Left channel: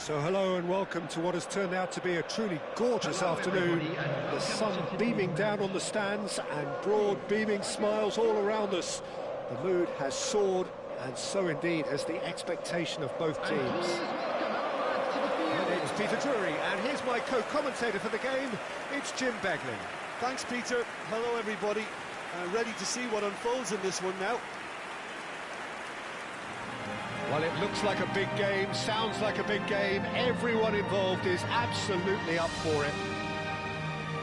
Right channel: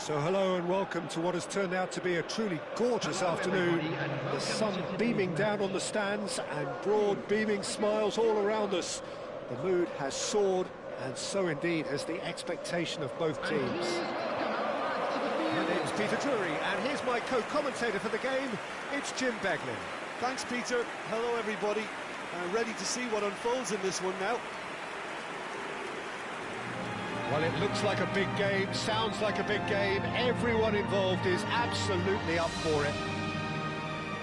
So hello and welcome to what has turned out to be a truly gorgeous afternoon. The sun beaming down on the stands and broad beaming smiles all around us. The mood has soared, and so indeed has the expectation of both teams. My name's Peter Drury, and here's my co-commentator for the game. It's Jim Beglin. Thanks, Peter. Hello, everybody. Ready to see what unfolds in this one now. Well, it looks like a big game, sounds like a big game. Everyone involved is absolutely up for it.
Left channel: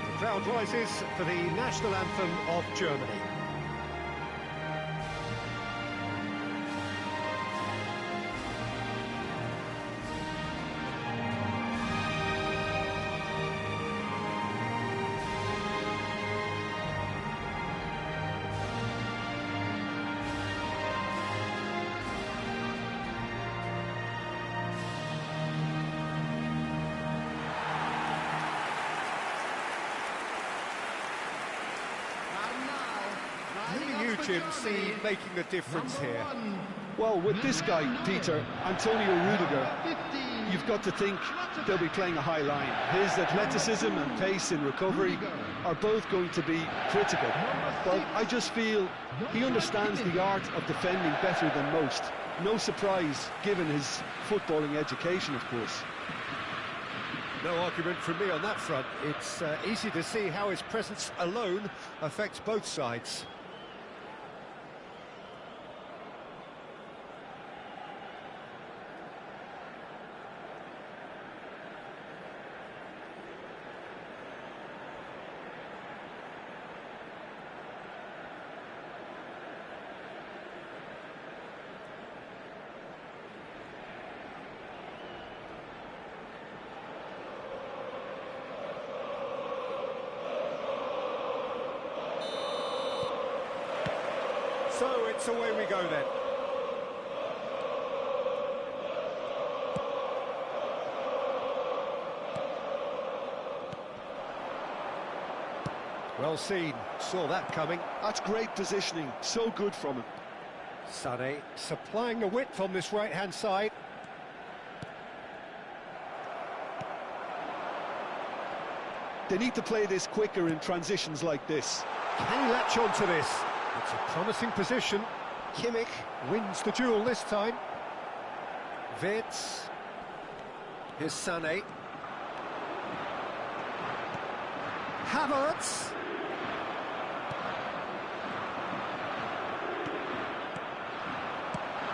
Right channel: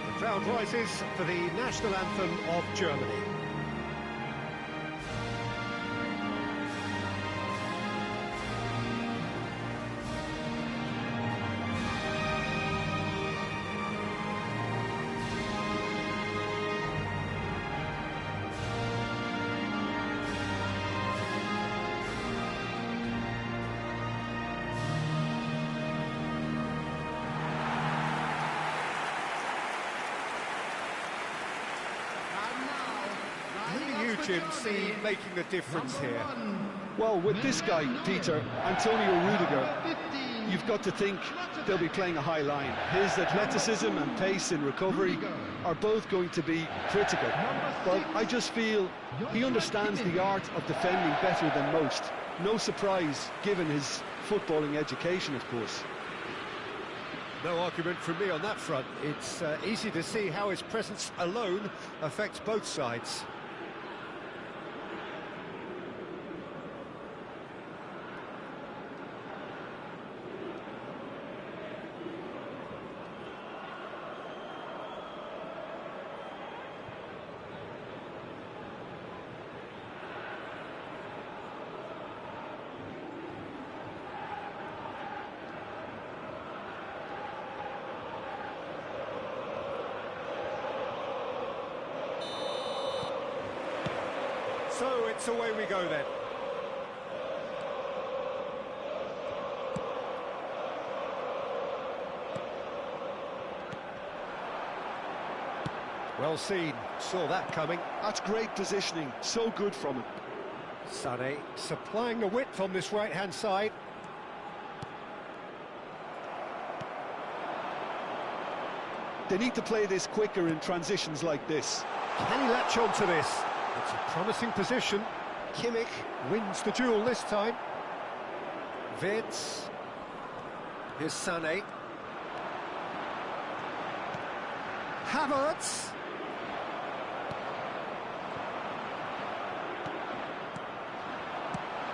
The crowd rises for the national anthem of Germany. Who do you, Jim, see making a difference here? Well, with this guy, Peter, Antonio Rudiger, you've got to think they'll be playing a high line. His athleticism and pace in recovery are both going to be critical. But I just feel he understands the art of defending better than most. No surprise, given his footballing education, of course. No argument from me on that front. It's easy to see how his presence alone affects both sides. So it's away we go then. Well seen, saw that coming. That's great positioning, so good from him. Sané supplying the width on this right-hand side. They need to play this quicker in transitions like this. Can he latch on to this? It's a promising position. Kimmich wins the duel this time. Wirtz. Here's Sané. Havertz.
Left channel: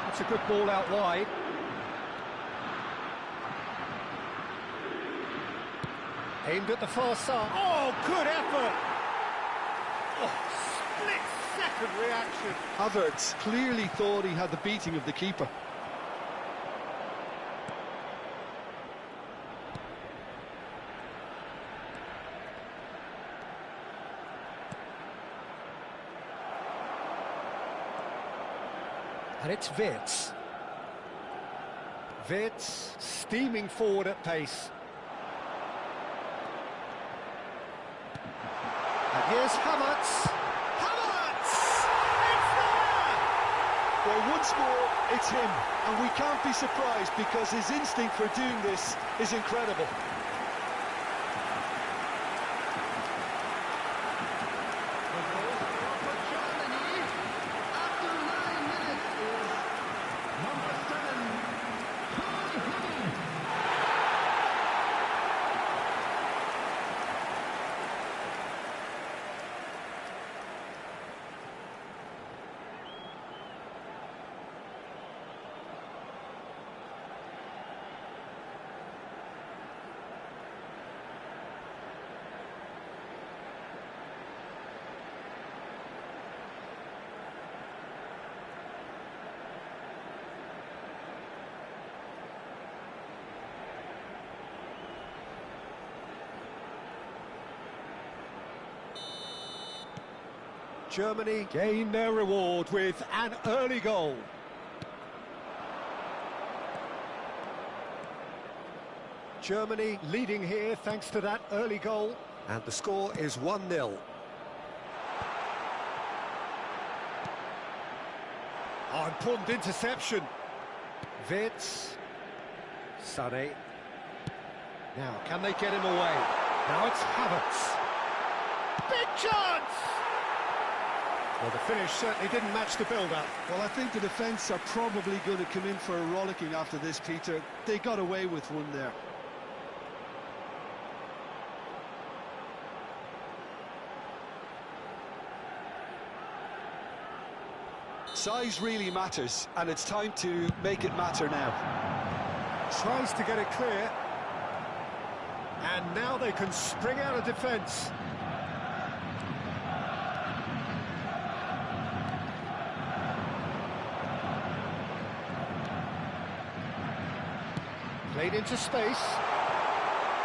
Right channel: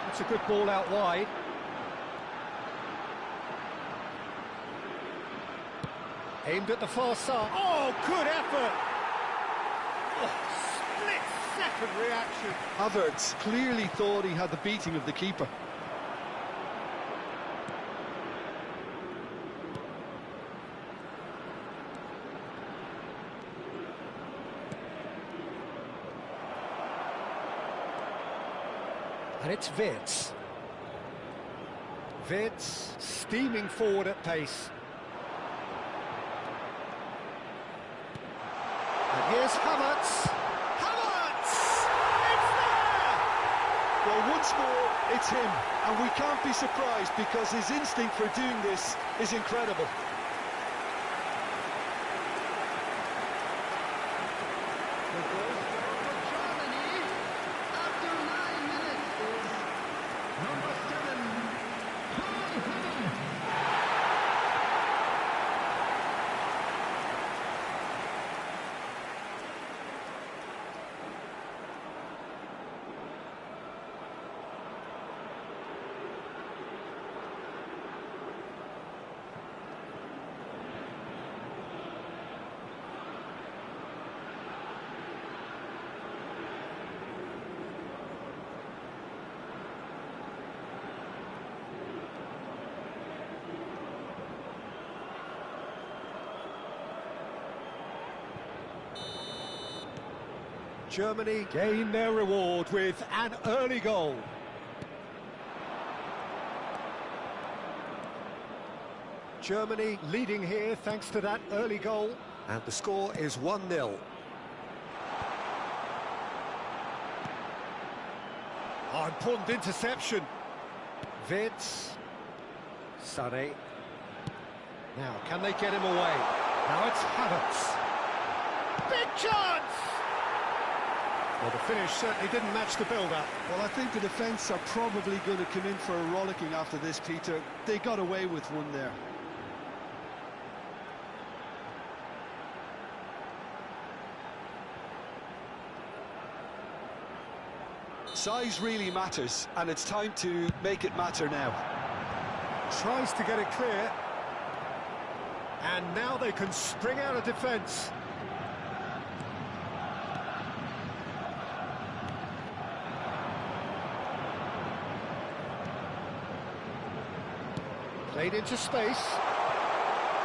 That's a good ball out wide. Aimed at the far side. Oh, good effort! Oh, split-second reaction. Havertz clearly thought he had the beating of the keeper. And it's Wirtz. Wirtz steaming forward at pace. And here's Havertz. Havertz! It's there! Well, once more, it's him. And we can't be surprised because his instinct for doing this is incredible. The goal scorer for Germany after 9 minutes is number 7, Havertz. Germany gain their reward with an early goal. Germany leading here thanks to that early goal, and the score is 1-0. Oh, important interception. Wirtz. Sané. Now, can they get him away? Now it's Havertz. Big chance! Well, the finish certainly didn't match the build-up. Well, I think the defence are probably going to come in for a rollicking after this, Peter. They got away with one there. Size really matters, and it's time to make it matter now. Tries to get it clear. And now they can spring out of defence. Played into space.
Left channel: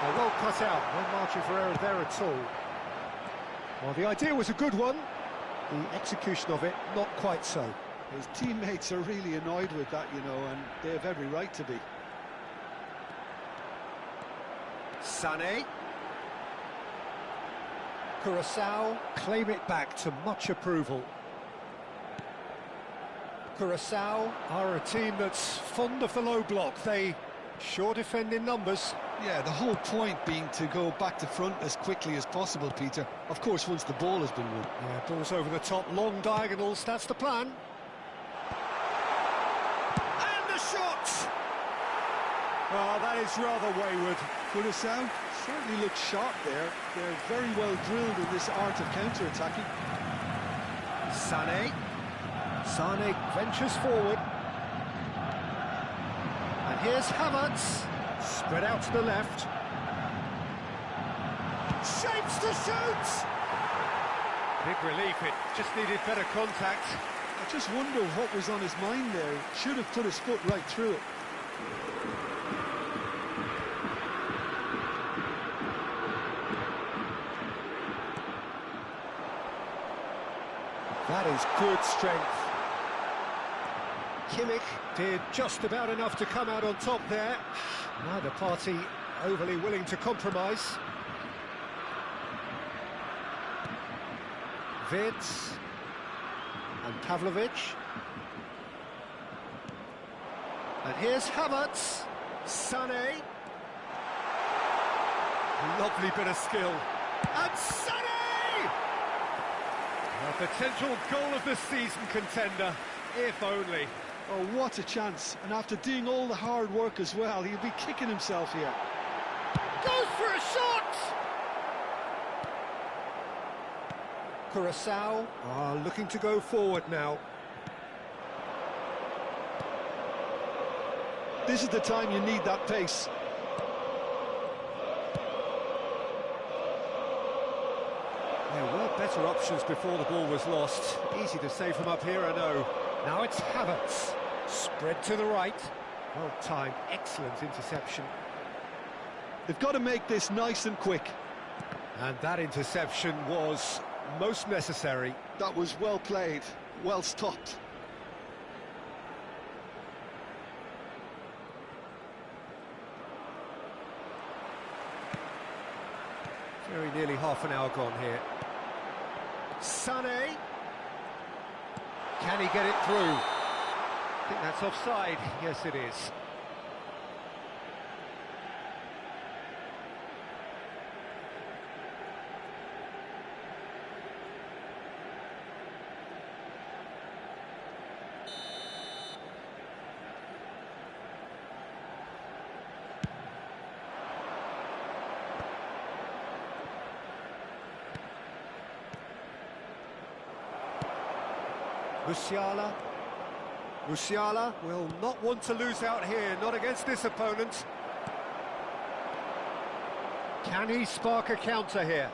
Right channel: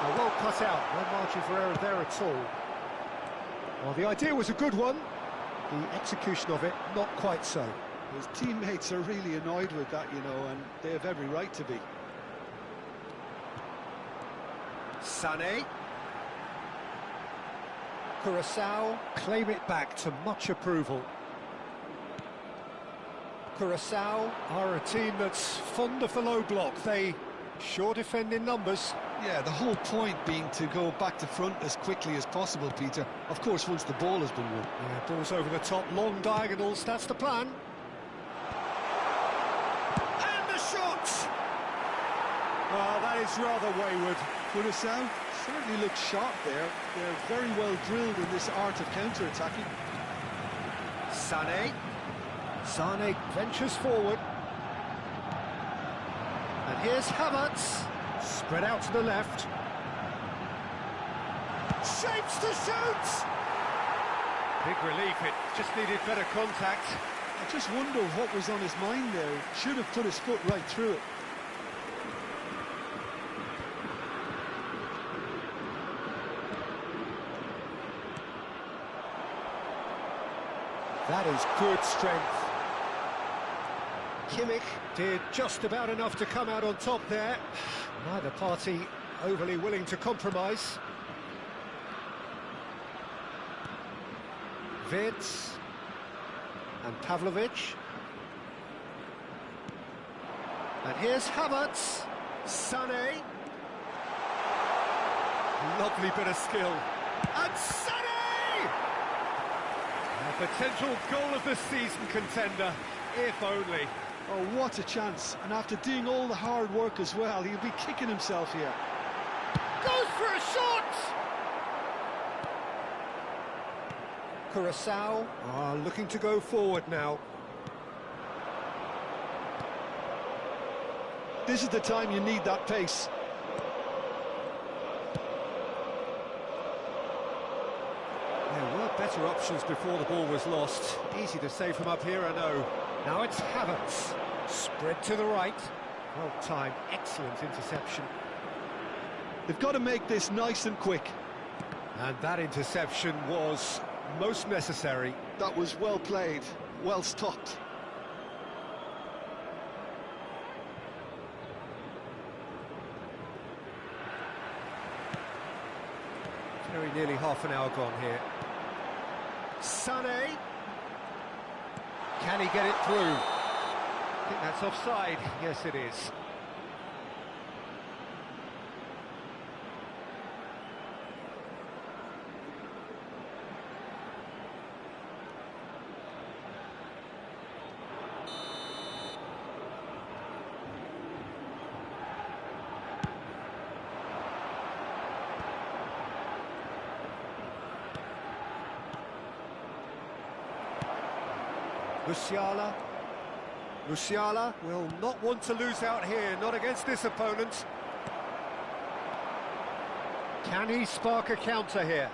Oh, well cut out. No margin for error there at all. Well, the idea was a good one. The execution of it, not quite so. His teammates are really annoyed with that, you know, and they have every right to be. Sané. Curaçao claim it back to much approval. Curaçao are a team that's fond of the low block. They sure defend in numbers. Yeah, the whole point being to go back to front as quickly as possible, Peter. Of course, once the ball has been won. Yeah, ball's over the top, long diagonals, that's the plan. And the shot! Oh, that is rather wayward. Curaçao certainly looks sharp there. They're very well drilled in this art of counter-attacking. Sané. Sané ventures forward. And here's Havertz. Spread out to the left. Shapes to shoot! Big relief, it just needed better contact. I just wonder what was on his mind there. He should have put his foot right through it. That is good strength. Kimmich did just about enough to come out on top there. Neither party overly willing to compromise. Wirtz and Pavlovic. And here's Havertz. Sané. Lovely bit of skill. And Sané! A potential goal of the season contender, if only. Oh, what a chance. And after doing all the hard work as well, he'll be kicking himself here. Goes for a shot! Curaçao are looking to go forward now. This is the time you need that pace. There were better options before the ball was lost. Easy to say from up here, I know. Now it's Havertz. Spread to the right. Well timed, excellent interception. They've got to make this nice and quick. And that interception was most necessary. That was well played, well stopped. Very nearly half an hour gone here. Sané. Can he get it through? I think that's offside. Yes, it is. Musiala. Musiala will not want to lose out here, not against this opponent. Can he spark a counter here?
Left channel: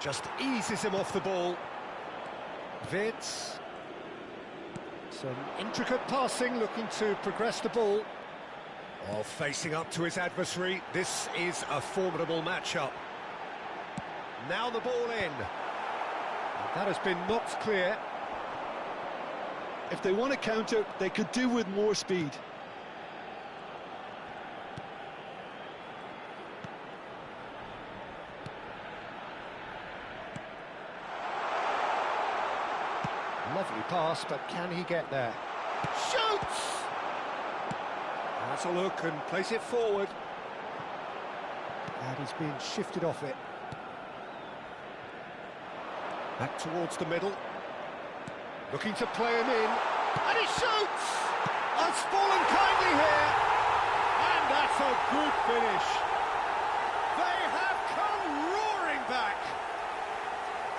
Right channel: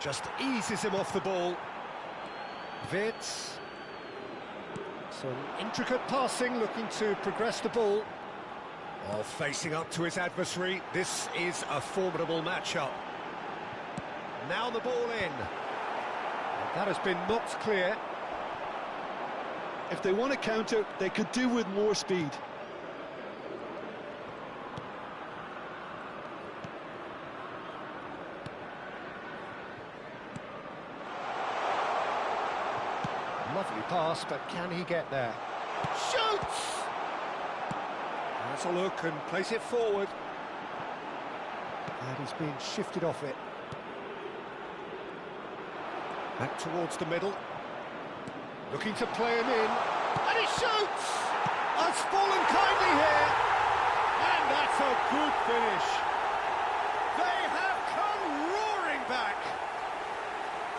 Just eases him off the ball. Wirtz. Some intricate passing, looking to progress the ball. While facing up to his adversary, this is a formidable matchup. Now the ball in. And that has been knocked clear. If they want to counter, they could do with more speed. Lovely pass, but can he get there? Shoots! Has a look and plays it forward. And he's being shifted off it. Back towards the middle. Looking to play him in. And he shoots! Has fallen kindly here. And that's a good finish. They have come roaring back.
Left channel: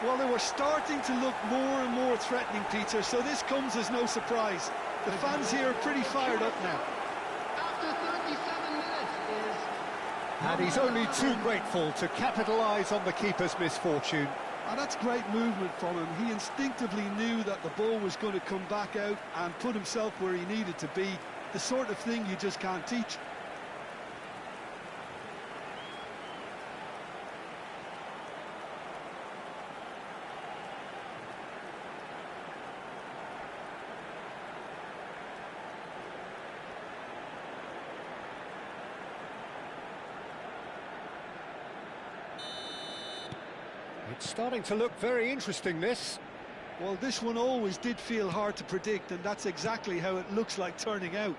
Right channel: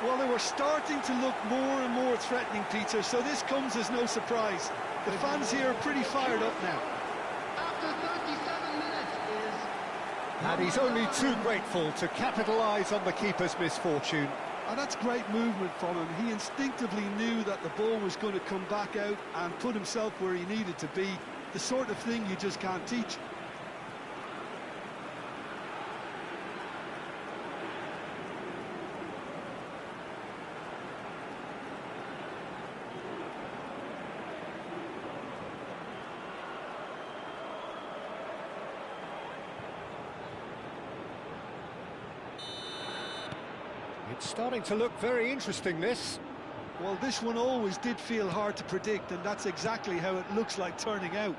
Well, they were starting to look more and more threatening, Peter, so this comes as no surprise. The fans here are pretty fired up now. After 37 minutes is... And he's only too grateful to capitalise on the keeper's misfortune. And that's great movement from him. He instinctively knew that the ball was going to come back out and put himself where he needed to be. The sort of thing you just can't teach. It's starting to look very interesting, this. Well, this one always did feel hard to predict, and that's exactly how it looks like turning out.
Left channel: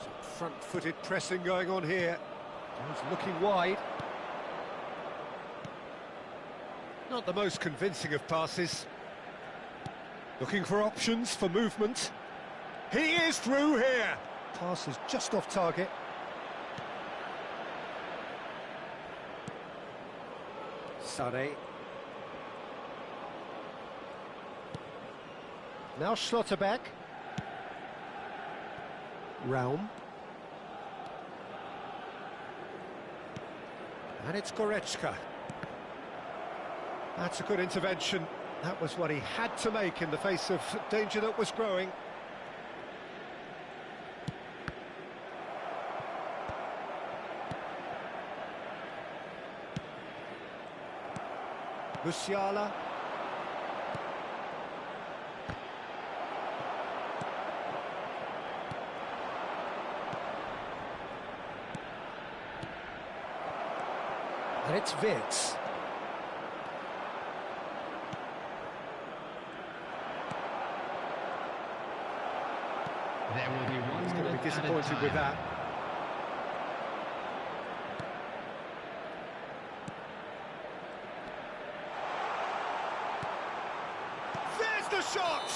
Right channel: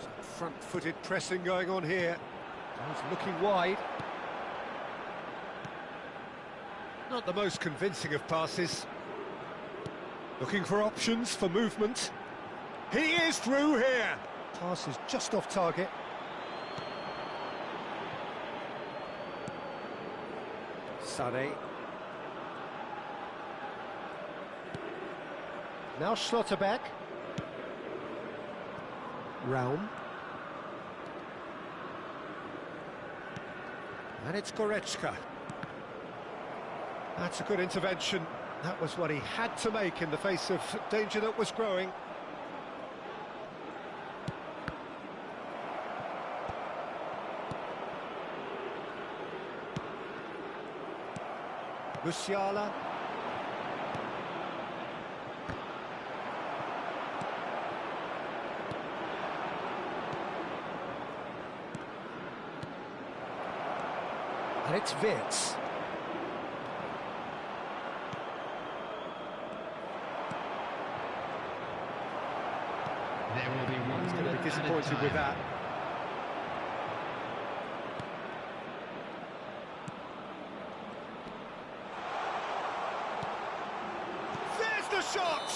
Some front-footed pressing going on here. He's looking wide. Not the most convincing of passes. Looking for options for movement. He is through here. Pass is just off target. Sané. Now Schlotterbeck. Raum. And it's Goretzka. That's a good intervention. That was what he had to make in the face of danger that was growing. Musiala. And it's Wirtz. There will be one. He's going to be disappointed with that. There's the shot!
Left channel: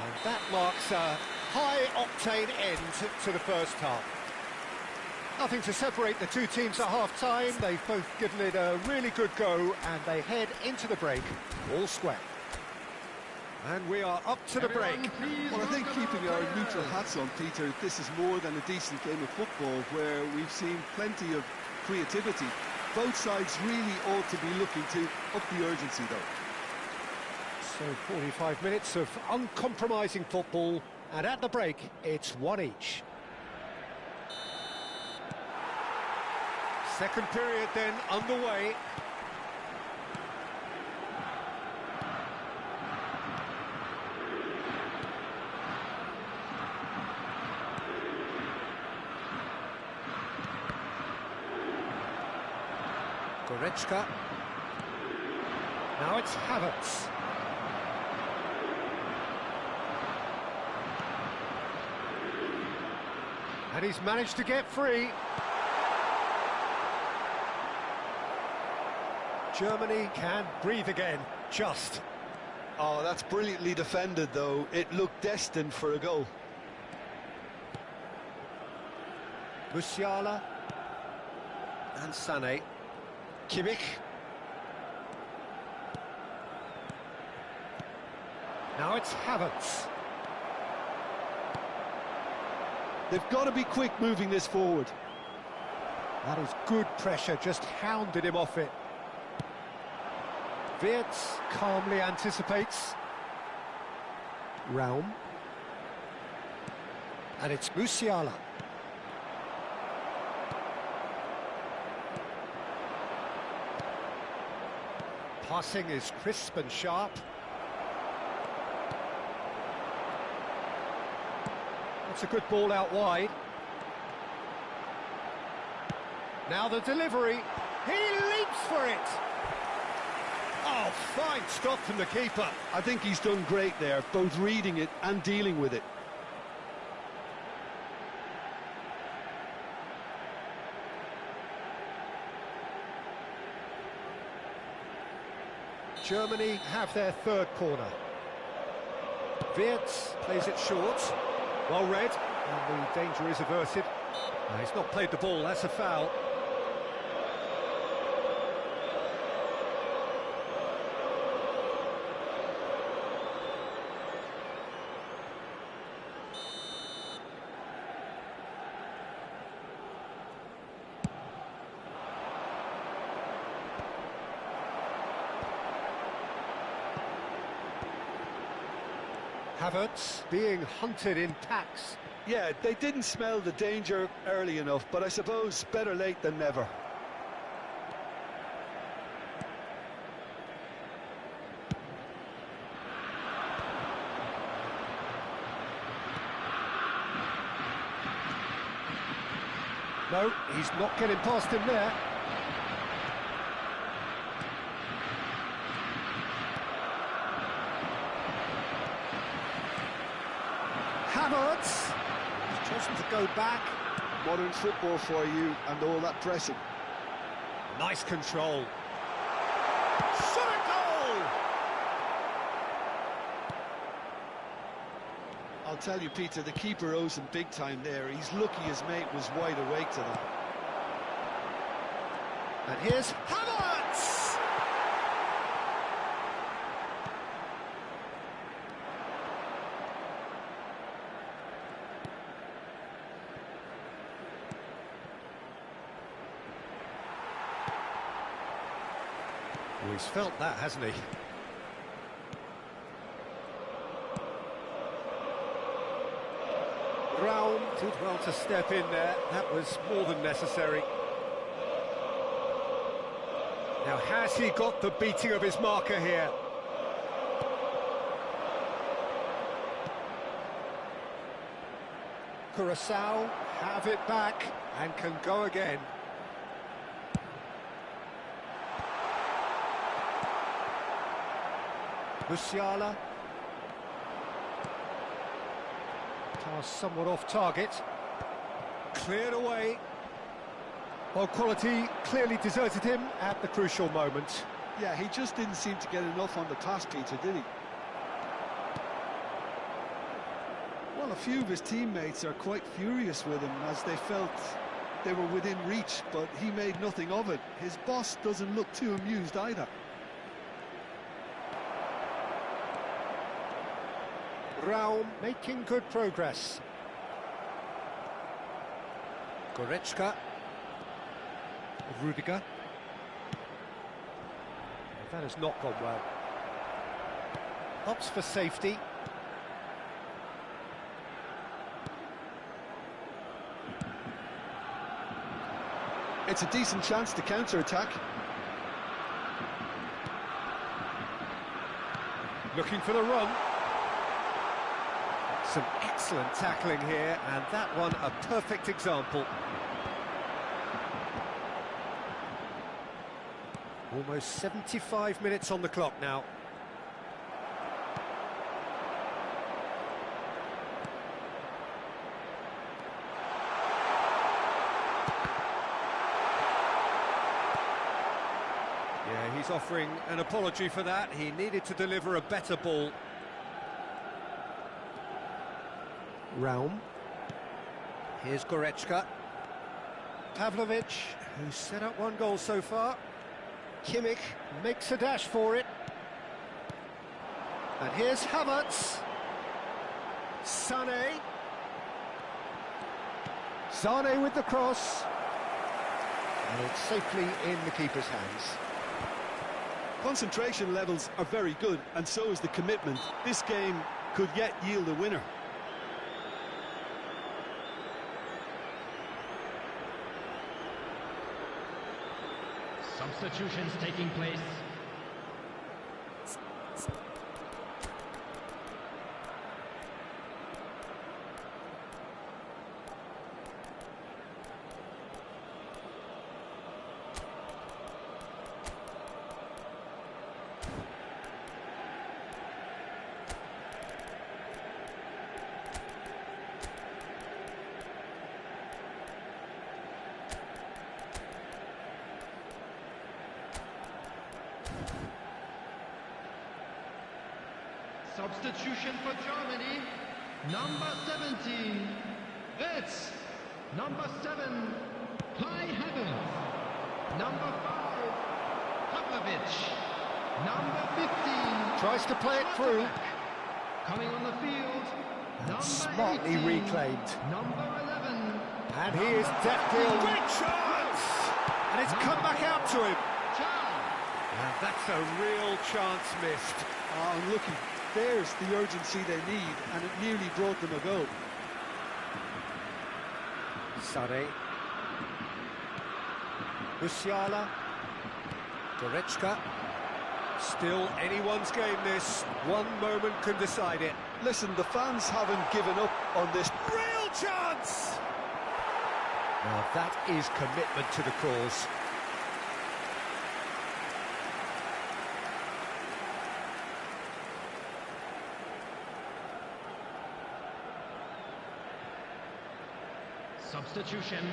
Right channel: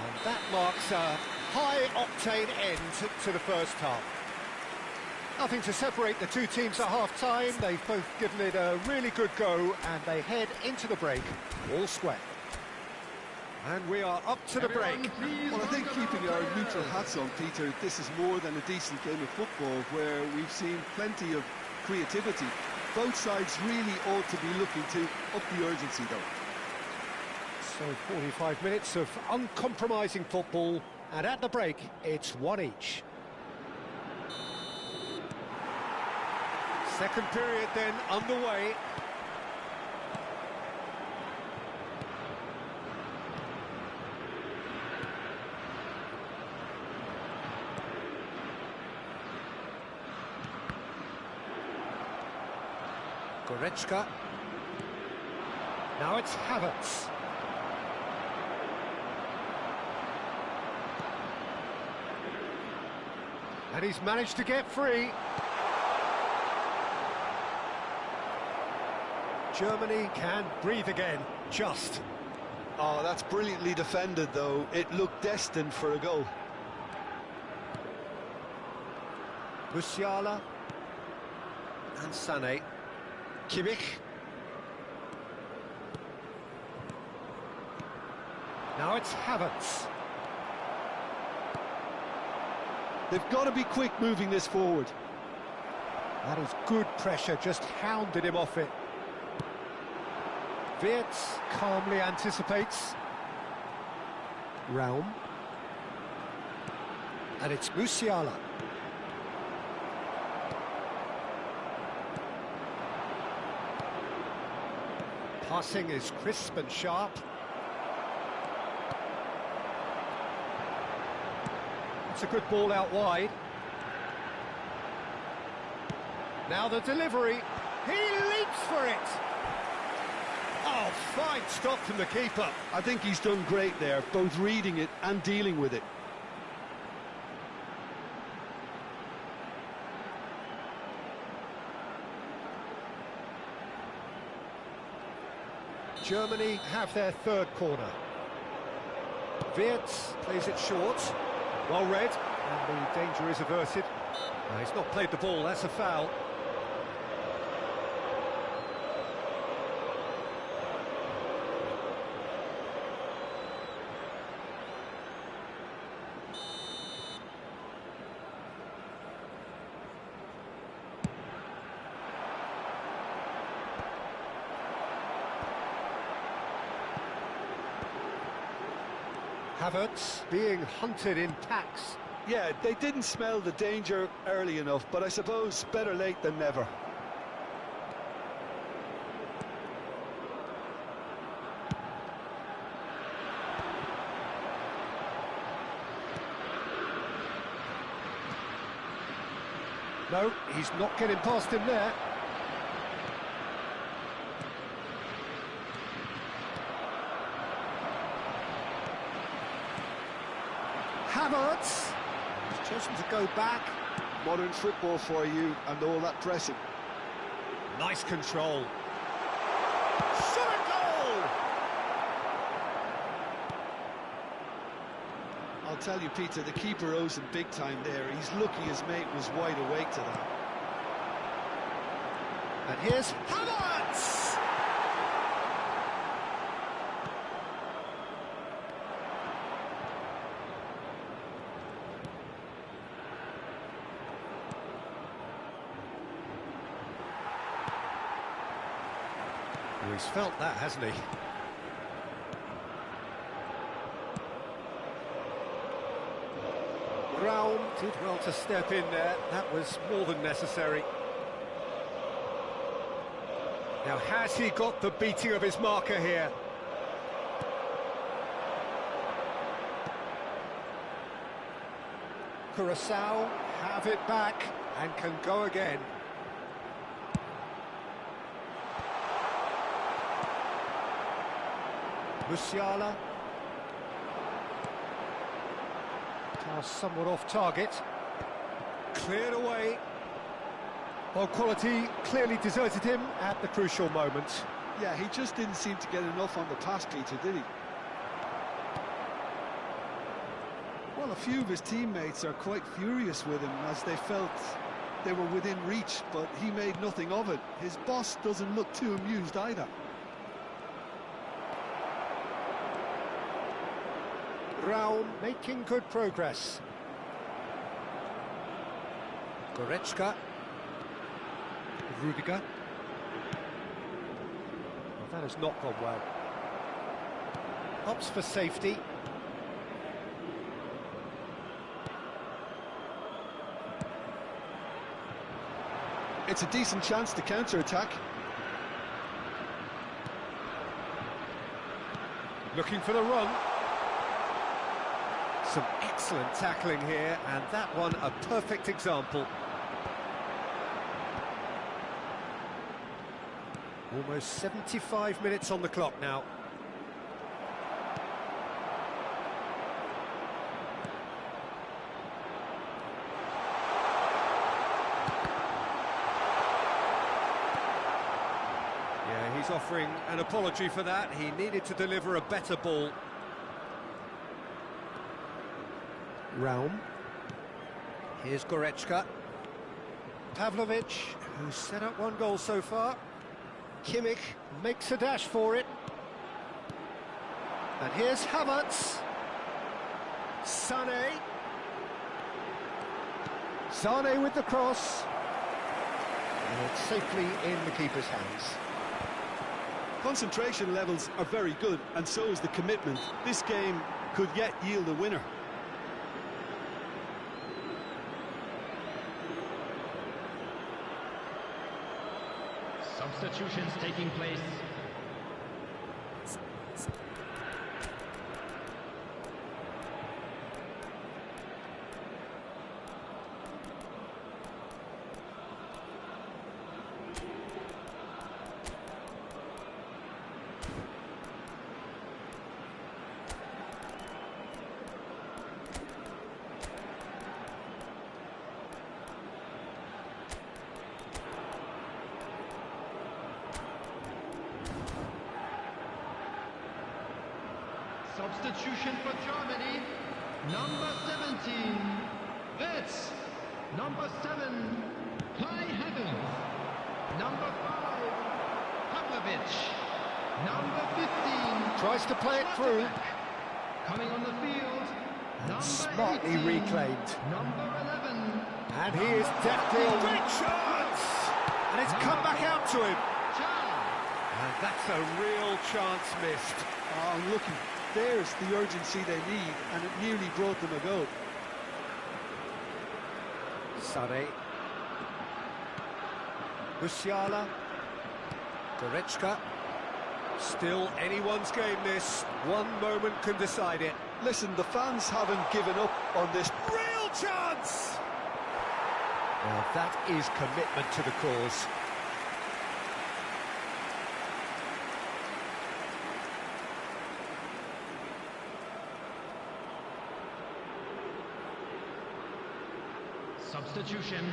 And that marks a high-octane end to the first half. Nothing to separate the two teams at half-time. They've both given it a really good go, and they head into the break all square. And we are up to the break. Well, I think keeping our neutral hats on, Peter, this is more than a decent game of football where we've seen plenty of creativity. Both sides really ought to be looking to up the urgency, though. So 45 minutes of uncompromising football, and at the break, it's one each. Second period then underway. Goretzka. Now it's Havertz. And he's managed to get free. Germany can breathe again, just. Oh, that's brilliantly defended, though. It looked destined for a goal. Musiala. And Sané. Kimmich. Now it's Havertz. They've got to be quick moving this forward. That is good pressure, just hounded him off it. Wirtz calmly anticipates. Raum. And it's Musiala. Passing is crisp and sharp. That's a good ball out wide. Now the delivery. He leaps for it. Oh, fine stop from the keeper. I think he's done great there, both reading it and dealing with it. Germany have their third corner. Wirtz plays it short. Well read, and the danger is averted. He's not played the ball, that's a foul. Havertz being hunted in packs. Yeah, they didn't smell the danger early enough, but I suppose better late than never. No, he's not getting past him there. Havertz has chosen to go back. Modern football for you and all that pressing. Nice control. Shot a goal! I'll tell you, Peter, the keeper owes him big time there. He's lucky his mate was wide awake to that. And here's Havertz! Well, he's felt that, hasn't he? Raum did well to step in there. That was more than necessary. Now, has he got the beating of his marker here? Curaçao have it back and can go again. Musiala. Pass somewhat off target. Cleared away. Well, quality clearly deserted him at the crucial moment. Yeah, he just didn't seem to get enough on the pass, Peter, did he? Well, a few of his teammates are quite furious with him as they felt they were within reach, but he made nothing of it. His boss doesn't look too amused either. Raum making good progress. Goretzka. Rudiger. Well, that has not gone well. Opts for safety. It's a decent chance to counter-attack. Looking for the run. Some excellent tackling here, and that one a perfect example. Almost 75 minutes on the clock now. Yeah, he's offering an apology for that. He needed to deliver a better ball. Raum. Here's Goretzka. Pavlovic, who's set up one goal so far. Kimmich makes a dash for it. And here's Havertz. Sané. Sané with the cross. And it's safely in the keeper's hands. Concentration levels are very good, and so is the commitment. This game could yet yield a winner. Substitutions taking place. Substitution for Germany. Number 17, Wirtz. Number 7, Kai Havertz. Number 5, Pavlovic. Number 15. Tries to play it through. Coming on the field. And smartly 18, reclaimed. Number 11. And he is deftly on. Great chance! And it's come back out to him. And that's a real chance missed. Oh, looking, there's the urgency they need, and it nearly brought them a goal. Sade. Musiala. Goretzka. Still anyone's game this. One moment can decide it. Listen, the fans haven't given up on this. Real chance! Now that is commitment to the cause. Substitution.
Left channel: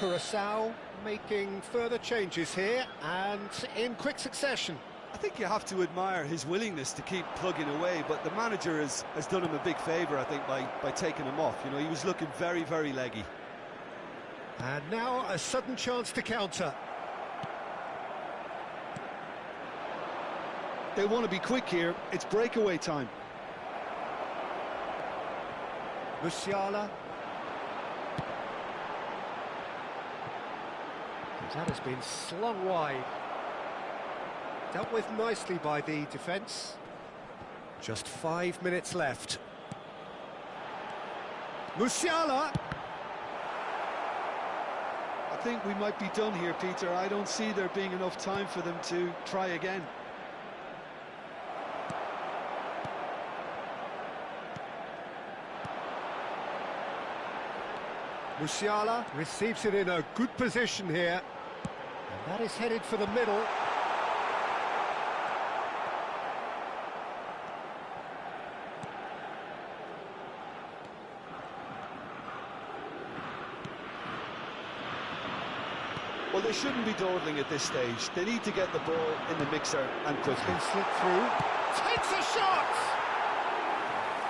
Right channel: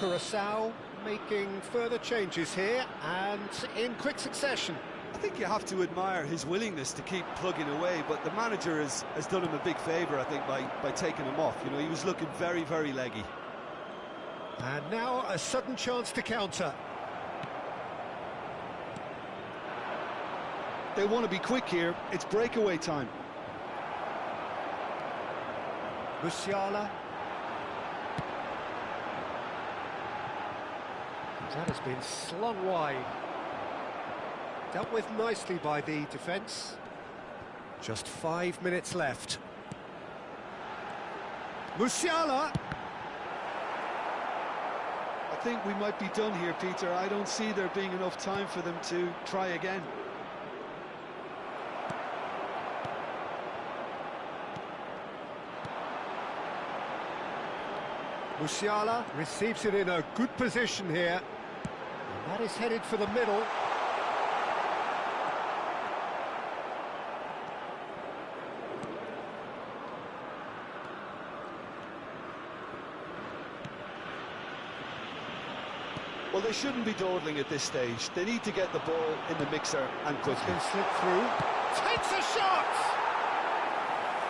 Curaçao making further changes here and in quick succession. I think you have to admire his willingness to keep plugging away, but the manager has done him a big favour, I think, by taking him off. You know, he was looking very, very leggy. And now a sudden chance to counter. They want to be quick here. It's breakaway time. Musiala. That has been slung wide. Dealt with nicely by the defence. Just 5 minutes left. Musiala! I think we might be done here, Peter. I don't see there being enough time for them to try again. Musiala receives it in a good position here. And that is headed for the middle. Well, they shouldn't be dawdling at this stage. They need to get the ball in the mixer and quickly. Been slipped through. Takes a shot!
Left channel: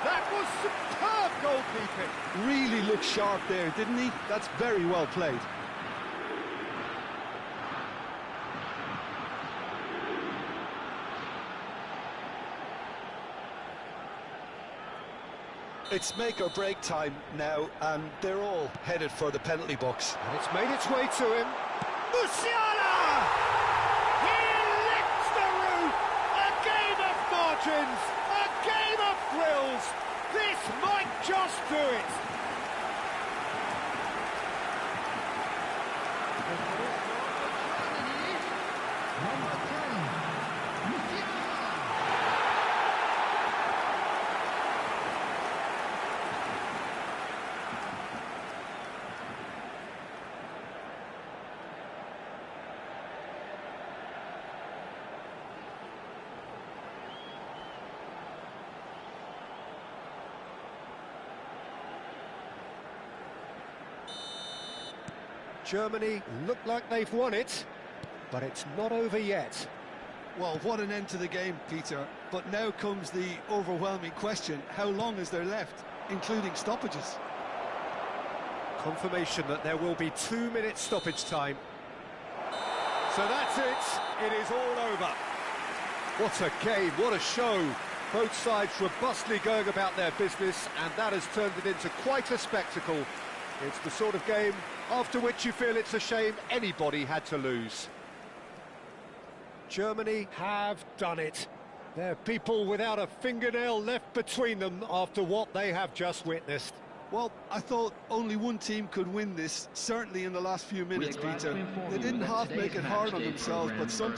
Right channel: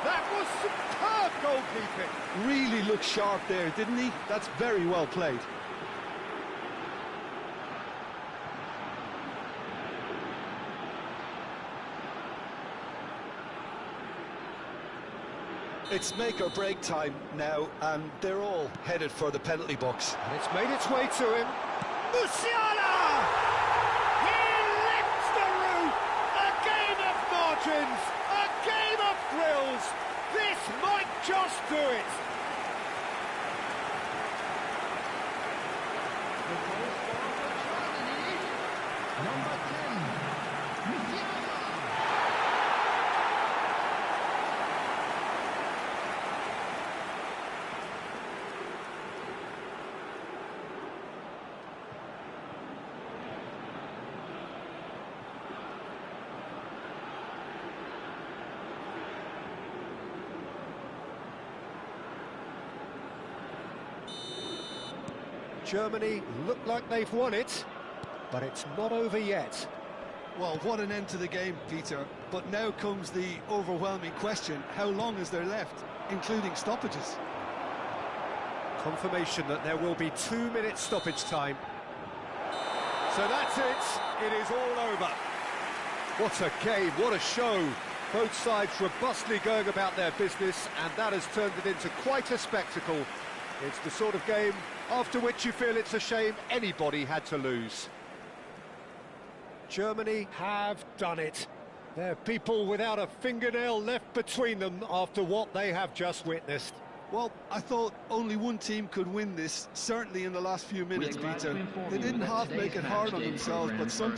That was superb goalkeeping. Really looked sharp there, didn't he? That's very well played. It's make or break time now, and they're all headed for the penalty box. And it's made its way to him. Musiala! He lifts the roof! A game of margins! A game of thrills! This might just do it! The goal scorer for Germany, number 10, Musiala. Germany look like they've won it, but it's not over yet. Well, what an end to the game, Peter. But now comes the overwhelming question: how long is there left, including stoppages? Confirmation that there will be 2 minutes stoppage time. So that's it. It is all over. What a game, what a show. Both sides robustly going about their business, and that has turned it into quite a spectacle. It's the sort of game after which you feel it's a shame anybody had to lose. Germany have done it. They're people without a fingernail left between them after what they have just witnessed. Well, I thought only one team could win this, certainly in the last few minutes, Peter. They didn't half make it hard on themselves, but some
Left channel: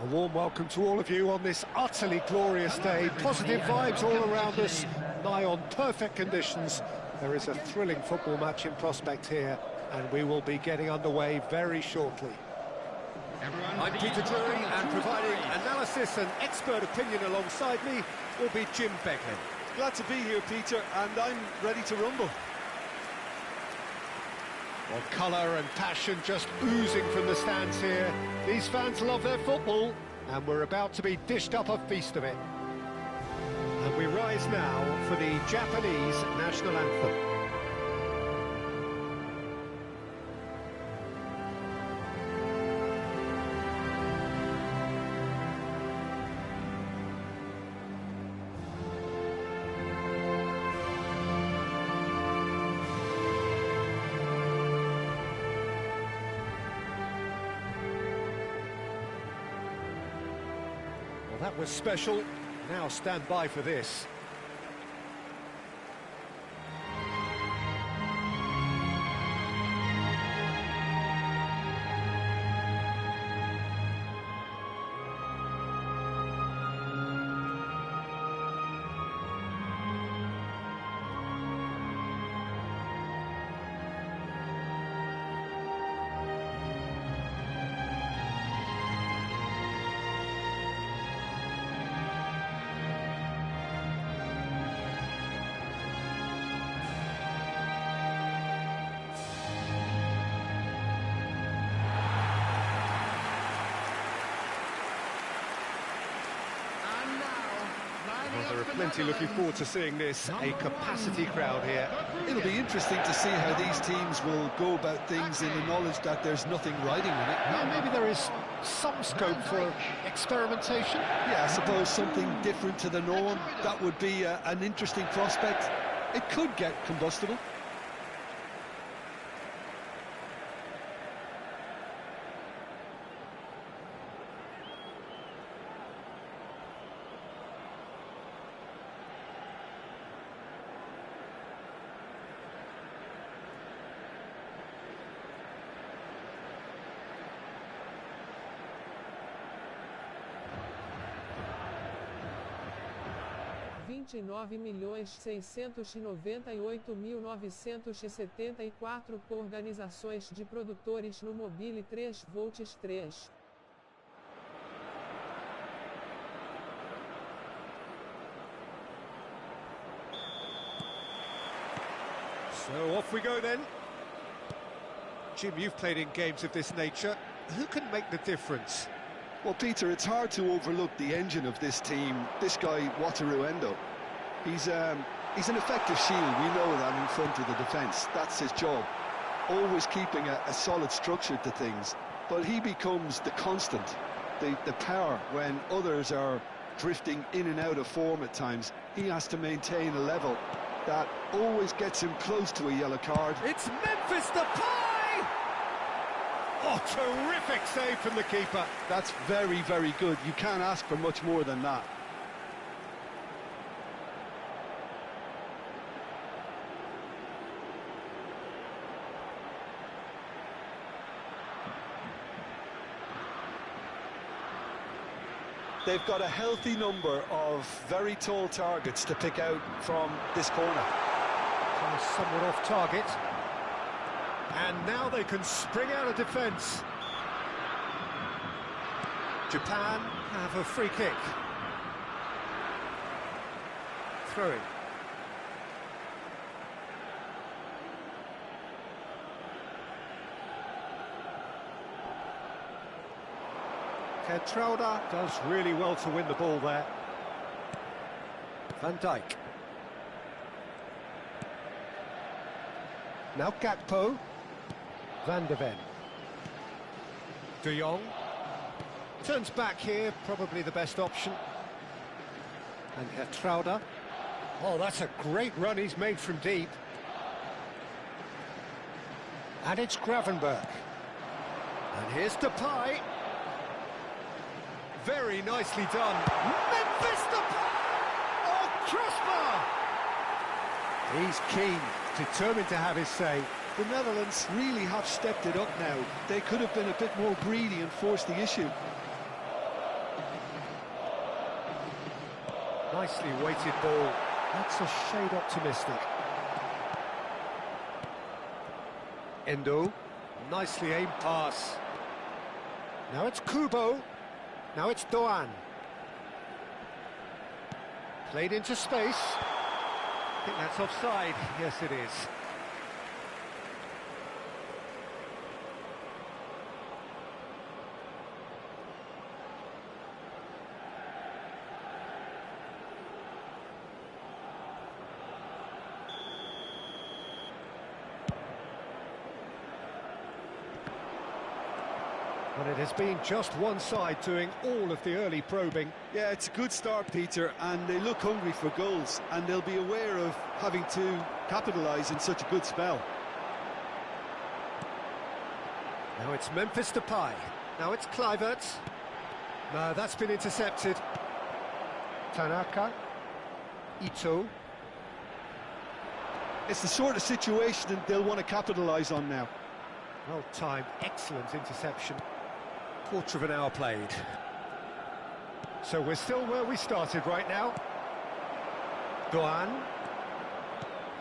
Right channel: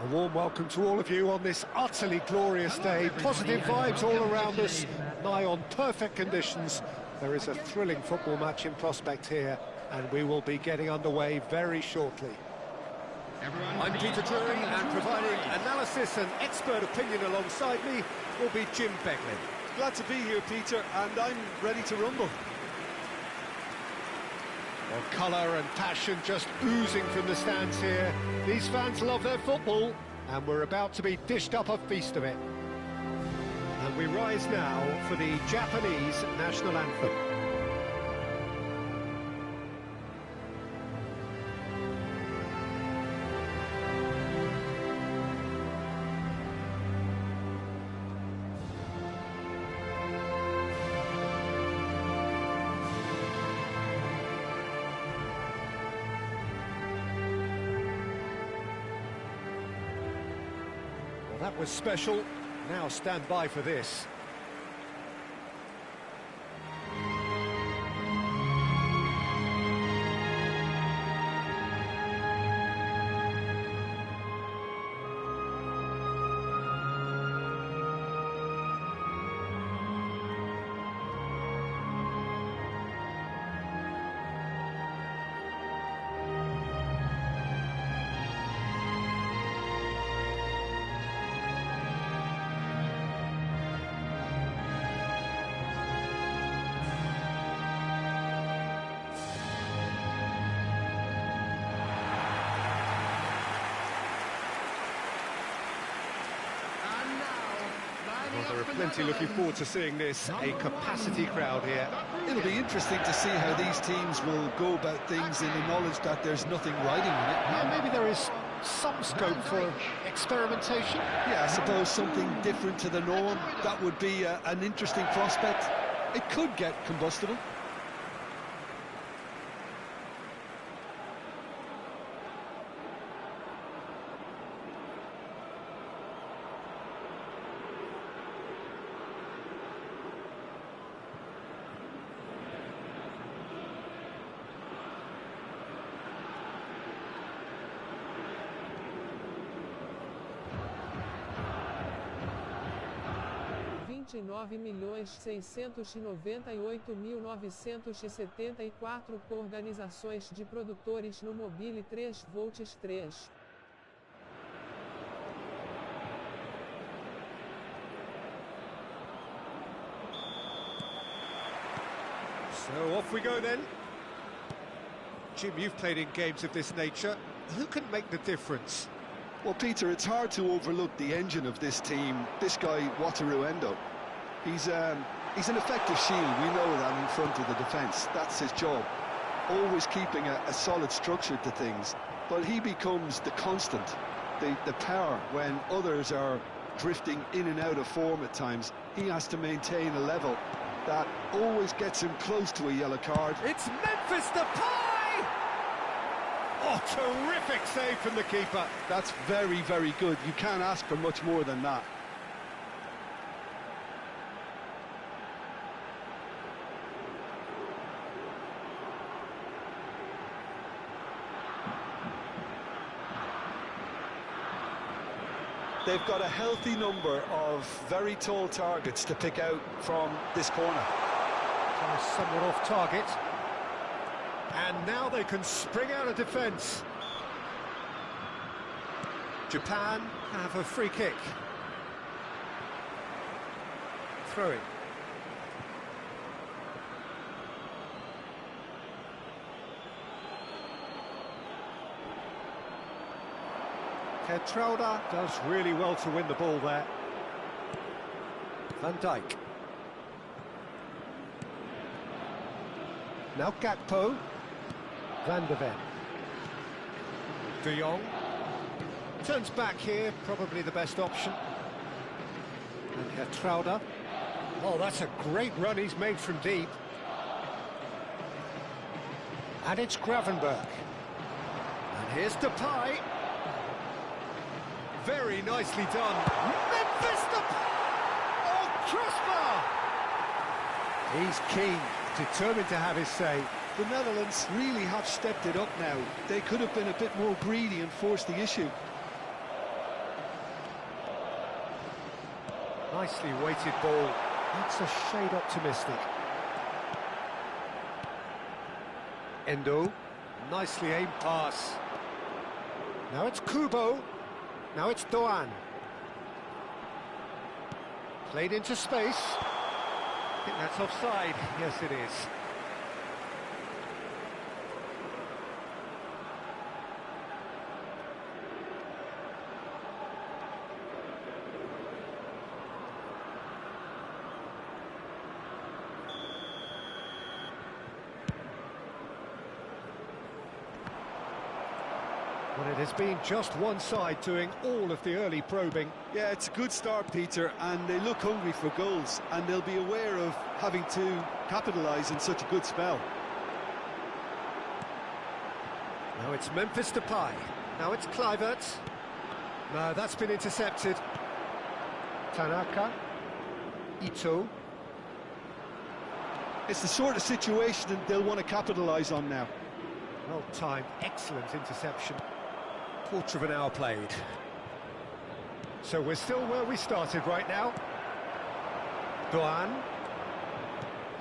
A warm welcome to all of you on this utterly glorious day. Positive vibes all around us, nigh on perfect conditions. There is a thrilling football match in prospect here, and we will be getting underway very shortly. I'm Peter Drury, and providing analysis and expert opinion alongside me will be Jim Beckley. Glad to be here, Peter, and I'm ready to rumble. Well, colour and passion just oozing from the stands here. These fans love their football, and we're about to be dished up a feast of it. And we rise now for the Japanese national anthem. That was special. Now stand by for this. Well, there are plenty looking forward to seeing this, a capacity crowd here. It'll be interesting to see how these teams will go about things in the knowledge that there's nothing riding on it. Yeah, maybe there is some scope for experimentation. Yeah, I suppose something different to the norm. That would be an interesting prospect. It could get combustible. €29.698.974 por organizações de produtores no Mobile 3 volts 3. So off we go then. Jim, you've played in games of this nature. Who can make the difference? Well, Peter, it's hard to overlook the engine of this team. This guy, Wataru Endo. He's an effective shield, we know that, in front of the defence. That's his job. Always keeping a solid structure to things. But he becomes the constant, the power when others are drifting in and out of form at times. He has to maintain a level that always gets him close to a yellow card. It's Memphis Depay! Oh, terrific save from the keeper. That's very, very good. You can't ask for much more than that. They've got a healthy number of very tall targets to pick out from this corner. Somewhat off target. And now they can spring out of defence. Japan have a free kick. Throw-in. Geertruida does really well to win the ball there. Van Dijk. Now Gakpo. Van de Ven. De Jong. Turns back here, probably the best option. And Geertruida. Oh, that's a great run he's made from deep. And it's Gravenberch. And here's Depay. Very nicely done. Memphis Depay! Oh, crossbar! He's keen, determined to have his say. The Netherlands really have stepped it up now. They could have been a bit more greedy and forced the issue. Nicely weighted ball. That's a shade optimistic. Endo. Nicely aimed pass. Now it's Kubo. Now it's Doan. Played into space. I think that's offside. Yes, it is. Well, it has been just one side doing all of the early probing. Yeah, it's a good start, Peter, and they look hungry for goals, and they'll be aware of having to capitalise in such a good spell. Now it's Memphis Depay. Now it's Kluivert. No, that's been intercepted. Tanaka. Ito. It's the sort of situation that they'll want to capitalise on now. Well timed, excellent interception. Quarter of an hour played. So we're still where we started right now. Doan.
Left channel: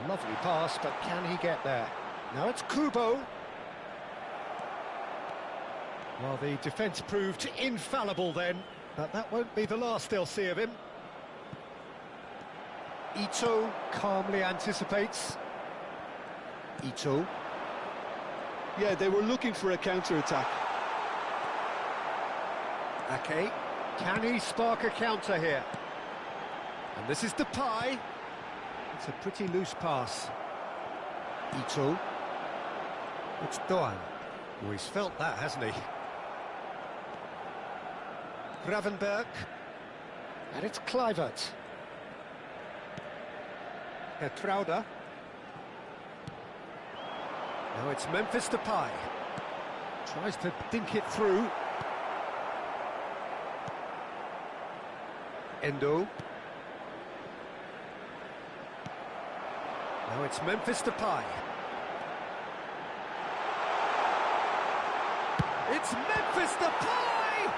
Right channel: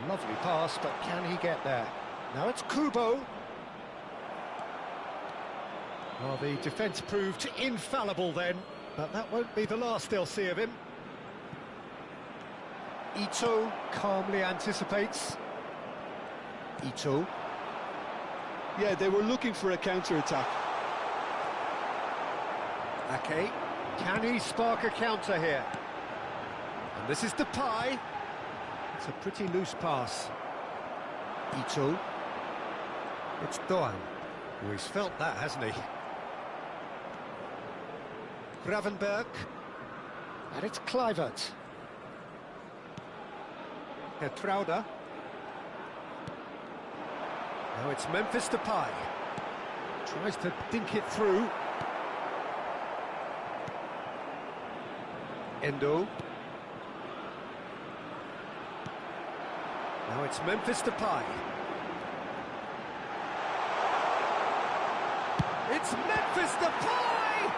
Lovely pass, but can he get there? Now it's Kubo. Well, the defence proved infallible then, but that won't be the last they'll see of him. Ito calmly anticipates. Ito. Yeah, they were looking for a counter-attack. Ake, can he spark a counter here? And this is Depay. It's a pretty loose pass. Ito. It's Doan. Oh, he's felt that, hasn't he? Gravenberg. And it's Kluivert. Trauda. Now it's Memphis Depay. Tries to dink it through. Endo. Now it's Memphis Depay. It's Memphis Depay!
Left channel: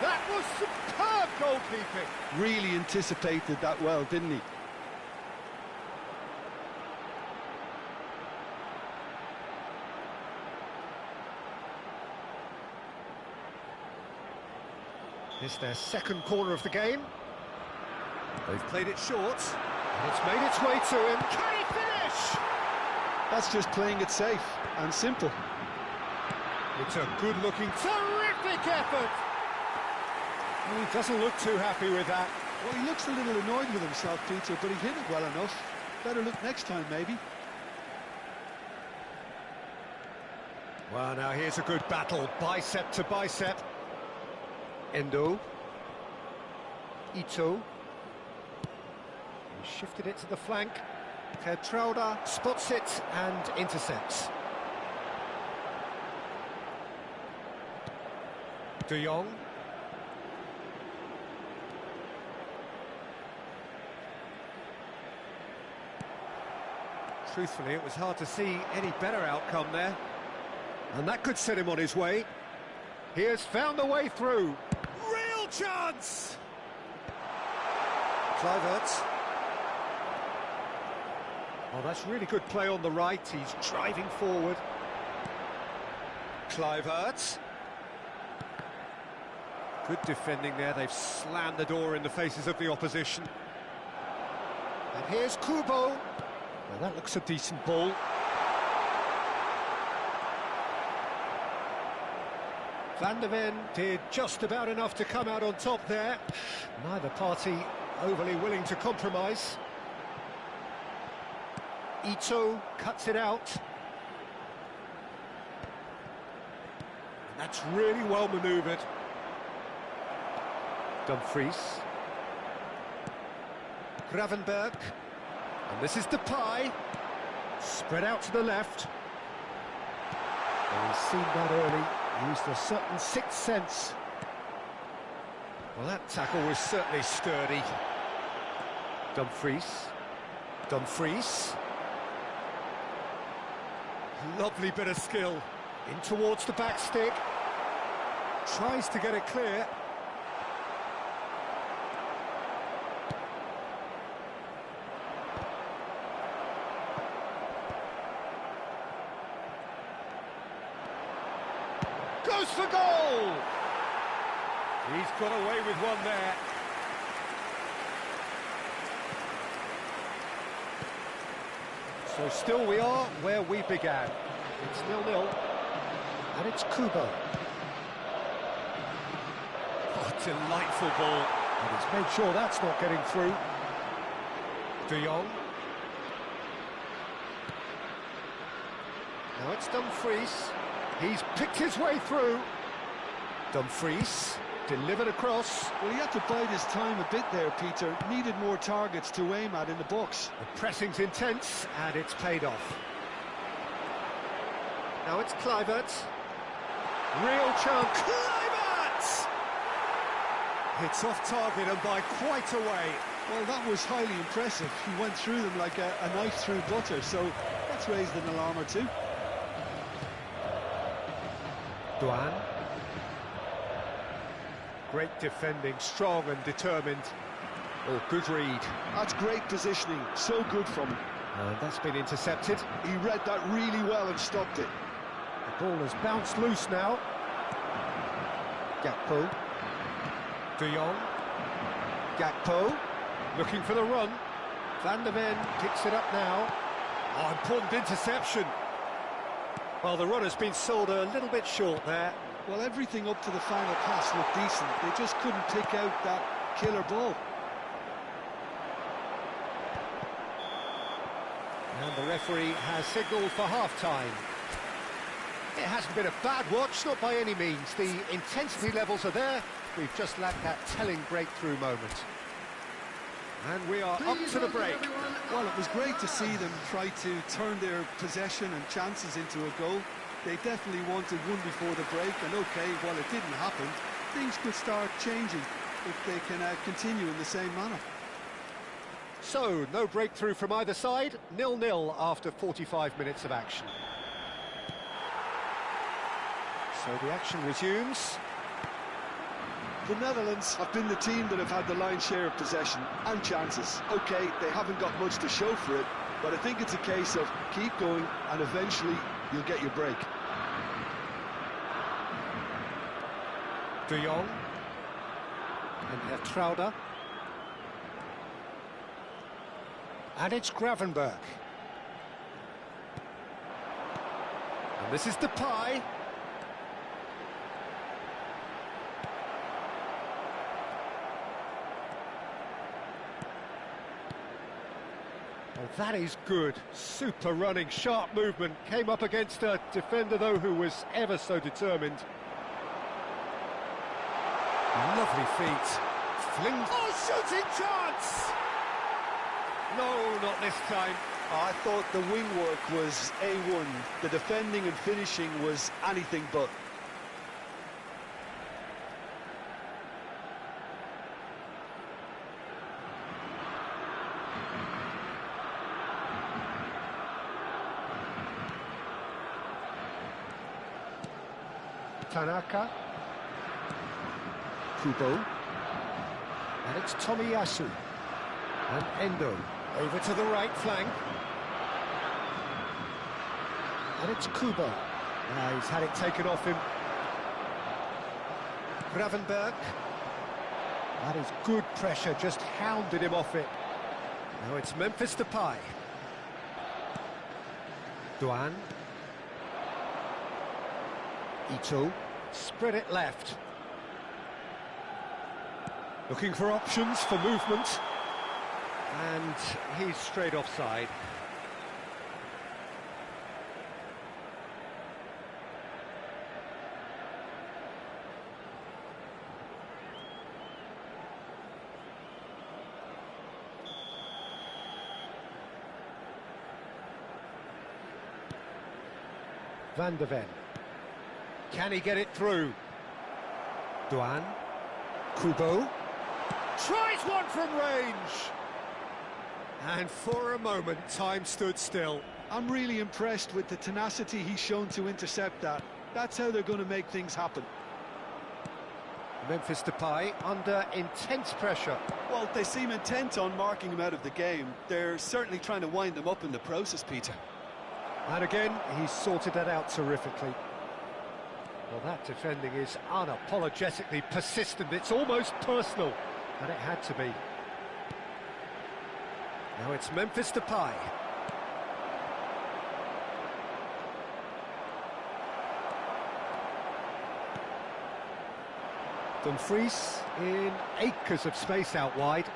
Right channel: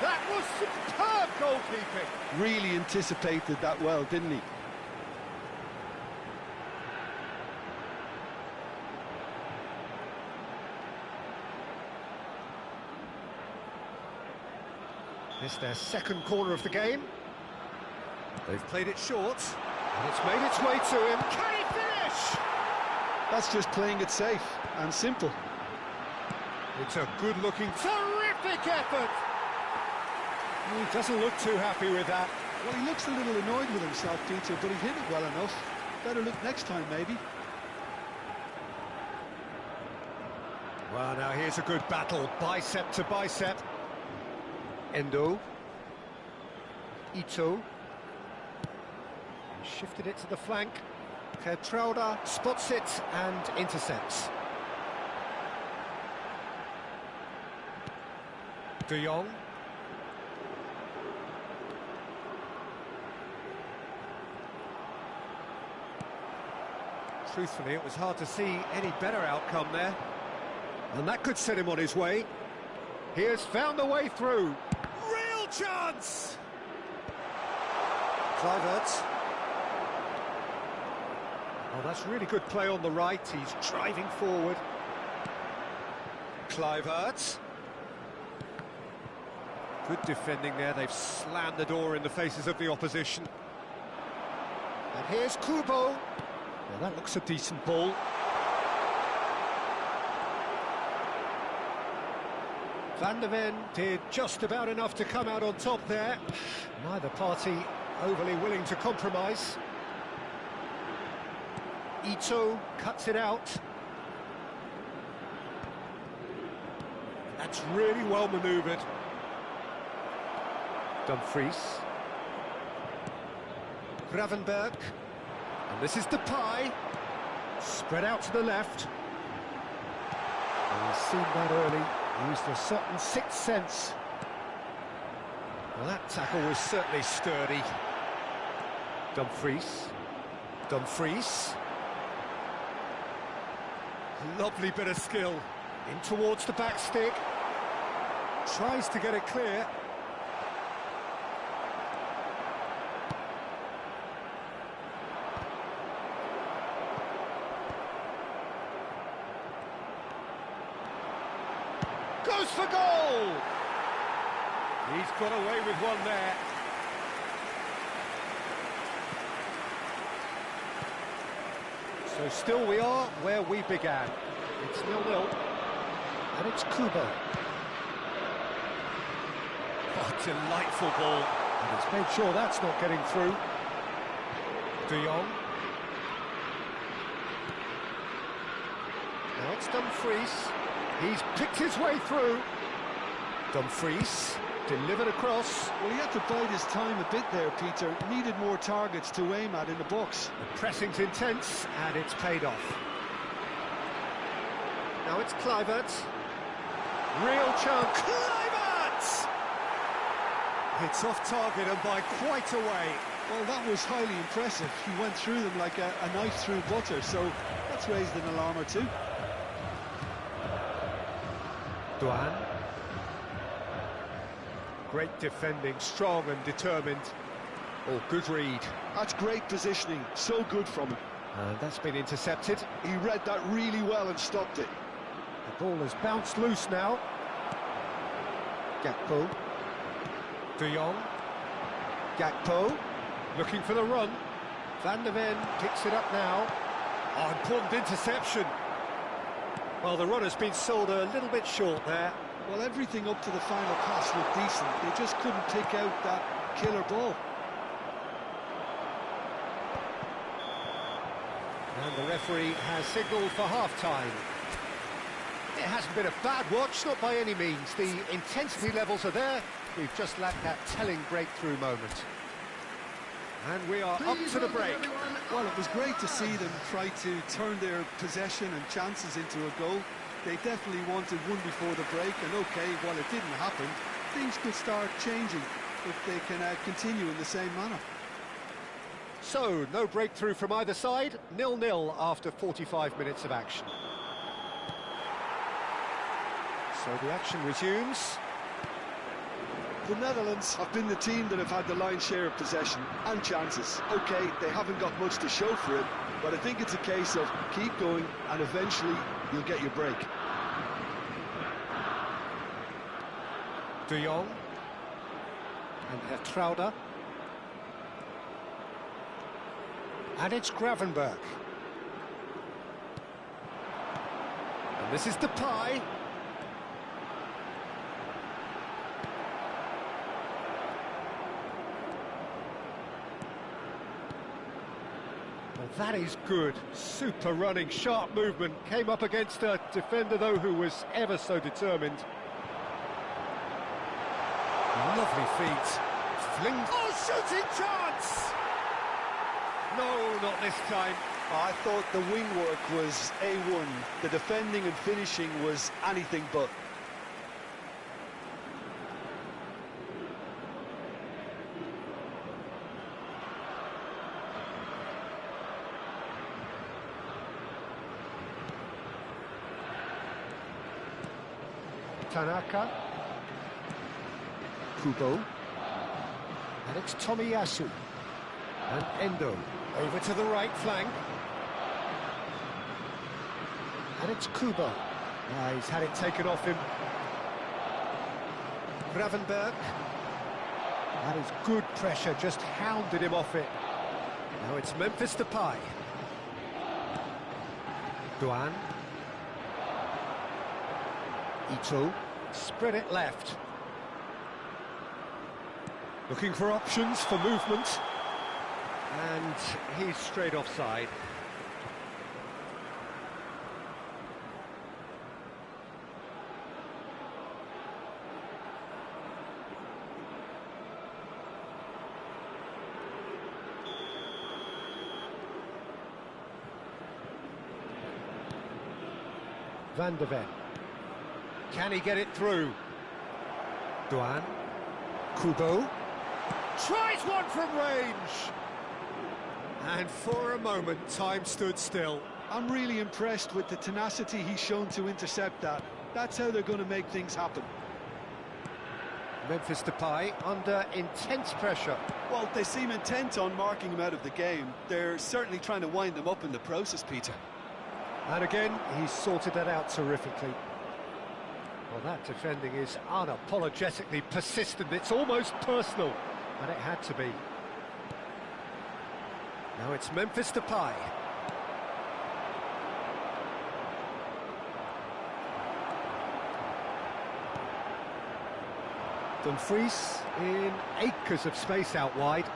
That was superb goalkeeping. Really anticipated that well, didn't he? This their second corner of the game. They've played it short, and it's made its way to him. Can he finish? That's just playing it safe and simple. It's a good-looking, terrific effort. He doesn't look too happy with that. Well, he looks a little annoyed with himself, Peter, but he hit it well enough. Better look next time, maybe. Well, now here's a good battle, bicep to bicep. Endo. Ito. He shifted it to the flank. Trauda spots it and intercepts. De Jong. Truthfully, it was hard to see any better outcome there. And that could set him on his way. He has found the way through. Real chance! Kluivert. Oh, that's really good play on the right. He's driving forward. Kluivert. Good defending there. They've slammed the door in the faces of the opposition. And here's Kubo. Well, that looks a decent ball. Van der Ven did just about enough to come out on top there. Neither party overly willing to compromise. Ito cuts it out. That's really well manoeuvred. Dumfries. Gravenberg. And this is Depay. Spread out to the left. And he's seen that early. Used a certain sixth sense. Well, that tackle was certainly sturdy. Dumfries. Dumfries. Lovely bit of skill. In towards the back stick. Tries to get it clear. Goes for goal! He's got away with one there. So still we are where we began. It's 0-0. And it's Kubo. Oh, delightful ball. And he's made sure that's not getting through. De Jong. Now it's Dumfries. He's picked his way through. Dumfries delivered across. Well, he had to bide his time a bit there, Peter. Needed more targets to aim at in the box. The pressing's intense, and it's paid off. Now it's Kluivert. Real chance. Kluivert! It's off target and by quite a way. Well, that was highly impressive. He went through them like a knife through butter, so that's raised an alarm or two. Duan. Great defending, strong and determined. Oh, good read. That's great positioning, so good from him. And that's been intercepted. He read that really well and stopped it. The ball has bounced loose now. Gakpo. De Jong. Gakpo. Looking for the run. Van der Ven picks it up now. Oh, important interception. Well, the run has been sold a little bit short there. Well, everything up to the final pass looked decent. They just couldn't pick out that killer ball. And the referee has signalled for half-time. It hasn't been a bad watch, not by any means. The intensity levels are there. We've just lacked that telling breakthrough moment. And we are up to the break. Well, it was great to see them try to turn their possession and chances into a goal. They definitely wanted one before the break, and okay, while it didn't happen, things could start changing if they can continue in the same manner. So, no breakthrough from either side, 0-0 after 45 minutes of action. So the action resumes. The Netherlands have been the team that have had the lion's share of possession and chances. Okay, they haven't got much to show for it, but I think it's a case of keep going and eventually you'll get your break. De Jong. And Hertrauda. And it's Gravenberch. And this is Depay. Well, that is good. Super running, sharp movement. Came up against a defender, though, who was ever so determined. Lovely feet. Fling. Oh, shooting chance! No, not this time. I thought the wing work was A1. The defending and finishing was anything but. Tanaka. Kubo. And it's Tomiyasu. And Endo. Over to the right flank. And it's Kubo. Now he's had it taken off him. Gravenberch. That is good pressure, just hounded him off it. Now it's Memphis Depay. Duan. Ito. Spread it left. Looking for options for movement. And he's straight offside. Van der Ven. Can he get it through? Duan. Kubo. Tries one from range! And for a moment, time stood still. I'm really impressed with the tenacity he's shown to intercept that. That's how they're going to make things happen. Memphis Depay under intense pressure. Well, they seem intent on marking him out of the game. They're certainly trying to wind them up in the process, Peter. And again, he's sorted that out terrifically. Well, Well, that defending is unapologetically persistent. It's almost personal, and it had to be. Now it's Memphis Depay. Dumfries in acres of space out wide.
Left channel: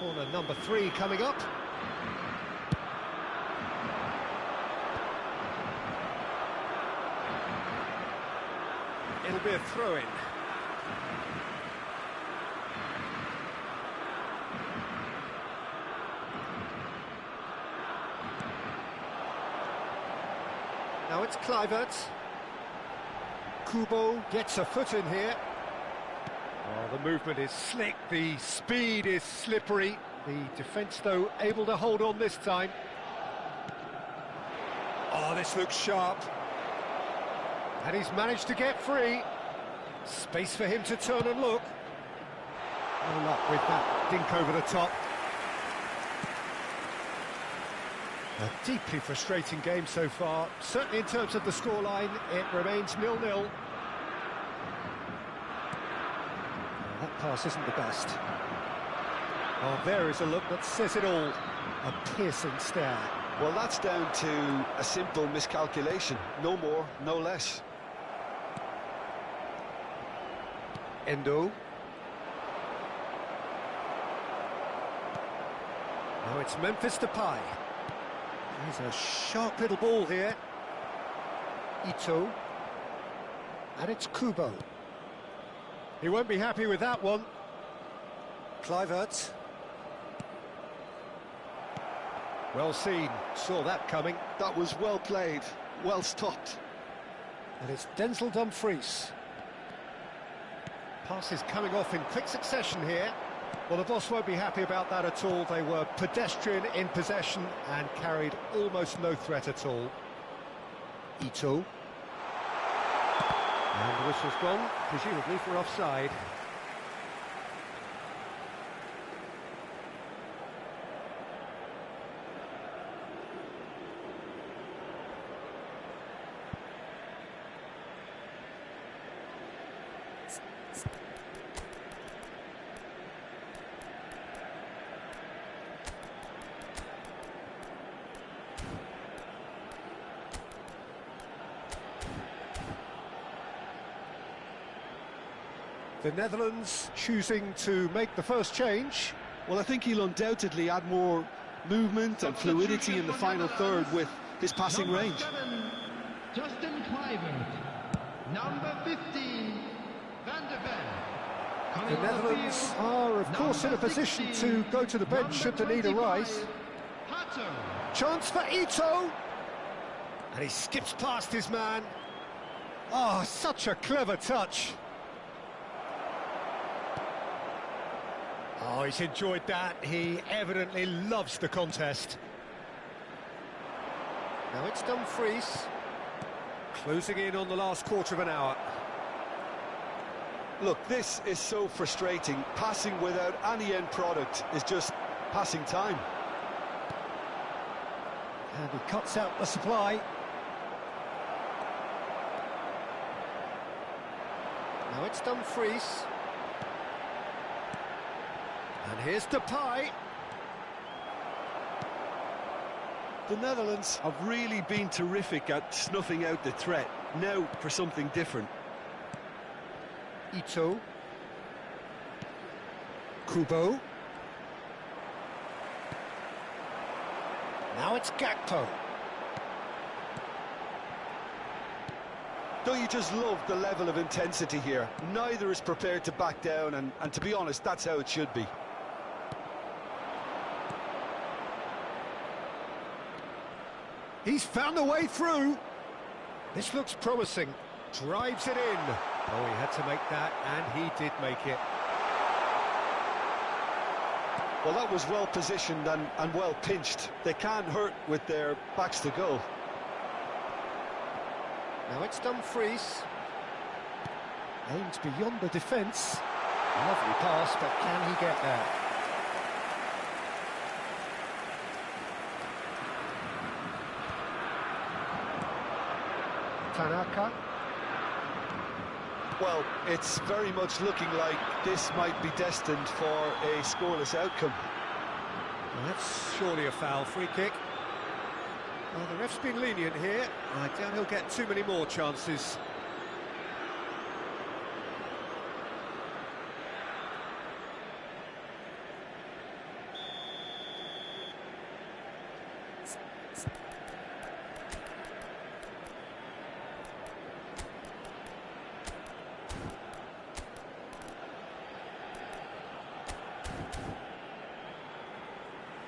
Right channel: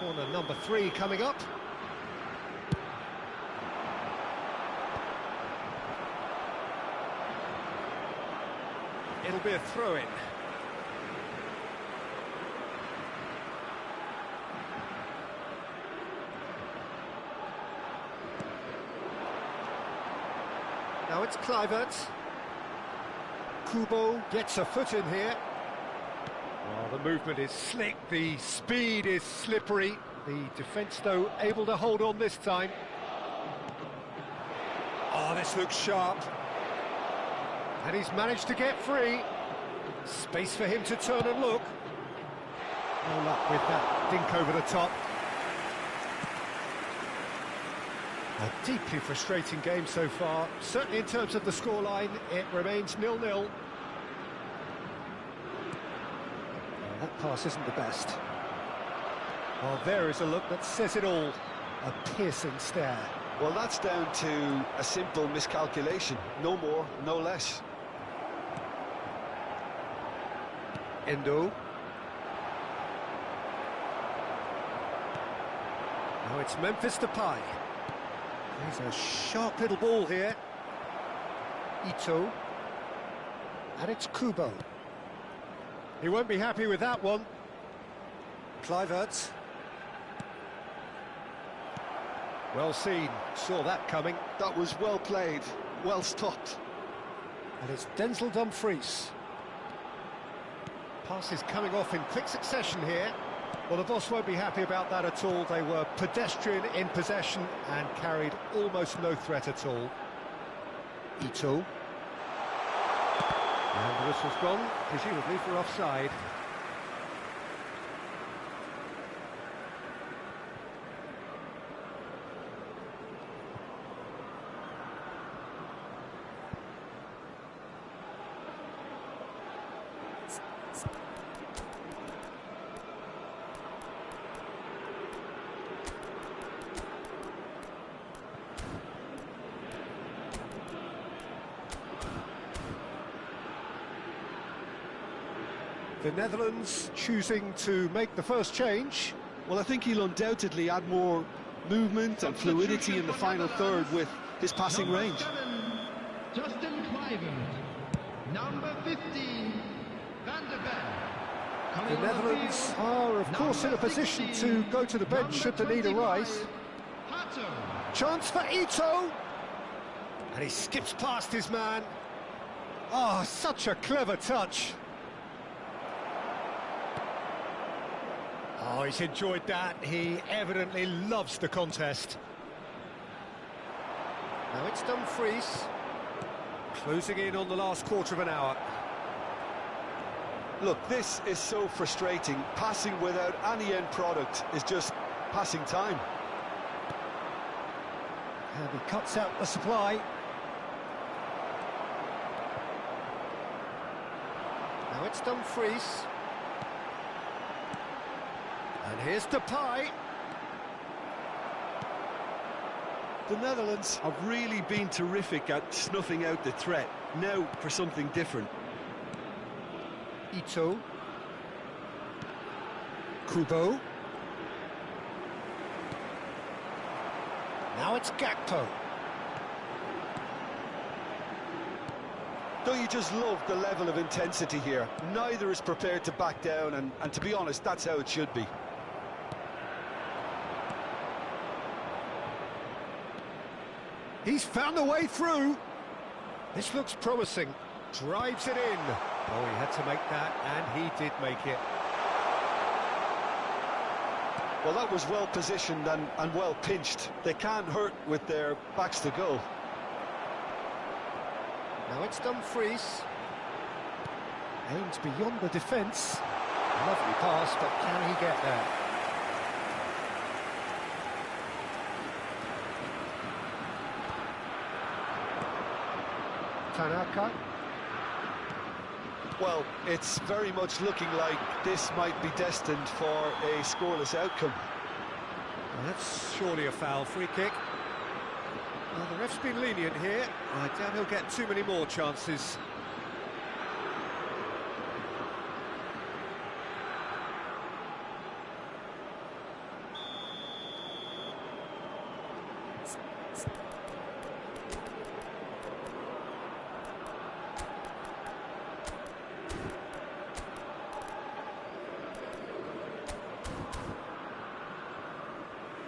Corner number 3 coming up. It'll be a throw-in. Now it's Kluivert. Kubo gets a foot in here. Oh, the movement is slick, the speed is slippery. The defence, though, able to hold on this time. Oh, this looks sharp. And he's managed to get free. Space for him to turn and look. No luck with that dink over the top. A deeply frustrating game so far. Certainly in terms of the scoreline, it remains 0-0. That pass isn't the best. Oh, there is a look that says it all. A piercing stare. Well, that's down to a simple miscalculation. No more, no less. Endo. Now it's Memphis Depay. He's a sharp little ball here. Ito. And it's Kubo. He won't be happy with that one. Kluivert. Well seen, saw that coming. That was well played, well stopped. And it's Denzel Dumfries. Passes coming off in quick succession here. Well, the boss won't be happy about that at all. They were pedestrian in possession and carried almost no threat at all. Ito. And the whistle's gone, presumably for offside. The Netherlands choosing to make the first change. Well, I think he'll undoubtedly add more movement and fluidity in the final third with his passing range. 7, Justin Kluivert. Number 15, Van der Ven. The Netherlands are, of course, in a position to go to the bench should the need arise. Chance for Ito. And he skips past his man. Oh, such a clever touch. Oh, he's enjoyed that. He evidently loves the contest. Now it's Dumfries. Closing in on the last quarter of an hour. Look, this is so frustrating. Passing without any end product is just passing time. And he cuts out the supply. Now it's Dumfries. And here's Depay. The Netherlands have really been terrific at snuffing out the threat. Now for something different. Ito. Kubo. Now it's Gakpo. Don't you just love the level of intensity here? Neither is prepared to back down, and to be honest, that's how it should be. He's found a way through. This looks promising. Drives it in. Oh, he had to make that, and he did make it. Well, that was well positioned and well pinched. They can't hurt with their backs to goal. Now it's Dumfries. Aims beyond the defence. Lovely pass, but can he get there? Tanaka. Well, it's very much looking like this might be destined for a scoreless outcome. Well, that's surely a foul. Free kick. Well, the ref's been lenient here. I doubt he'll get too many more chances.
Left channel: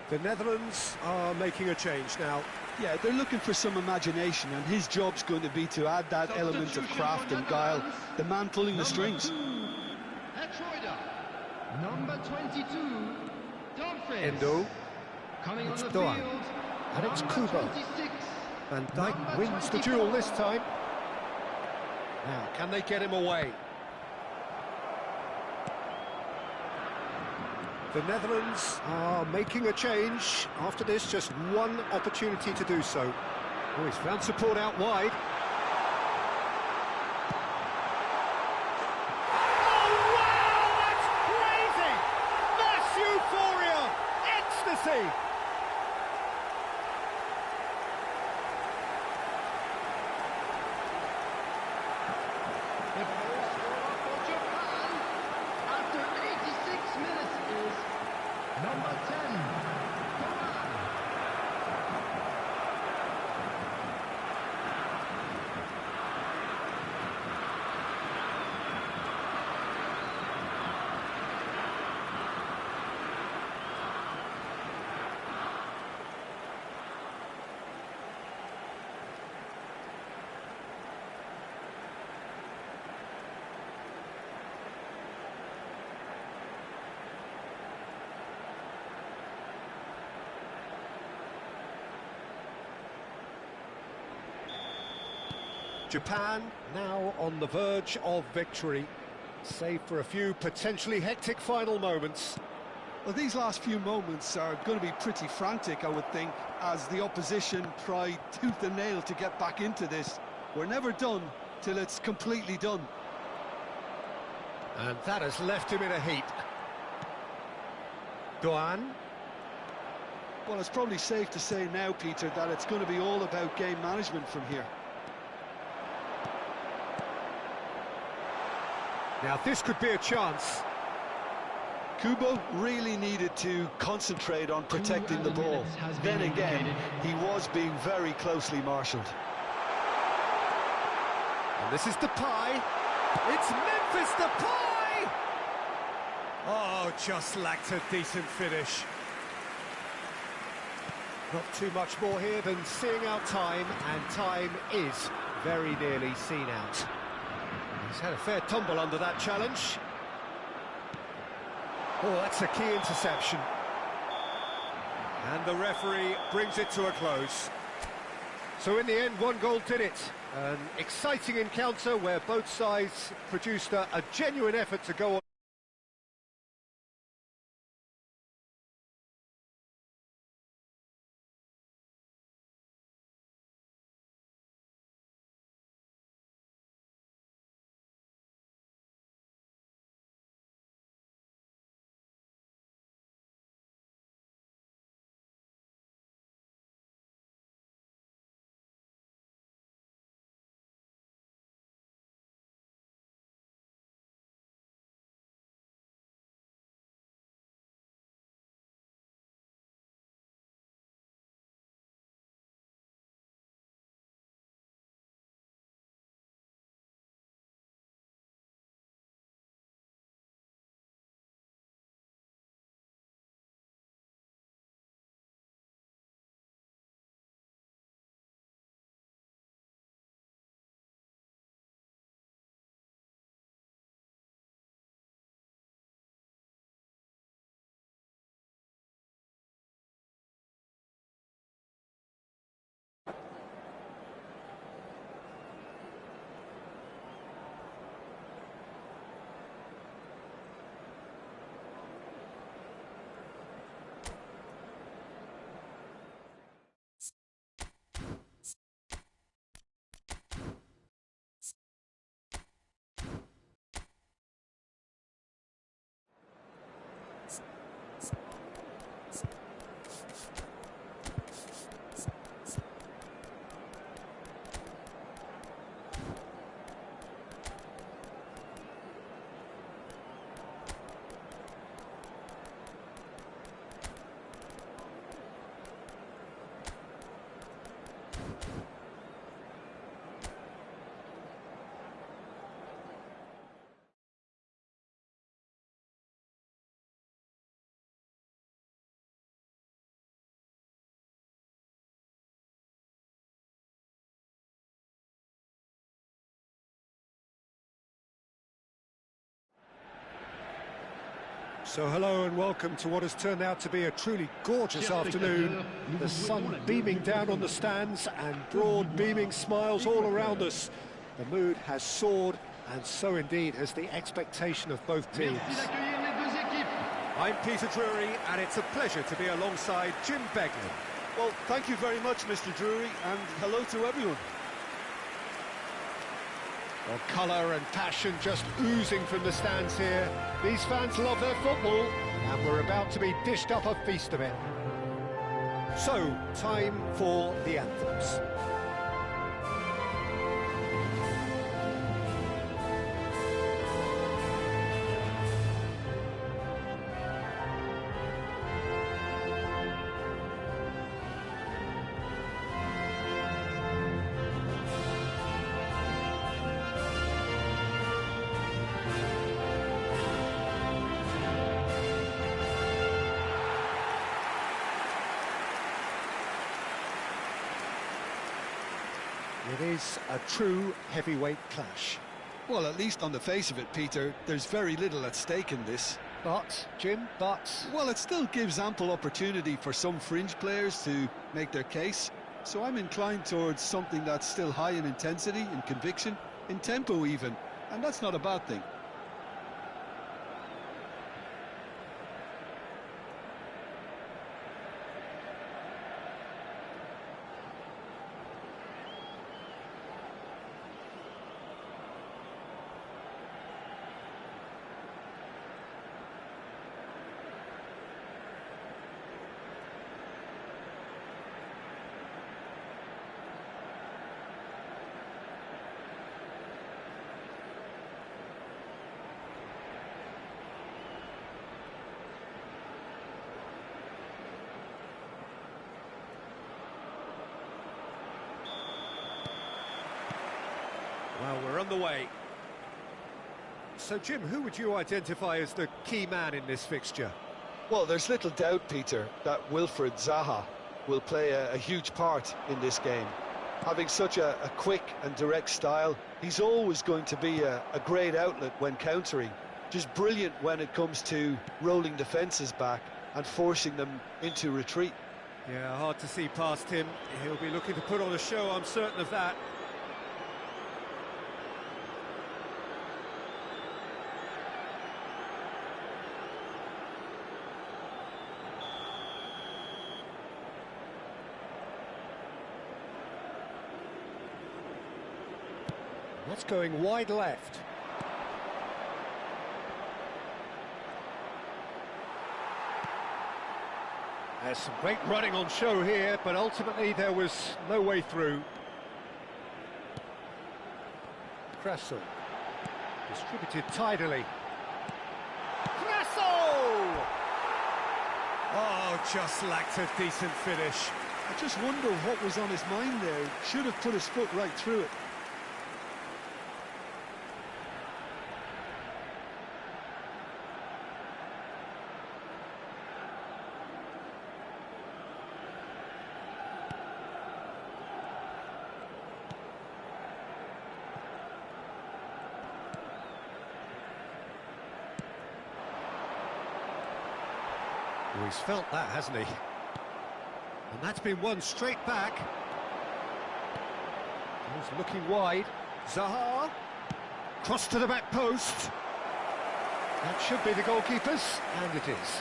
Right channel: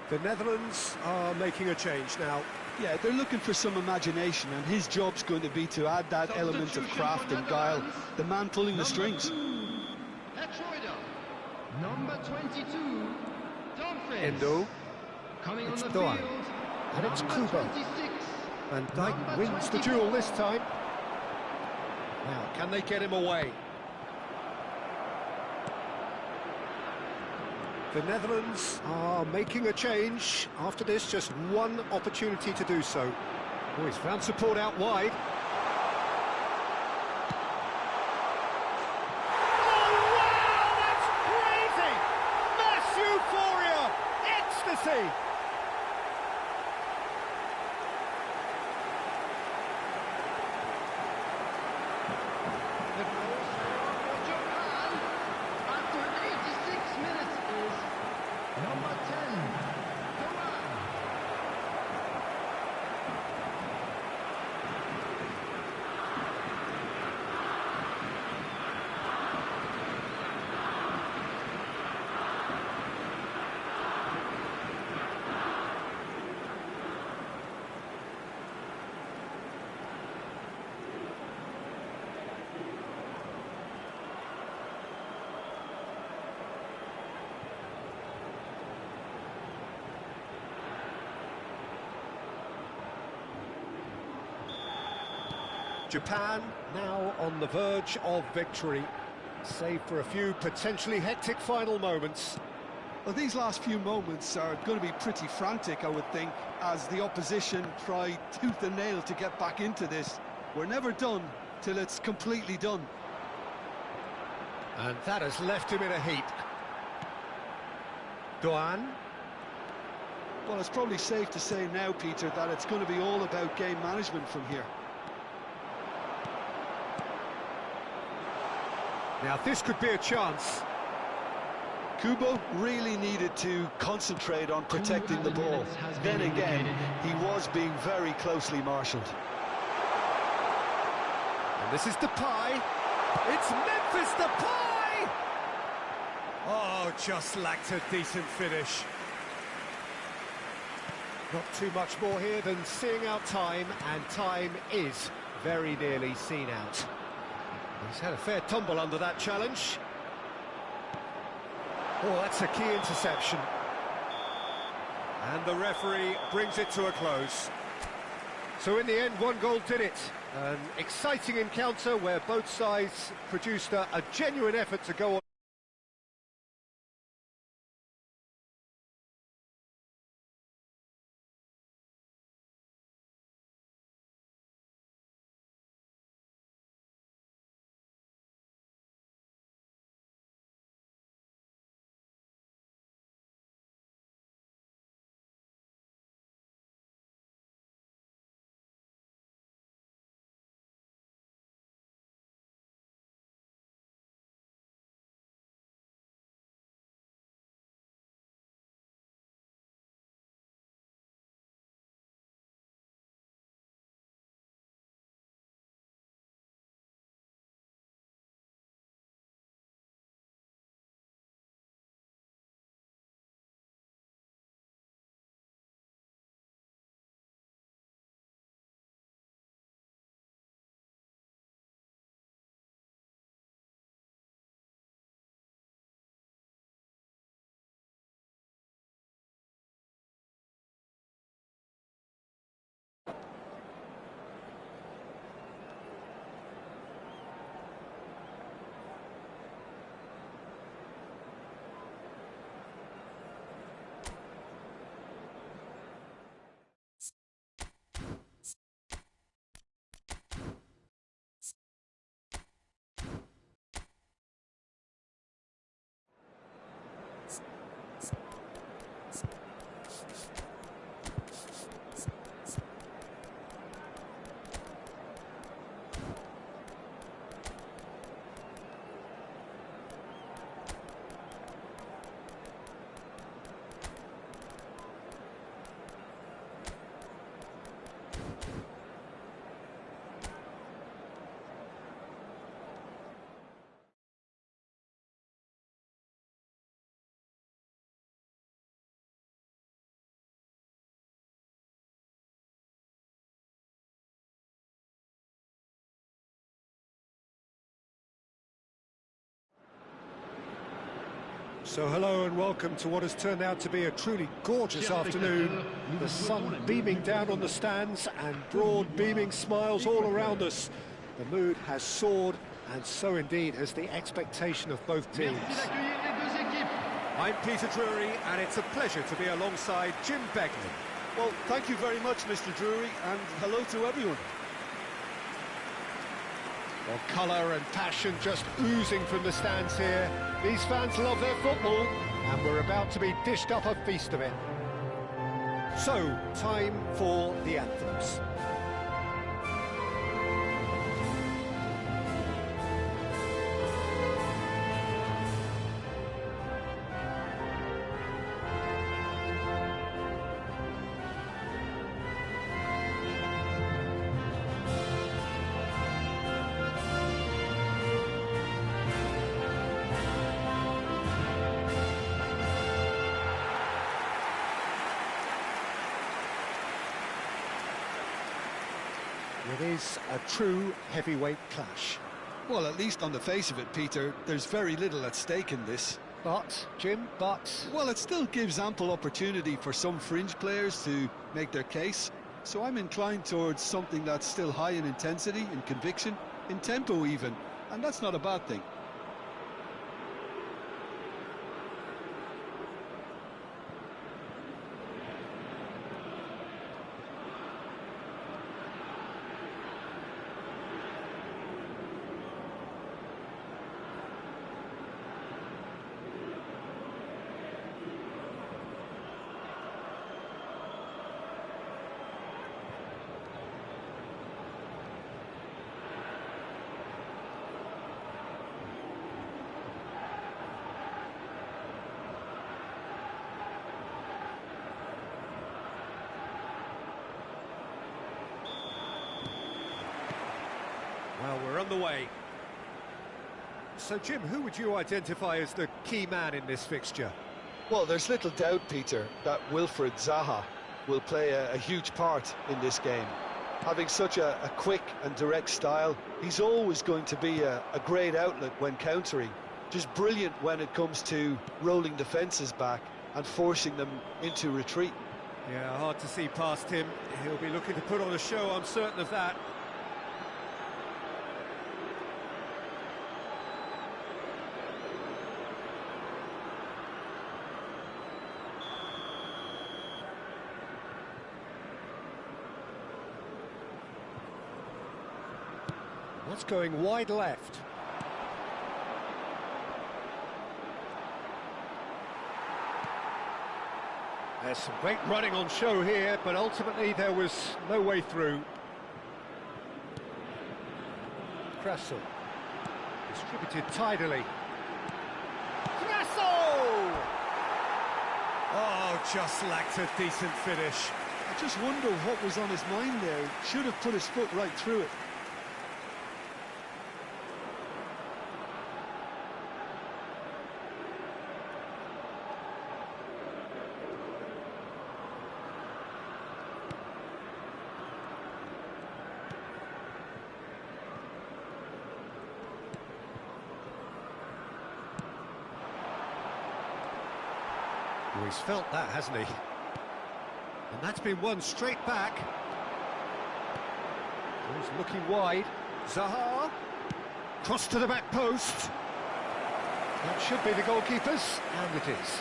The Netherlands are making a change now. Yeah, they're looking for some imagination, and his job's going to be to add that element of craft and guile. The man pulling the strings. Number 22, Dumfries. Endo. Coming It's on the Doan. field. And it's number Kubo. 26. Van Dijk Number wins the 24. duel this time. Now, can they get him away? The Netherlands are making a change. After this, just one opportunity to do so. Oh, he's found support out wide. Oh, wow! That's crazy! Mass euphoria! Ecstasy! The goal scorer for Japan after 86 minutes is number 10, Doan. Japan now on the verge of victory, save for a few potentially hectic final moments. Well, these last few moments are going to be pretty frantic, I would think, as the opposition try tooth and nail to get back into this. We're never done till it's completely done. And that has left him in a heap. Doan. Well, it's probably safe to say now, Peter, that it's going to be all about game management from here. Now this could be a chance. Kubo really needed to concentrate on protecting the ball. Then again, he was being very closely marshalled. And this is Depay. It's Memphis Depay! Oh, just lacked a decent finish. Not too much more here than seeing out time, and time is very nearly seen out. He's had a fair tumble under that challenge. Oh, that's a key interception. And the referee brings it to a close. So in the end, one goal did it. An exciting encounter where both sides produced a genuine effort to go on. So hello and welcome to what has turned out to be a truly gorgeous afternoon. The sun beaming down on the stands and broad beaming smiles all around us. The mood has soared, and so indeed has the expectation of both teams. I'm Peter Drury, and it's a pleasure to be alongside Jim Beglin. Well, thank you very much, Mr. Drury, and hello to everyone. Well, colour and passion just oozing from the stands here. These fans love their football, and we're about to be dished up a feast of it. So, time for the anthems. It is a true heavyweight clash. Well, at least on the face of it, Peter, there's very little at stake in this. But, Jim, Well, it still gives ample opportunity for some fringe players to make their case. So I'm inclined towards something that's still high in intensity, in conviction, in tempo even. And that's not a bad thing. Well, we're on the way. so Jim, who would you identify as the key man in this fixture? Well, there's little doubt, Peter, that Wilfried Zaha will play a huge part in this game. Having such a quick and direct style, he's always going to be a great outlet when countering. Just brilliant when it comes to rolling defences back and forcing them into retreat. Yeah, hard to see past him. He'll be looking to put on a show, I'm certain of that. That's going wide left. There's some great running on show here, but ultimately there was no way through. Curaçao distributed tidily. Curaçao! Oh, just lacked a decent finish. I just wonder what was on his mind there. Should have put his foot right through it. Oh, he's felt that, hasn't he? And that's been won straight back. He's looking wide. Zaha. Cross to the back post. That should be the goalkeeper's, and it is.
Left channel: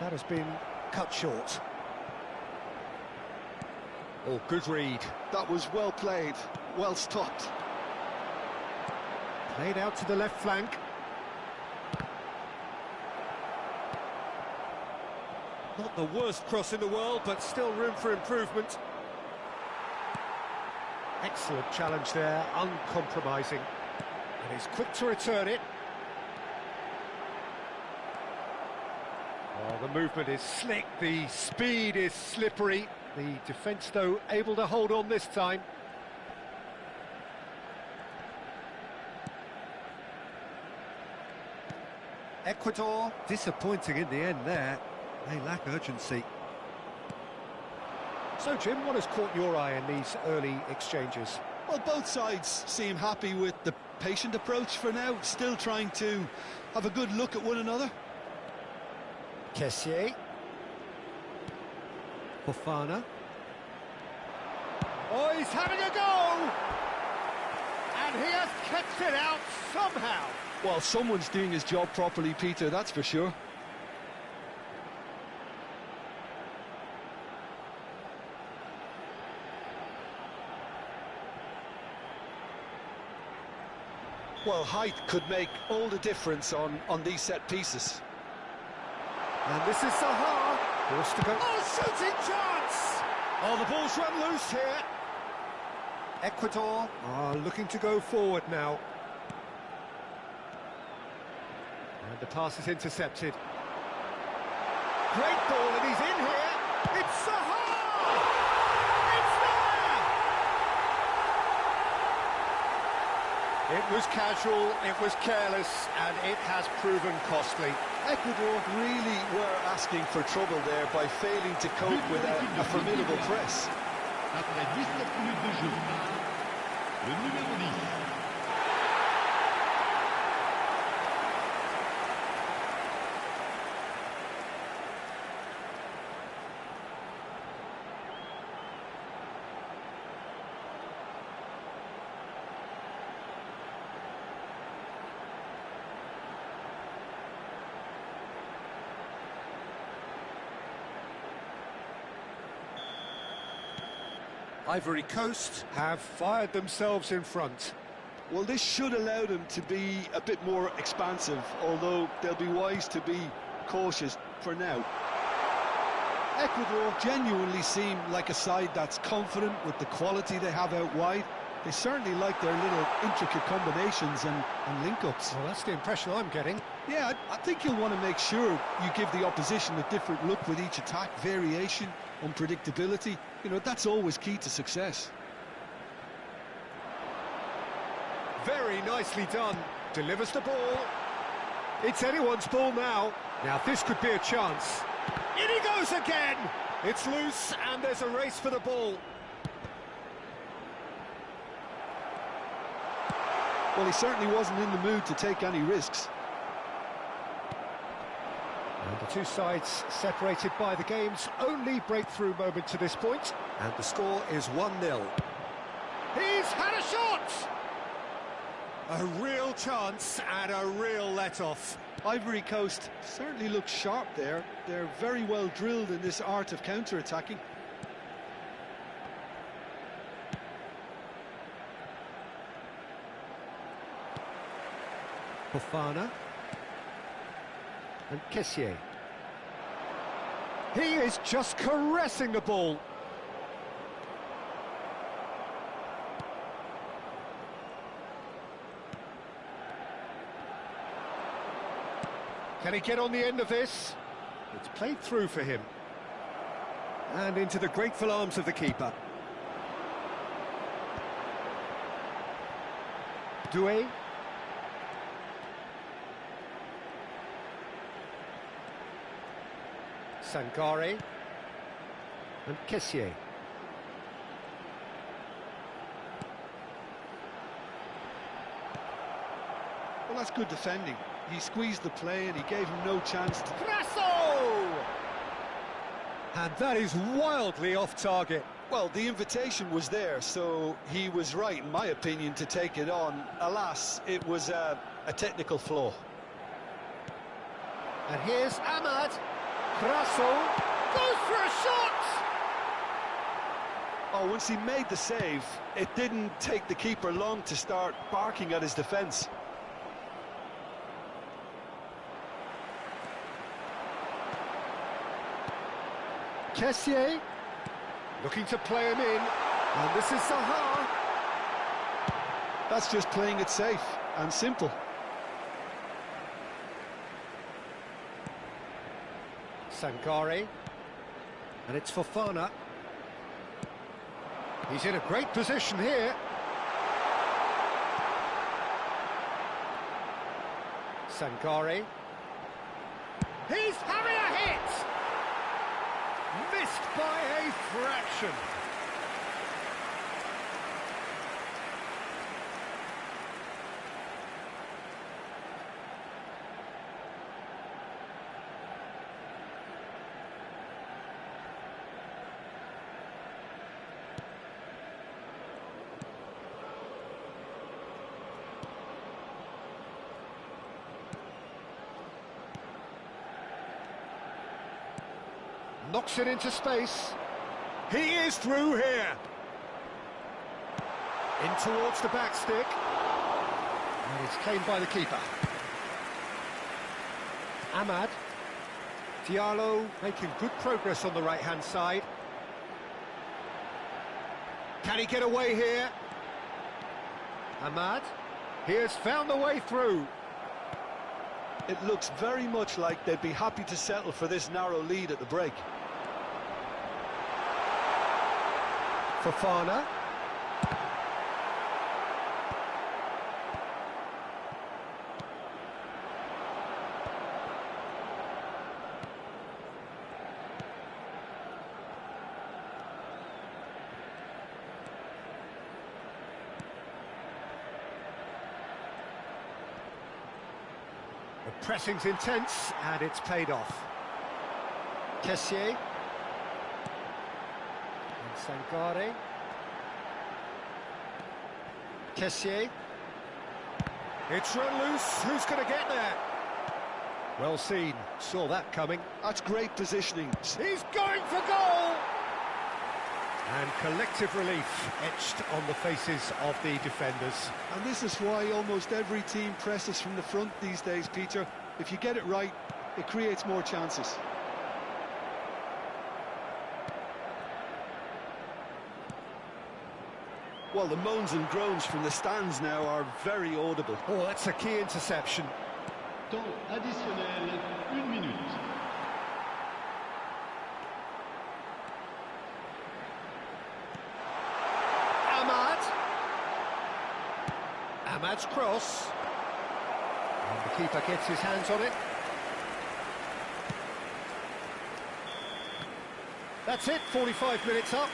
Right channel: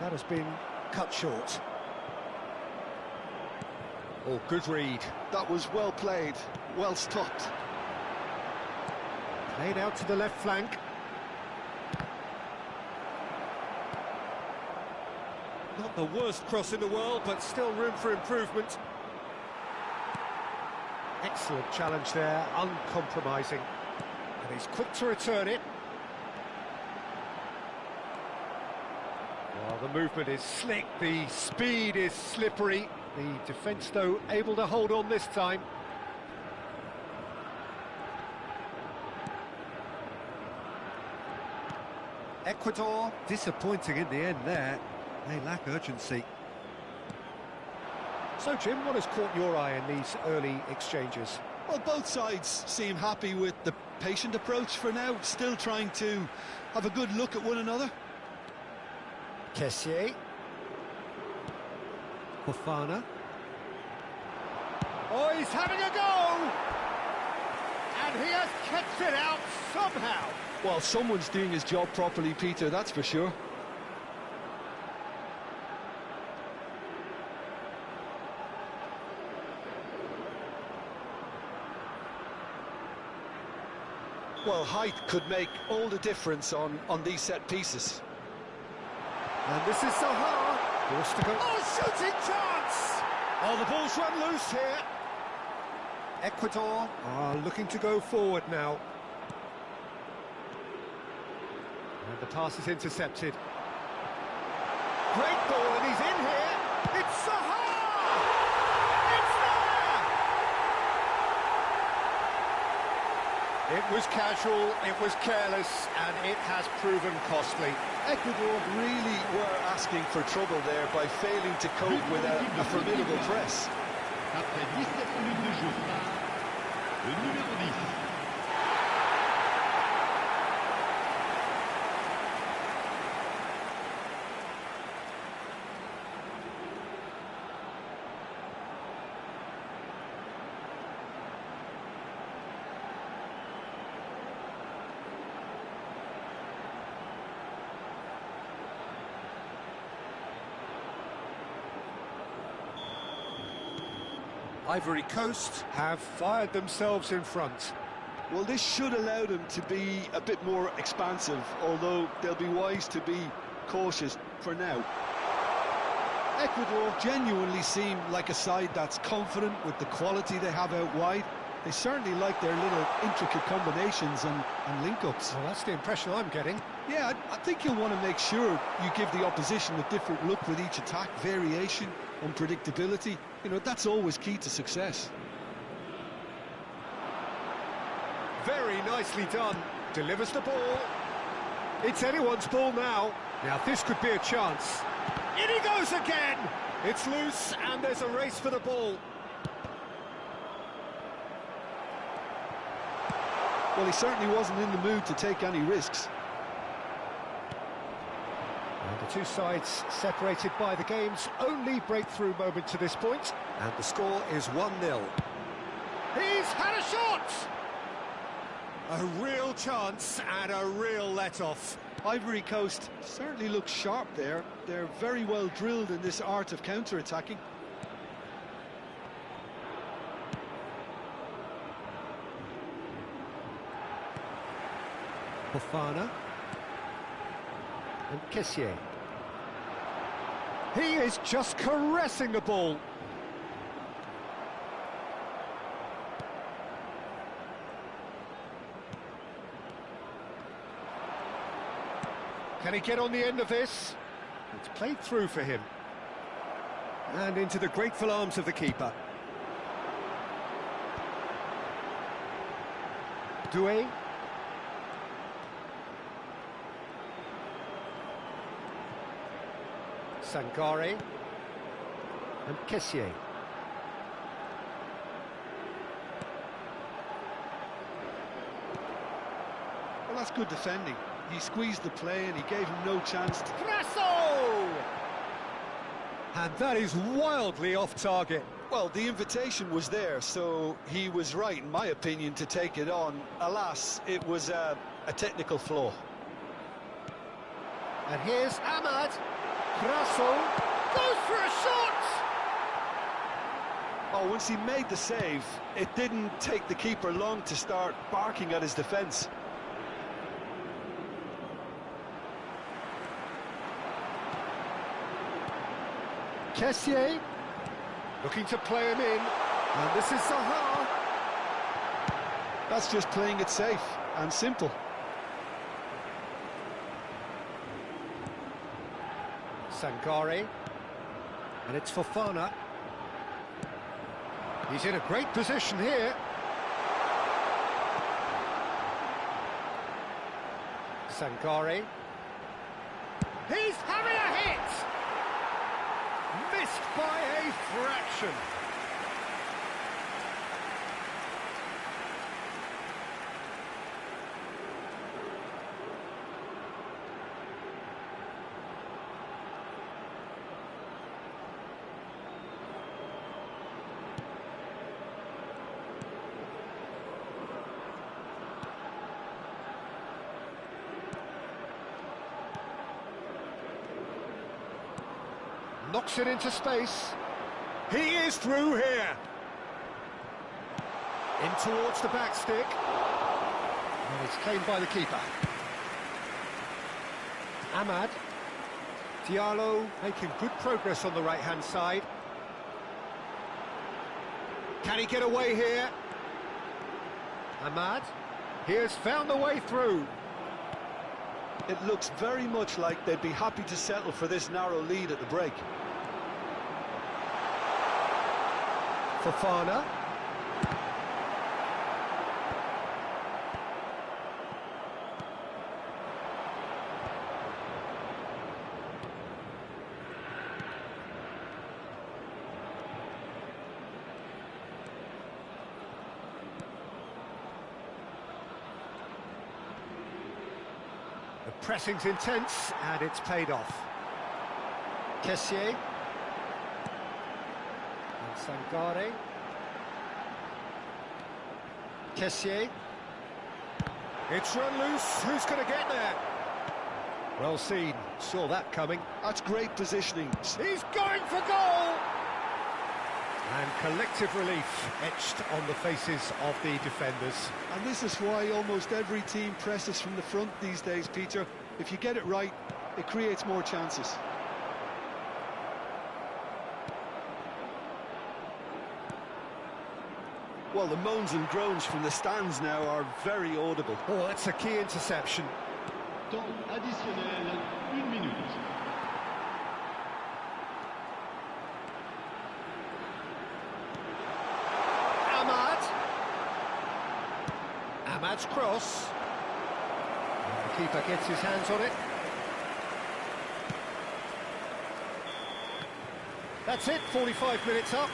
That has been cut short. Oh, good read. That was well played, well stopped. Played out to the left flank. Not the worst cross in the world, but still room for improvement. Excellent challenge there, uncompromising. And he's quick to return it. Well, the movement is slick, the speed is slippery. The defence, though, able to hold on this time. Ecuador disappointing in the end there. They lack urgency. So, Jim, what has caught your eye in these early exchanges? Well, both sides seem happy with the patient approach for now, still trying to have a good look at one another. Kessié. Fofana. Oh, he's having a go! And he has kept it out somehow. Well, someone's doing his job properly, Peter, that's for sure. Well, height could make all the difference on these set pieces. And this is Zaha. Forced to go. Oh, shooting chance! Oh, the ball's run loose here. Ecuador are looking to go forward now. And the pass is intercepted. Great ball, and he's in here. It's Zaha! It's there! It was casual, it was careless, and it has proven costly. Ecuador really were asking for trouble there by failing to cope with a formidable press. Après 17 minutes de jeu par le numéro 10. Ivory Coast have fired themselves in front. Well, this should allow them to be a bit more expansive, although they'll be wise to be cautious for now. Ecuador genuinely seem like a side that's confident with the quality they have out wide. They certainly like their little intricate combinations and link-ups. Well, that's the impression I'm getting. Yeah, I think you'll want to make sure you give the opposition a different look with each attack, variation, unpredictability. You know, that's always key to success. Very nicely done. Delivers the ball. It's anyone's ball now. Now, this could be a chance. In he goes again! It's loose, and there's a race for the ball. Well, he certainly wasn't in the mood to take any risks. And the two sides separated by the game's only breakthrough moment to this point. And the score is 1-0. He's had a shot! A real chance and a real let-off. Ivory Coast certainly looks sharp there. They're very well drilled in this art of counter-attacking. Fofana. And Kessié. He is just caressing the ball. Can he get on the end of this? It's played through for him. And into the grateful arms of the keeper. Doué. Sangare. And Kessié. Well, that's good defending. He squeezed the play and he gave him no chance to... Curaçao! And that is wildly off target. Well, the invitation was there, so he was right, in my opinion, to take it on. Alas, it was a technical flaw. And here's Ahmad. Curaçao goes for a shot! Oh, once he made the save, it didn't take the keeper long to start barking at his defence. Kessié looking to play him in, and this is Zaha. That's just playing it safe and simple. Sangare, and it's Fofana. He's in a great position here. Sangare. He's having a hit! Missed by a fraction. Knocks it into space. He is through here. In towards the back stick. And it's claimed by the keeper. Ahmad. Diallo making good progress on the right-hand side. Can he get away here? Ahmad. He has found the way through. It looks very much like they'd be happy to settle for this narrow lead at the break. Fofana. The pressing's intense, and it's paid off. Kessié. And Sangare. Kessié. It's run loose. Who's going to get there? Well seen. Saw that coming. That's great positioning. He's going for goal! And collective relief etched on the faces of the defenders. And this is why almost every team presses from the front these days, Peter. If you get it right, it creates more chances. Well, the moans and groans from the stands now are very audible. Oh, that's a key interception. Temps additionnel, 1 minute. Ahmad. Ahmad's cross. And the keeper gets his hands on it. That's it, 45 minutes up.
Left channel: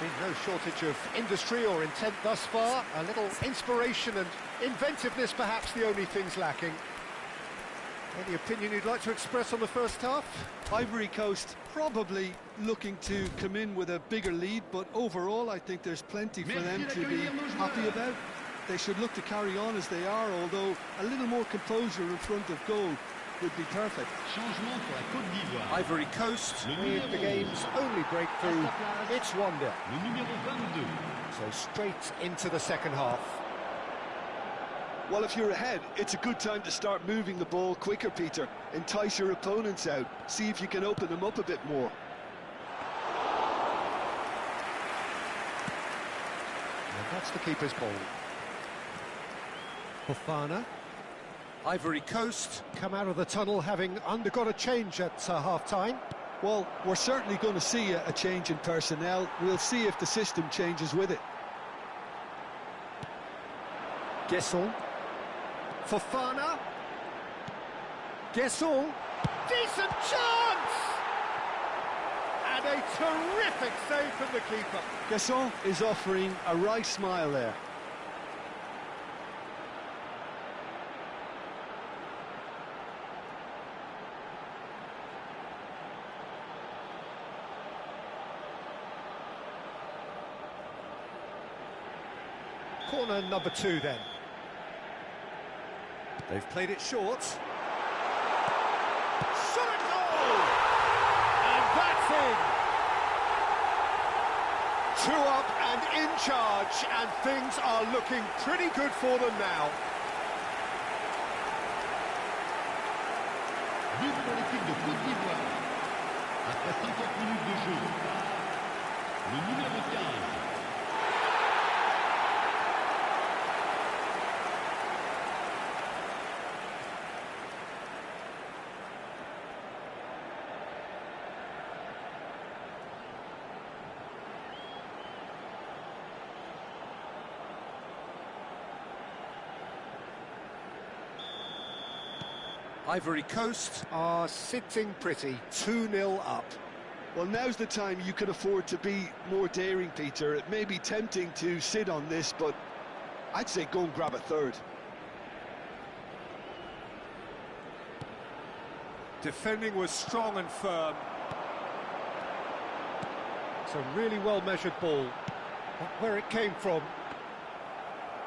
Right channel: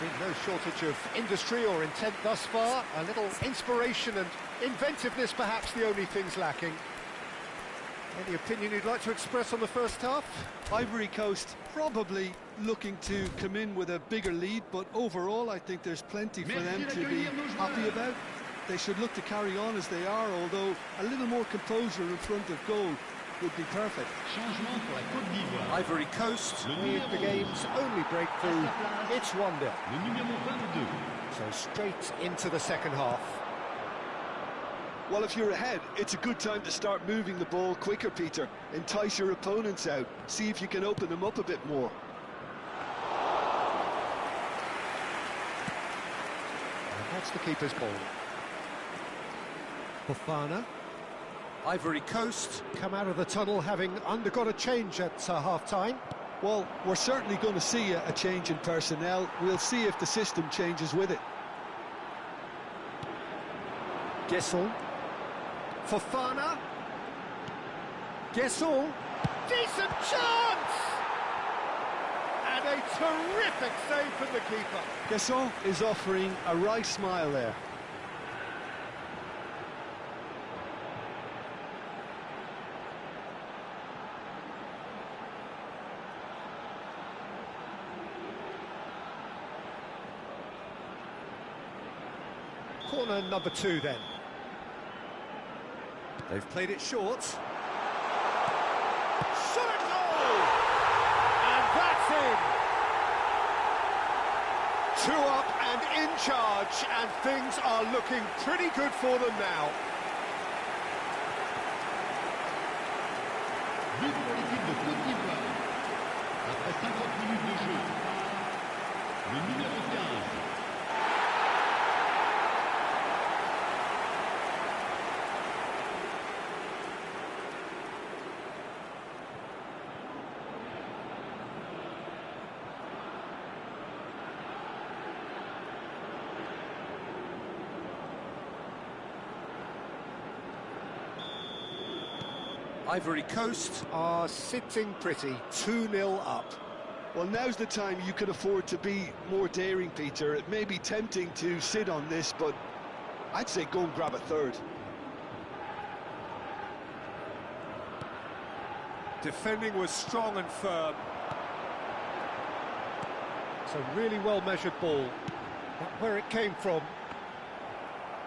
There's been no shortage of industry or intent thus far. A little inspiration and inventiveness, perhaps the only things lacking. Any opinion you'd like to express on the first half? Ivory Coast probably looking to come in with a bigger lead, but overall I think there's plenty for them to be happy about. They should look to carry on as they are, although a little more composure in front of goal would be perfect. Changement pour la Côte d'Ivoire. Ivory Coast with the game's only breakthrough. It's 1-0. Le numéro 22. So straight into the second half. Well, if you're ahead, it's a good time to start moving the ball quicker, Peter. Entice your opponents out. See if you can open them up a bit more. And that's the keeper's ball. Fofana. Ivory Coast come out of the tunnel having undergone a change at half-time. Well, we're certainly going to see a change in personnel. We'll see if the system changes with it. Guesson. Fofana. Guesson. Decent chance! And a terrific save from the keeper. Curaçao is offering a wry smile there. Corner number 2 then. They've played it short. Shot and goal! And that's in! 2 up and in charge, and things are looking pretty good for them now. But pour l'équipe de Côte d'Ivoire. Après 50 minutes de jeu par le numéro 15. Ivory Coast are sitting pretty, 2-0 up. Well, now's the time you can afford to be more daring, Peter. It may be tempting to sit on this, but I'd say go and grab a third. Defending was strong and firm. It's a really well-measured ball. But where it came from,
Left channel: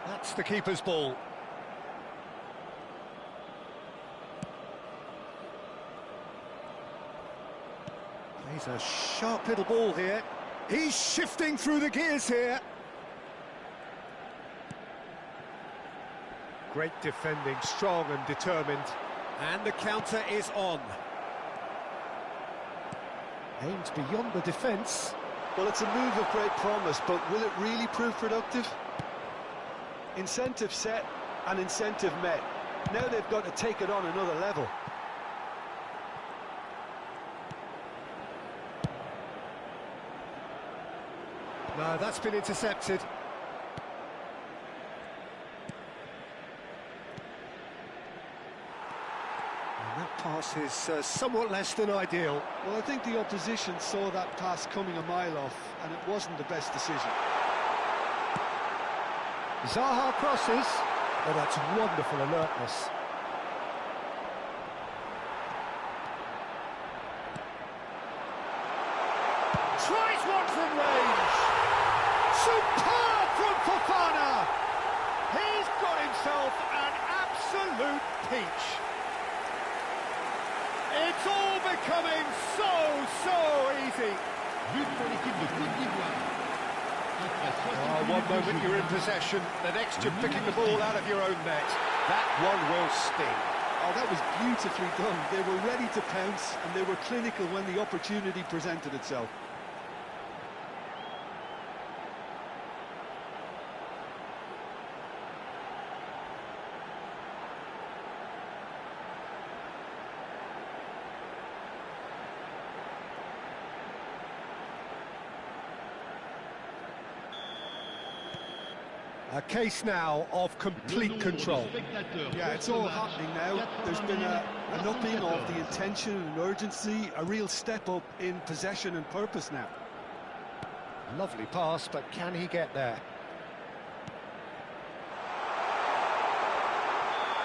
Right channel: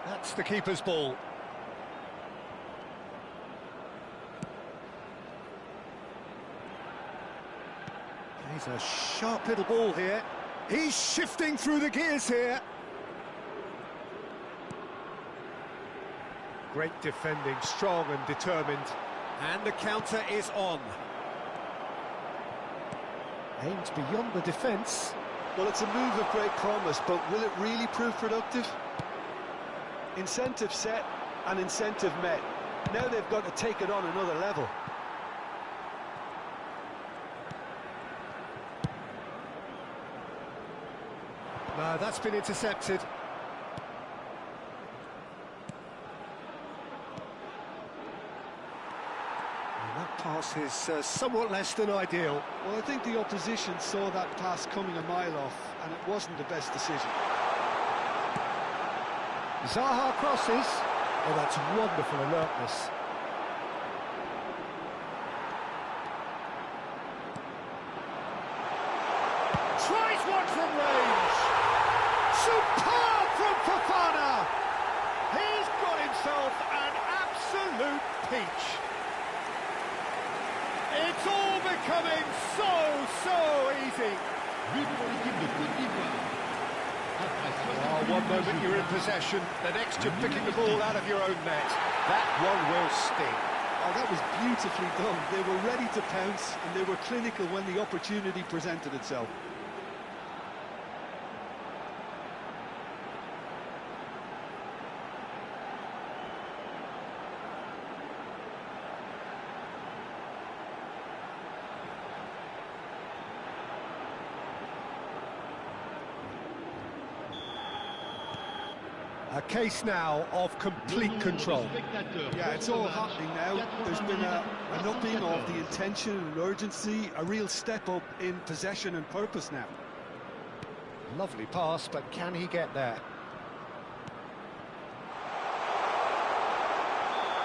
that's the keeper's ball. Plays a sharp little ball here. He's shifting through the gears here. Great defending, strong and determined. And the counter is on. Aimed beyond the defence. Well, it's a move of great promise, but will it really prove productive? Incentive set and incentive met. Now they've got to take it on another level. No, that's been intercepted. And that pass is somewhat less than ideal. Well, I think the opposition saw that pass coming a mile off, and it wasn't the best decision. Zaha crosses. Oh, that's wonderful alertness. Tries one from range. Superb from Fofana. He's got himself an absolute peach. It's all becoming so easy. But pour l'équipe de Côte d'Ivoire. Après 60 One minutes de moment jeu, you're in possession, the next you're picking the ball out of your own net. That one will sting. Oh, that was beautifully done. They were ready to pounce, and they were clinical when the opportunity presented itself. A case now of complete control. Yeah, it's all happening now. There's been an upping of the intention and urgency, a real step up in possession and purpose now. Lovely pass, but can he get there?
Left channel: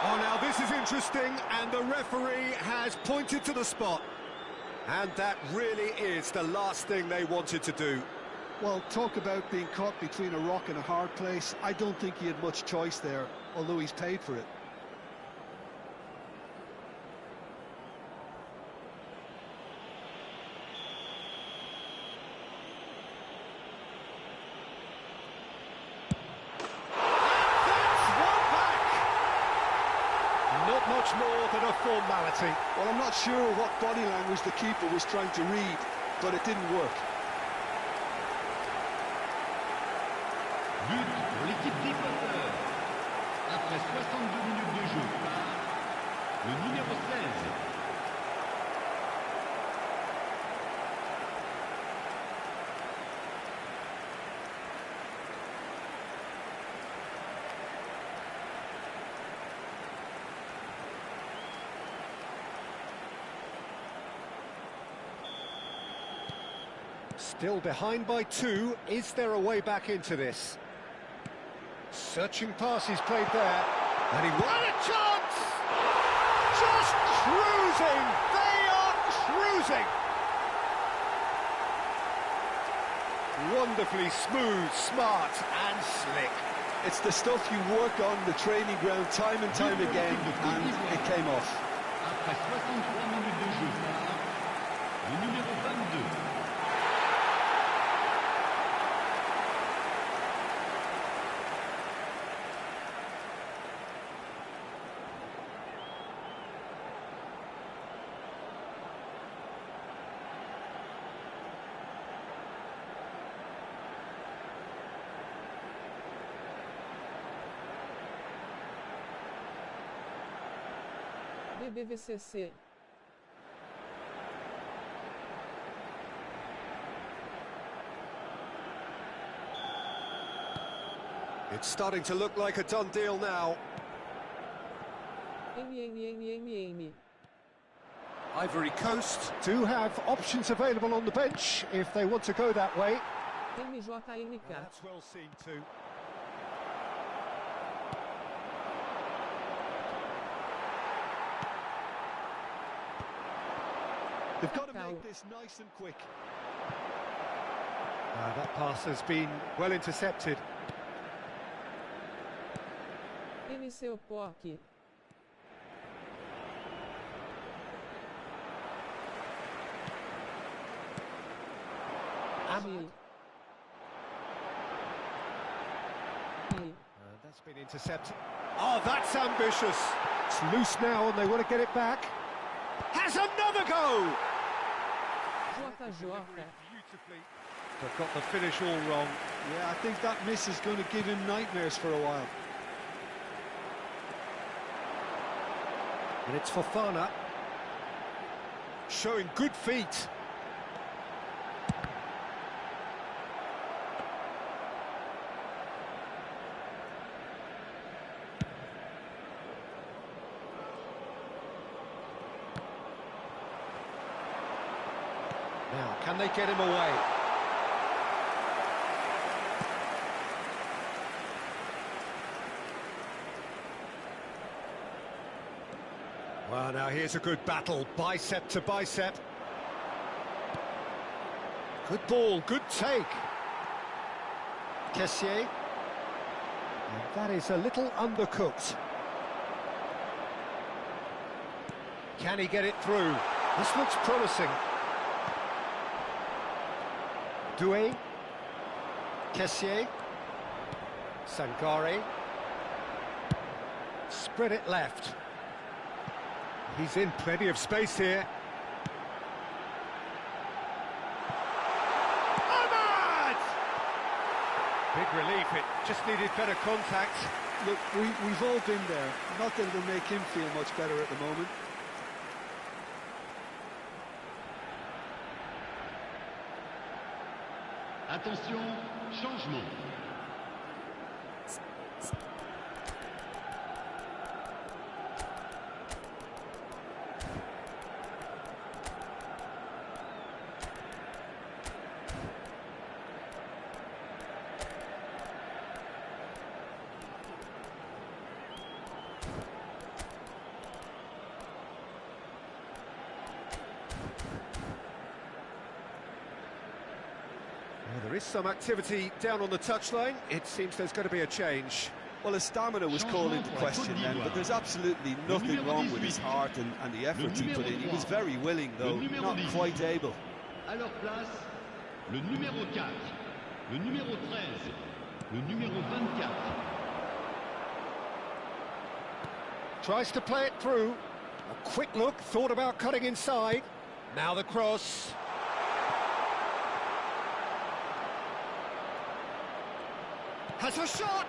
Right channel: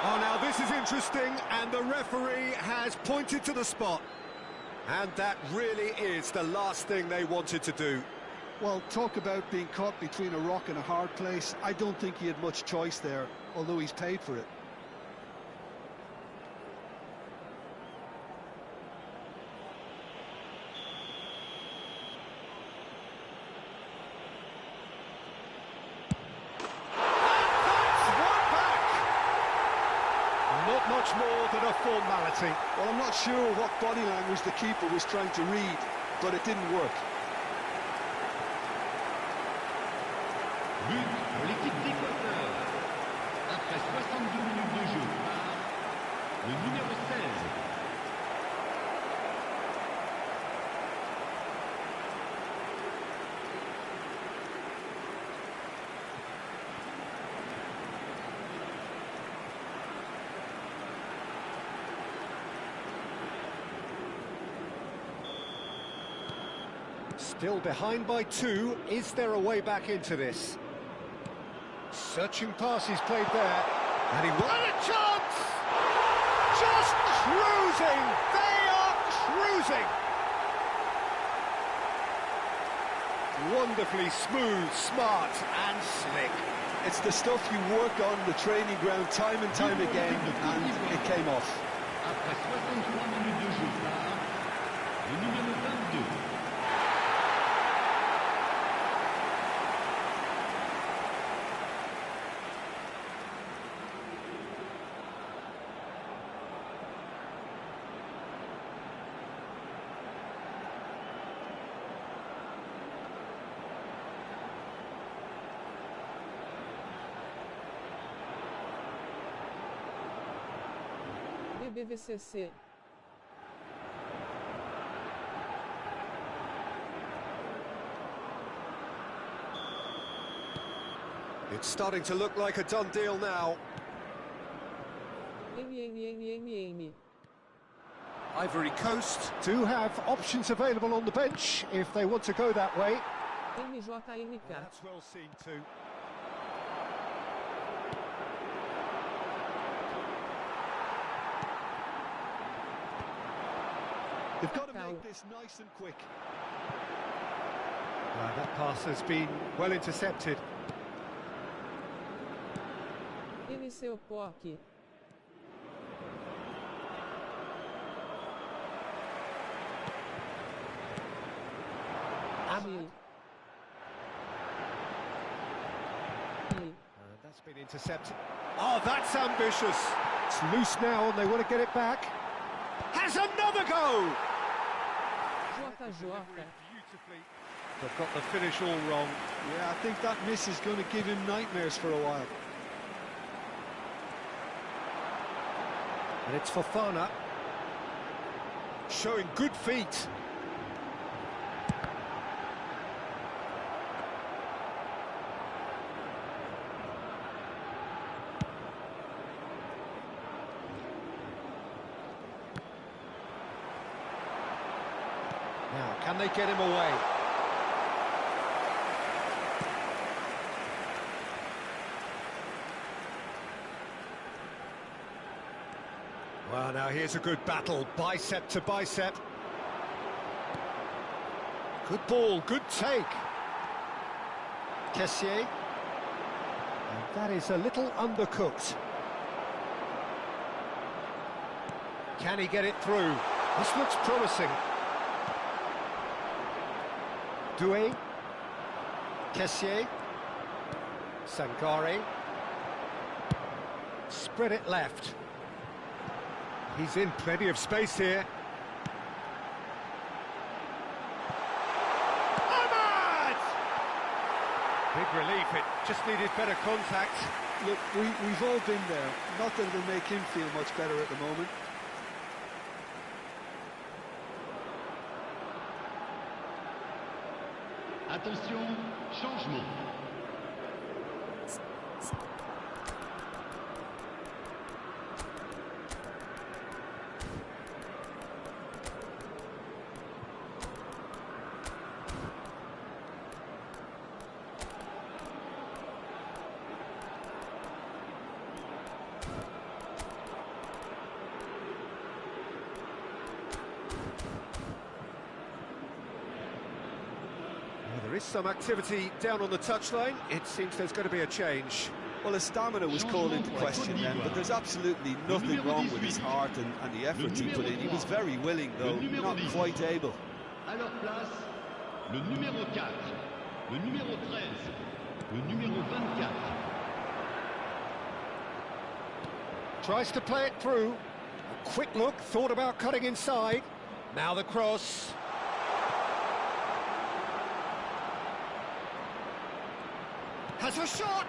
Oh, now this is interesting, and the referee has pointed to the spot. And that really is the last thing they wanted to do. Well, talk about being caught between a rock and a hard place. I don't think he had much choice there, although he's paid for it. And that's one back! Not much more than a formality. Well, I'm not sure what body language the keeper was trying to read, but it didn't work. But pour l'équipe d'Équateur. Après 62 minutes de jeu par le numéro 16. Still behind by 2. Is there a way back into this? Searching passes played there. And he won a chance! Just cruising! They are cruising! Wonderfully smooth, smart and slick. It's the stuff you work on the training ground time and time again, and it came off. Après 63 minutes de jeu par le numéro 22. BBVCC. It's starting to look like a done deal now. Ivory Coast do have options available on the bench if they want to go that way. That's well seen too. They've got to make this nice and quick. That pass has been well intercepted. That's been intercepted. Oh, that's ambitious. It's loose now and they want to get it back. Has another go! Beautifully. They've got the finish all wrong. Yeah, I think that miss is going to give him nightmares for a while. And it's Fofana. Showing good feet. Now, can they get him away? Well, now here's a good battle, bicep to bicep. Good ball, good take. Kessier. And that is a little undercooked. Can he get it through? This looks promising. Doué, Kessier, Sangare, spread it left. He's in plenty of space here. Ahmad! Big relief, it just needed better contact. Look, we've all been there. Not that it'll make him feel much better at the moment. Attention, changement. There is some activity down on the touchline. It seems there's going to be a change. Well, his stamina was called into question then, but there's absolutely nothing wrong with his heart and the effort he put in. He was very willing, though, not quite able. À leur place, le numéro 4, le numéro 13, le numéro 24. Tries to play it through. A quick look, thought about cutting inside. Now the cross. Has a shot!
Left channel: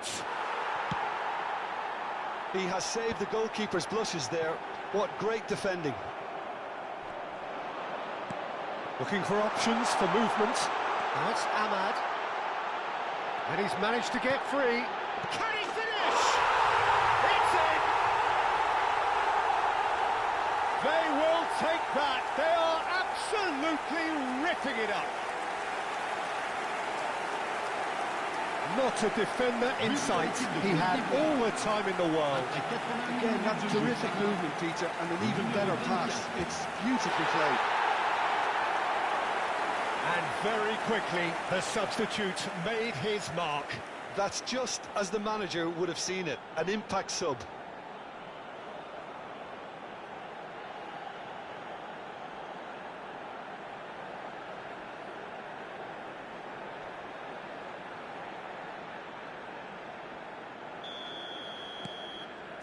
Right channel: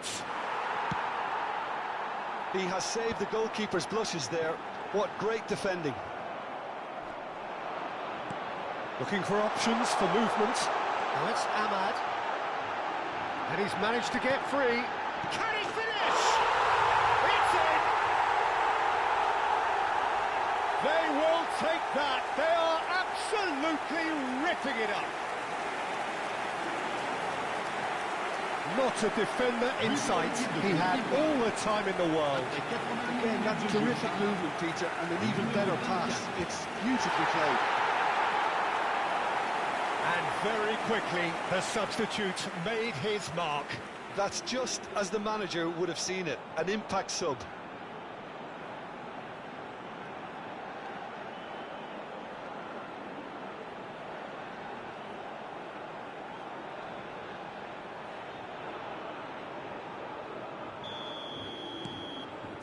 He has saved the goalkeeper's blushes there. What great defending. Looking for options for movement. Now it's Ahmad. And he's managed to get free. Can he finish? It's in! They will take that. They are absolutely ripping it up. Not a defender in sight. He had all the time in the world. Again, that's terrific movement, Peter, and an even better pass. It's beautifully played. And very quickly, the substitute made his mark. That's just as the manager would have seen it, an impact sub.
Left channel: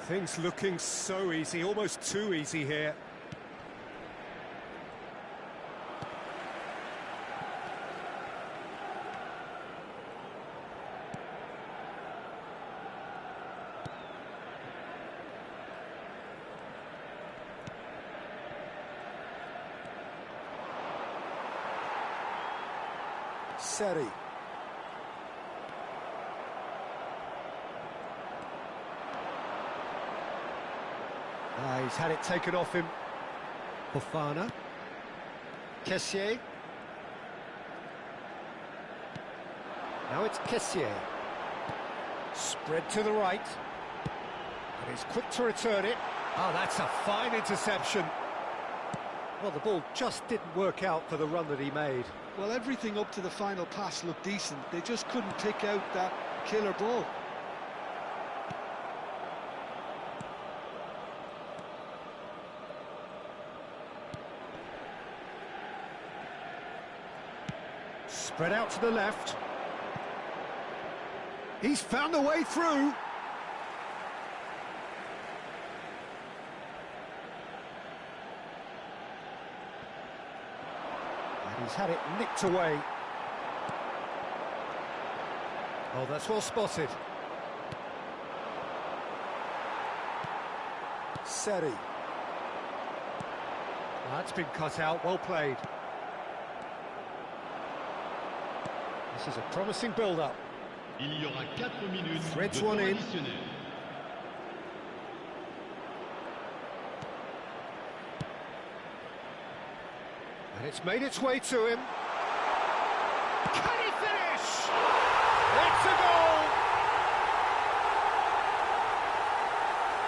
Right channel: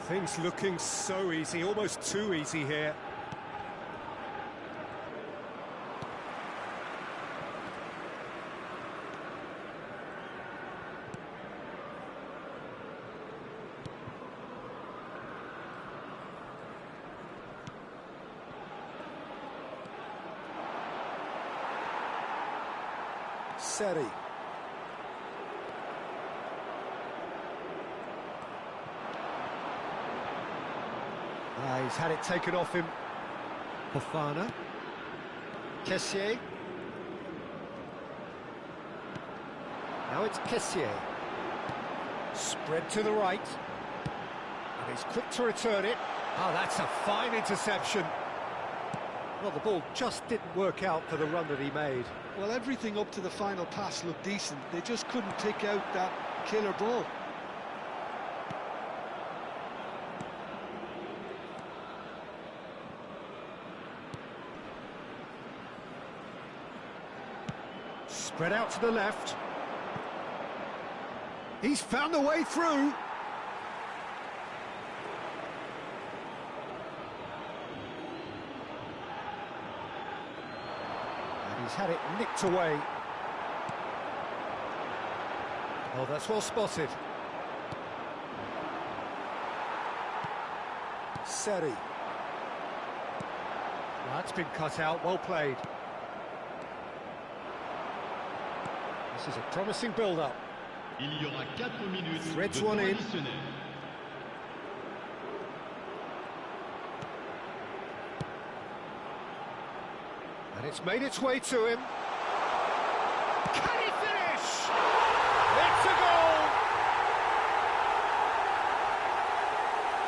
Things looking so easy, almost too easy here. Seri. He's had it taken off him. Fofana. Kessié. Now it's Kessié. Spread to the right. And he's quick to return it. Ah, that's a fine interception. Well, the ball just didn't work out for the run that he made. Well, everything up to the final pass looked decent. They just couldn't pick out that killer ball. Spread out to the left. He's found a way through. And he's had it nicked away. Oh, that's well spotted. Seri. That's been cut out, well played. This is a promising build-up. Il y aura 4 minutes Threads de one temps in. additionnel. And it's made its way to him. Can he finish? It's a goal!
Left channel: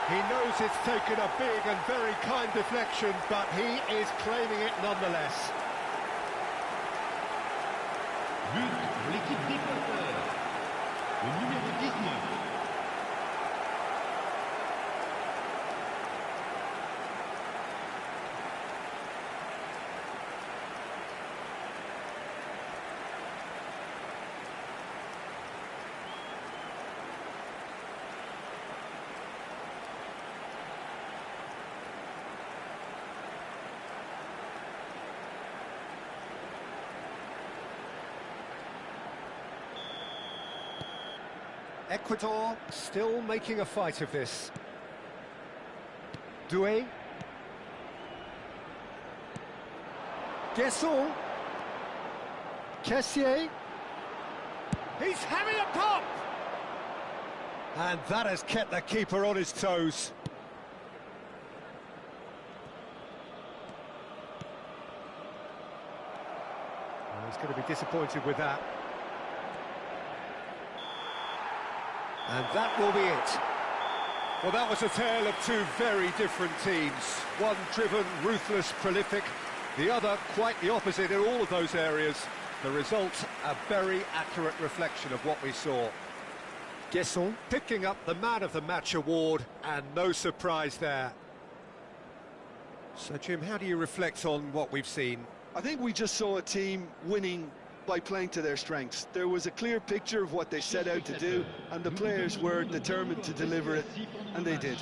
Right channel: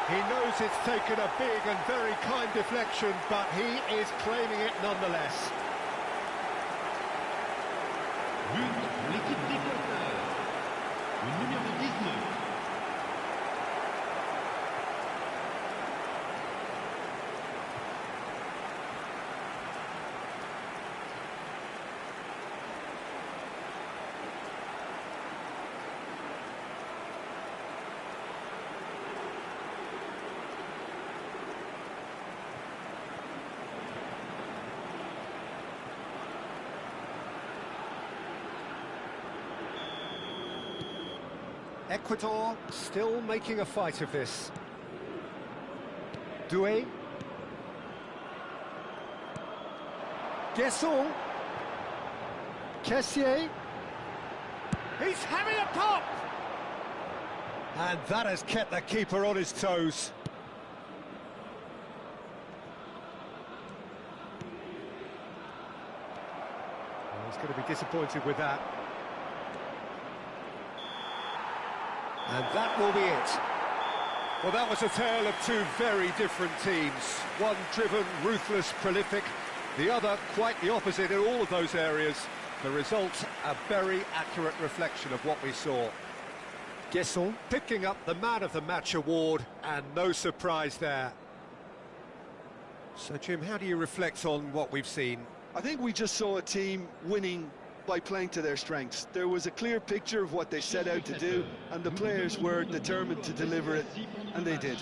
He knows it's taken a big and very kind deflection, but he is claiming it nonetheless. But pour l'équipe d'Équateur. Le numéro 19. Ecuador still making a fight of this. Doué. Guesson. Kessié. He's having a pop! And that has kept the keeper on his toes. Well, he's going to be disappointed with that. And that will be it. Well, that was a tale of two very different teams. One driven, ruthless, prolific. The other quite the opposite in all of those areas. The result, a very accurate reflection of what we saw. Guesson picking up the Man of the Match award, and no surprise there. So, Jim, how do you reflect on what we've seen? I think we just saw a team winning by playing to their strengths. There was a clear picture of what they set out to do, and the players were determined to deliver it, and they did.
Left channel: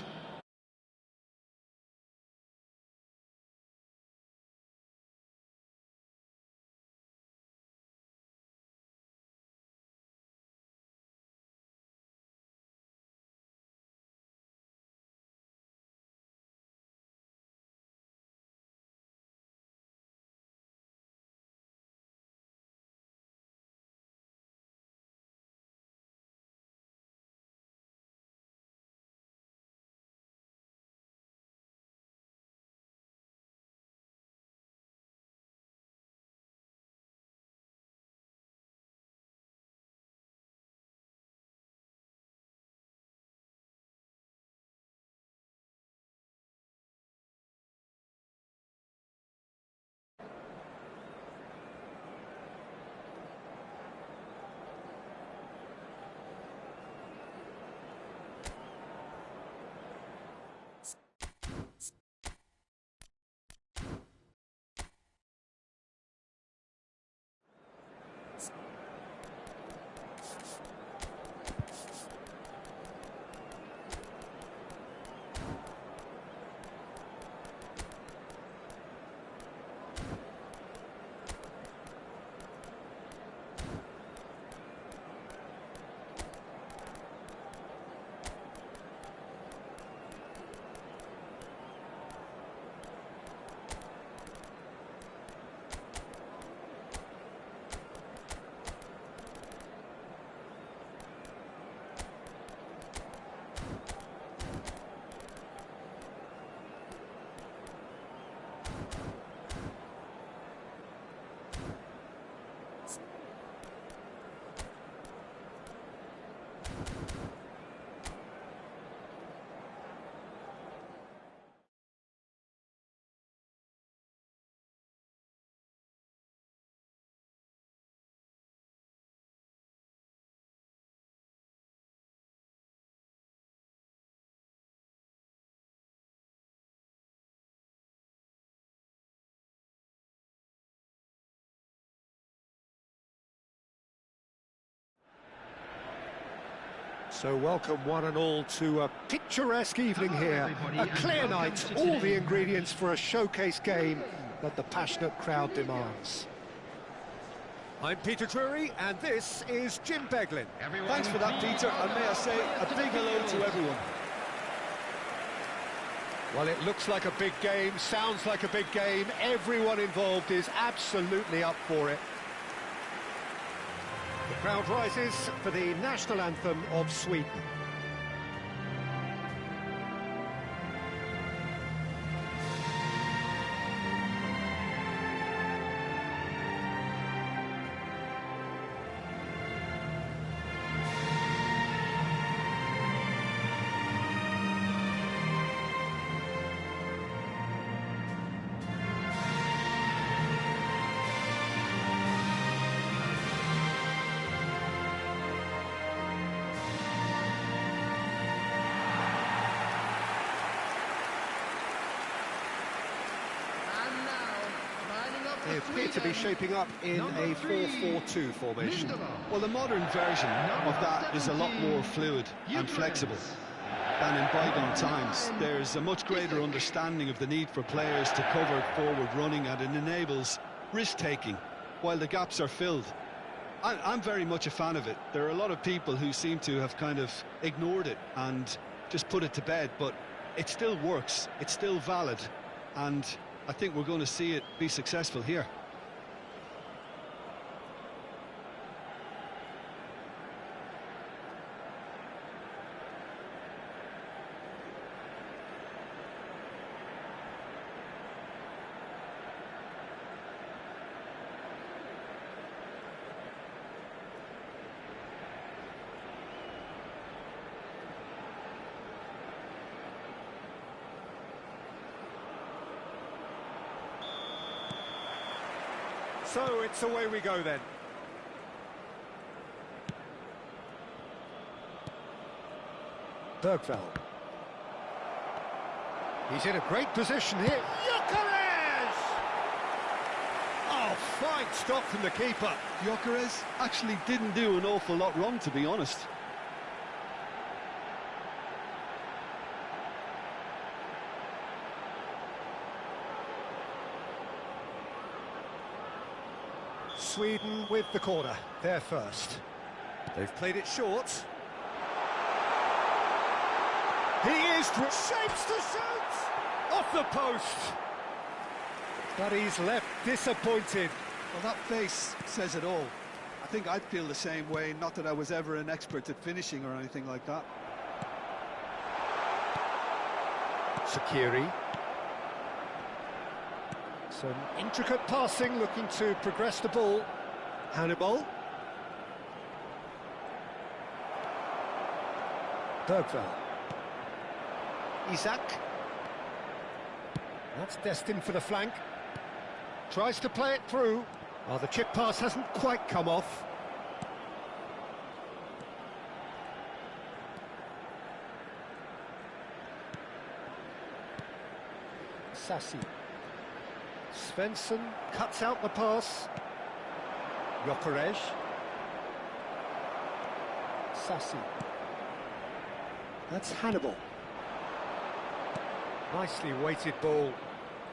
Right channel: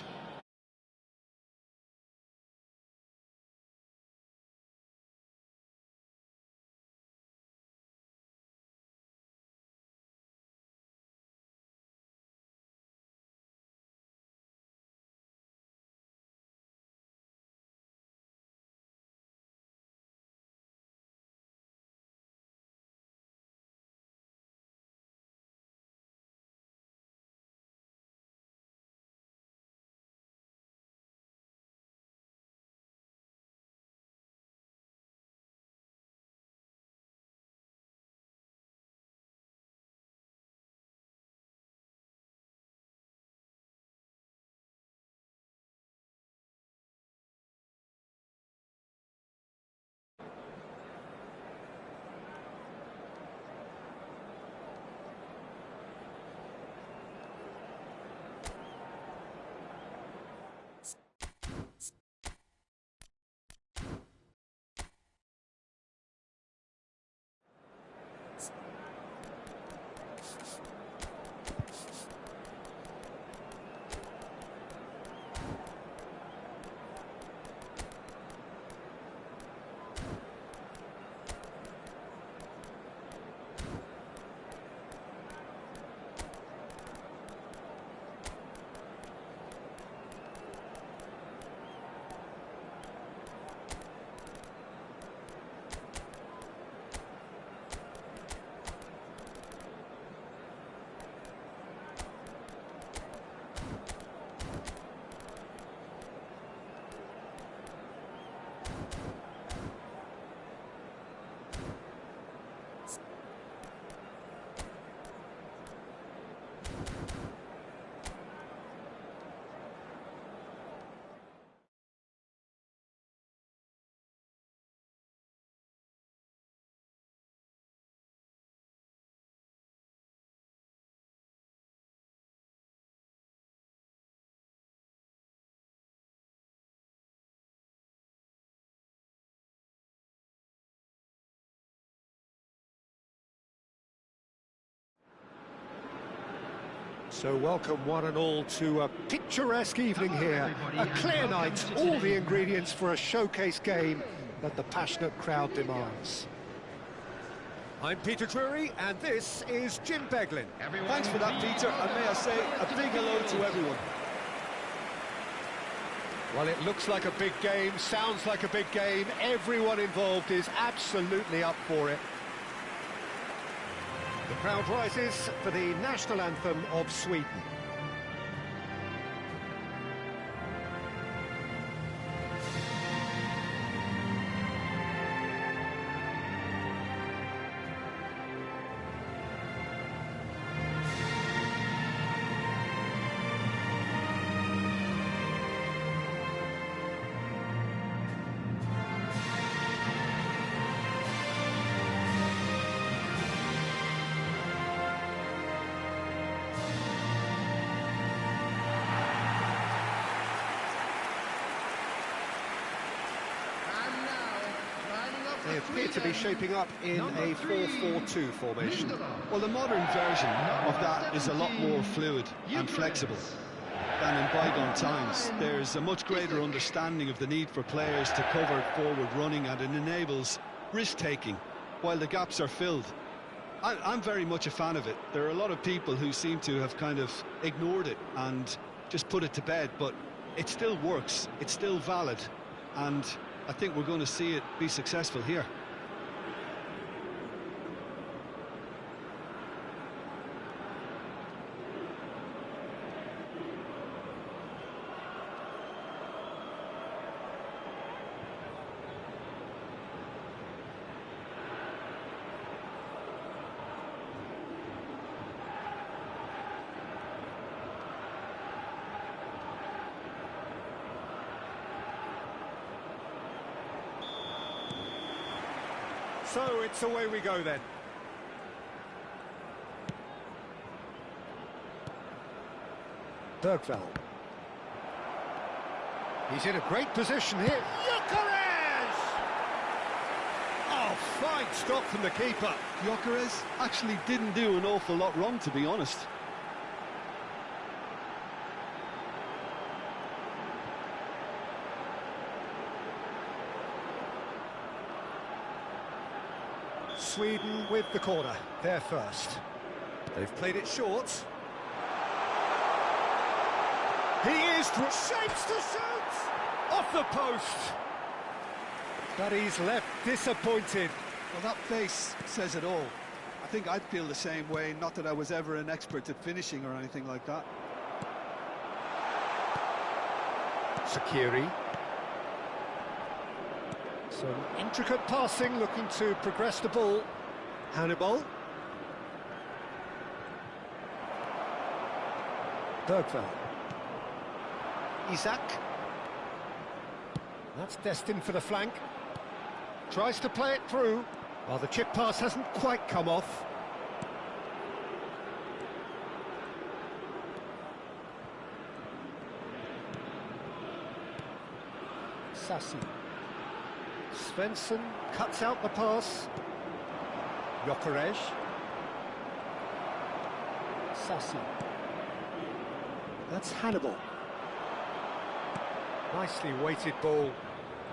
So welcome one and all to a picturesque evening here. A clear night, all the ingredients for a showcase game that the passionate crowd demands. I'm Peter Drury, and this is Jim Beglin. Thanks for that, Peter, and may I say a big hello to everyone. Well, it looks like a big game, sounds like a big game. Everyone involved is absolutely up for it. The crowd rises for the national anthem of Sweden. They appear to be shaping up in a 4-4-2 formation. Well, the modern version of that is a lot more fluid and flexible than in bygone times. There's a much greater understanding of the need for players to cover forward running, and it enables risk-taking while the gaps are filled. I'm very much a fan of it. There are a lot of people who seem to have kind of ignored it and just put it to bed, but it still works, it's still valid, and I think we're going to see it be successful here. So it's away we go then. Bergvall. He's in a great position here. Gyökeres! Oh, fine stop from the keeper. Gyökeres actually didn't do an awful lot wrong, to be honest. Sweden with the corner, they're first. They've played it short. He is shapes to shoot! Off the post! But he's left disappointed. Well, that face says it all. I think I'd feel the same way, not that I was ever an expert at finishing or anything like that. Sakiri. Some intricate passing, looking to progress the ball. Hannibal. Bergvall. Isak. That's destined for the flank. Tries to play it through. Well, the chip pass hasn't quite come off. Sassi. Svensson cuts out the pass. Gyökeres. Sassi. That's Hannibal. Nicely weighted ball.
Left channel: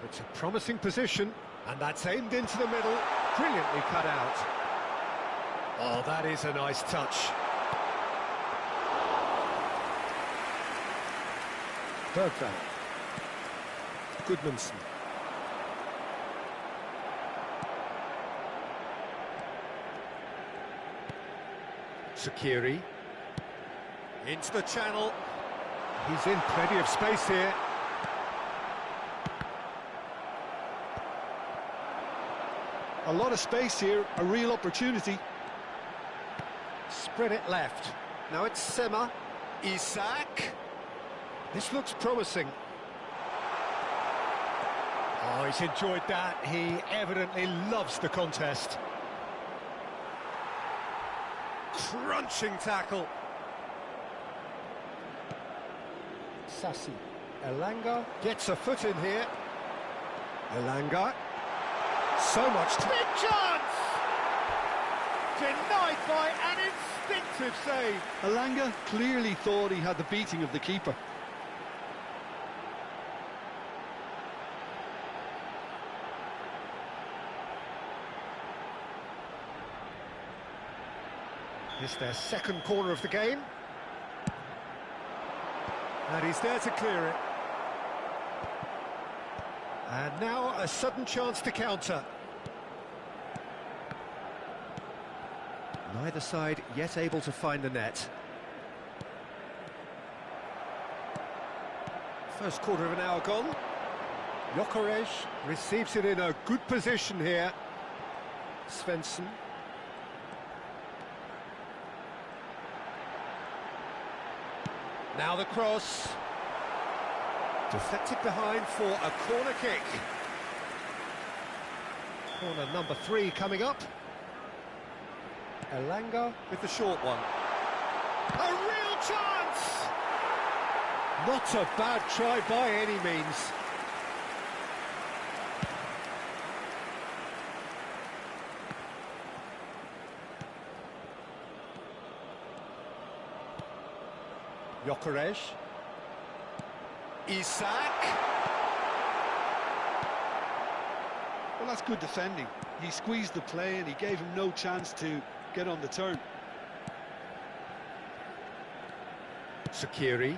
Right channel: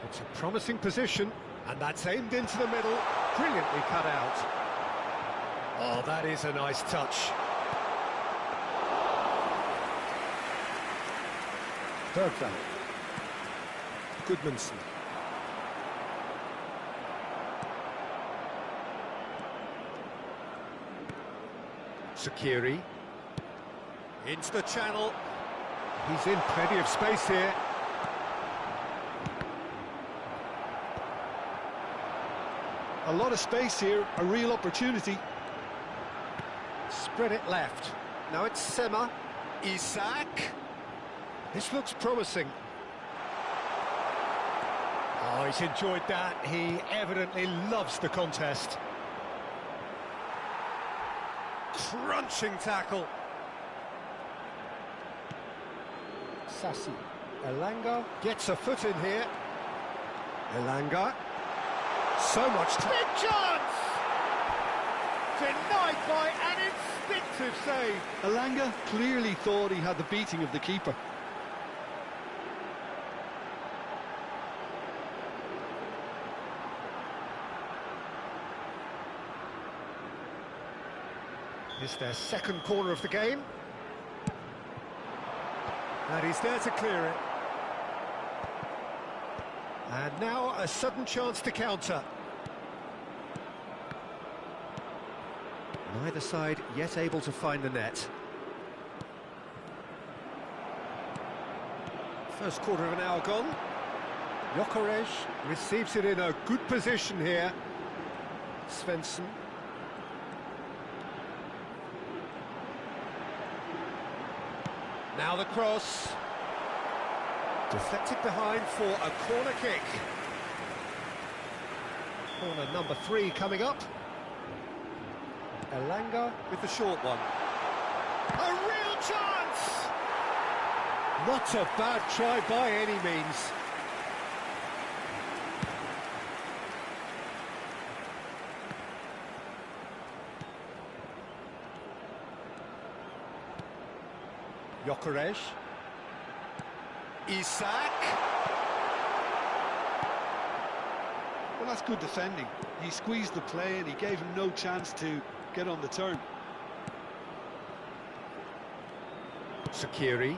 It's a promising position, and that's aimed into the middle. Brilliantly cut out. Oh, that is a nice touch. Bergvall. Goodmanson. Sakiri. Into the channel. He's in plenty of space here. A lot of space here, a real opportunity. Spread it left. Now it's Sema. Isak. This looks promising. Oh, he's enjoyed that. He evidently loves the contest. Crunching tackle. Sassi. Elanga gets a foot in here. Elanga. So much big chance! Denied by an instinctive save. Elanga clearly thought he had the beating of the keeper. It's their second corner of the game. And he's there to clear it. And now a sudden chance to counter. Neither side yet able to find the net. First quarter of an hour gone. Gyökeres receives it in a good position here. Svensson. Now the cross. Deflected behind for a corner kick. Corner number 3 coming up. Elanga with the short one. A real chance! Not a bad try by any means. Gyökeres. Isak. Well, that's good defending. He squeezed the play and he gave him no chance to get on the turn. Sakiri.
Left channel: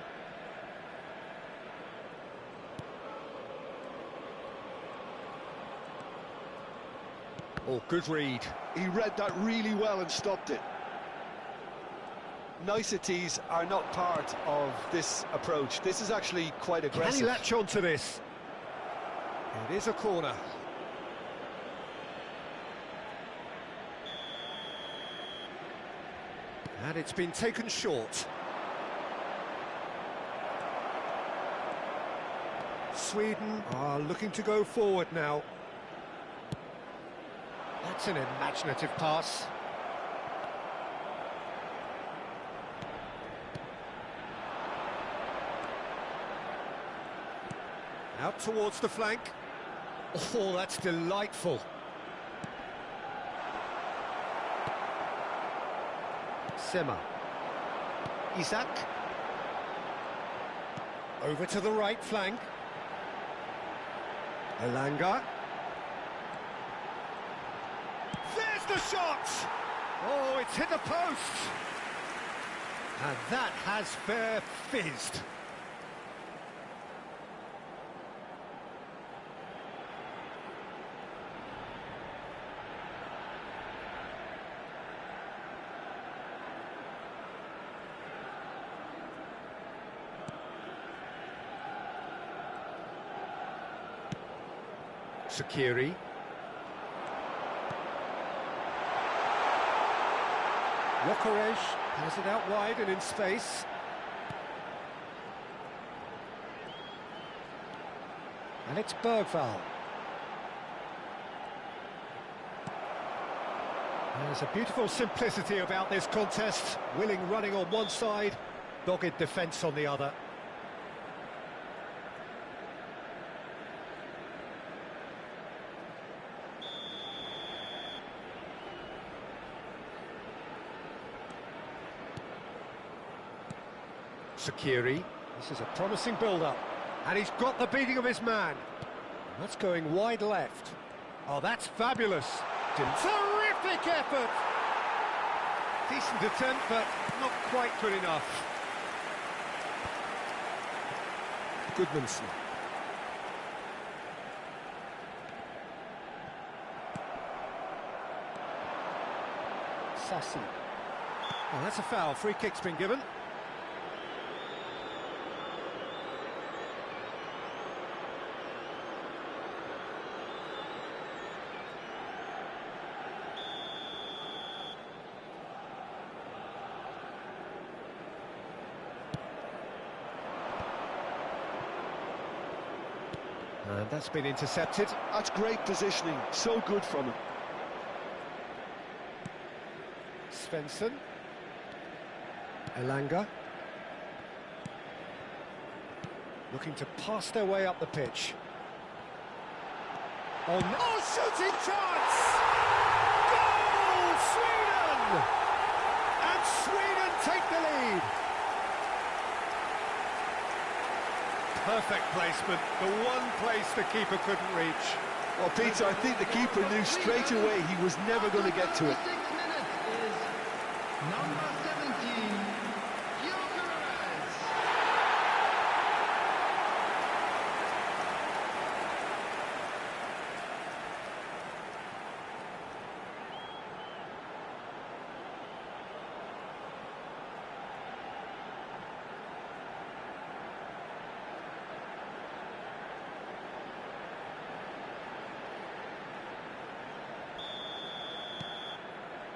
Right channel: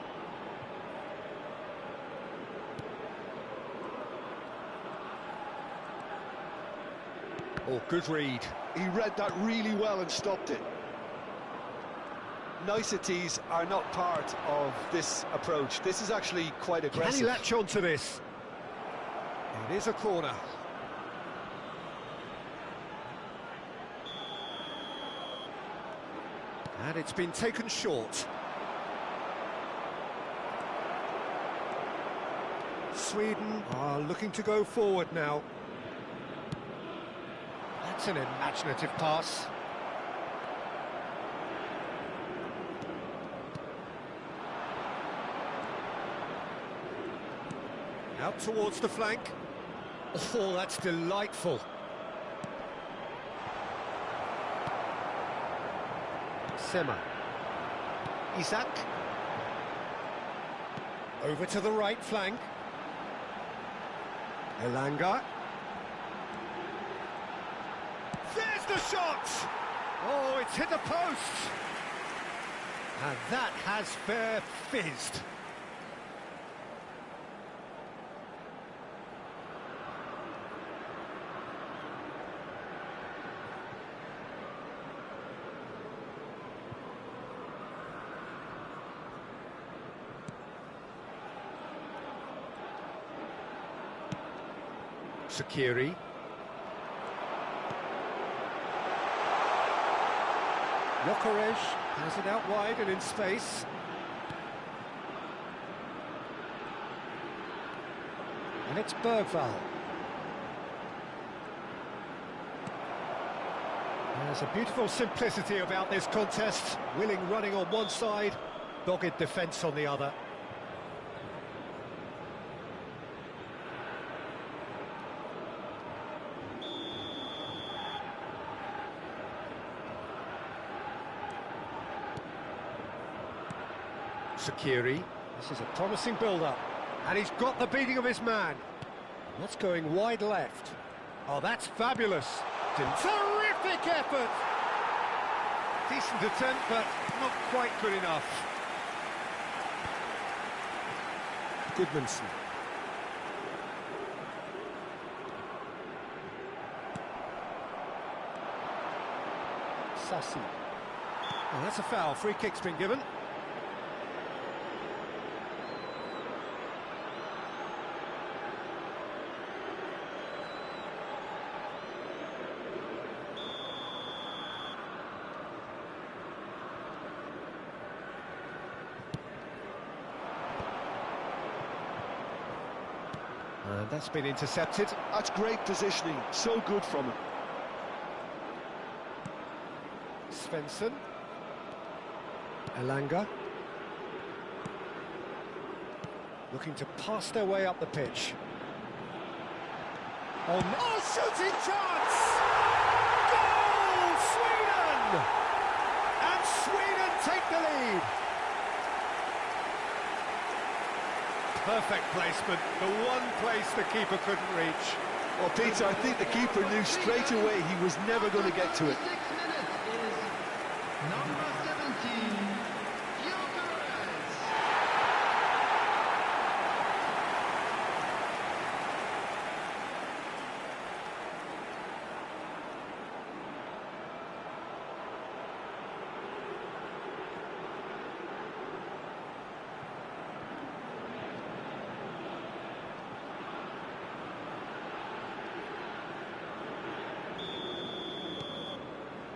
Oh, good read. He read that really well and stopped it. Niceties are not part of this approach. This is actually quite aggressive. Can he latch on to this? It is a corner. And it's been taken short. Sweden are looking to go forward now. That's an imaginative pass. Out towards the flank. Oh, that's delightful. Sema. Isak. Over to the right flank. Elanga. There's the shot! Oh, it's hit the post! And that has fair fizzed. Sakiri. Gyökeres has it out wide and in space. And it's Bergvall. There's a beautiful simplicity about this contest. Willing running on one side, dogged defence on the other. Sakiri, this is a promising build-up, and he's got the beating of his man. And that's going wide left. Oh, that's fabulous. Terrific effort! Decent attempt, but not quite good enough. Goodmanson. Sassi. Oh, that's a foul. Free kick's been given. And that's been intercepted. That's great positioning, so good from him. Svensson. Elanga. Looking to pass their way up the pitch. Oh, shooting chance! Goal Sweden! And Sweden take the lead. Perfect placement, the one place the keeper couldn't reach. Well, Peter, I think the keeper knew straight away he was never going to get to it. 6 minutes is number 17,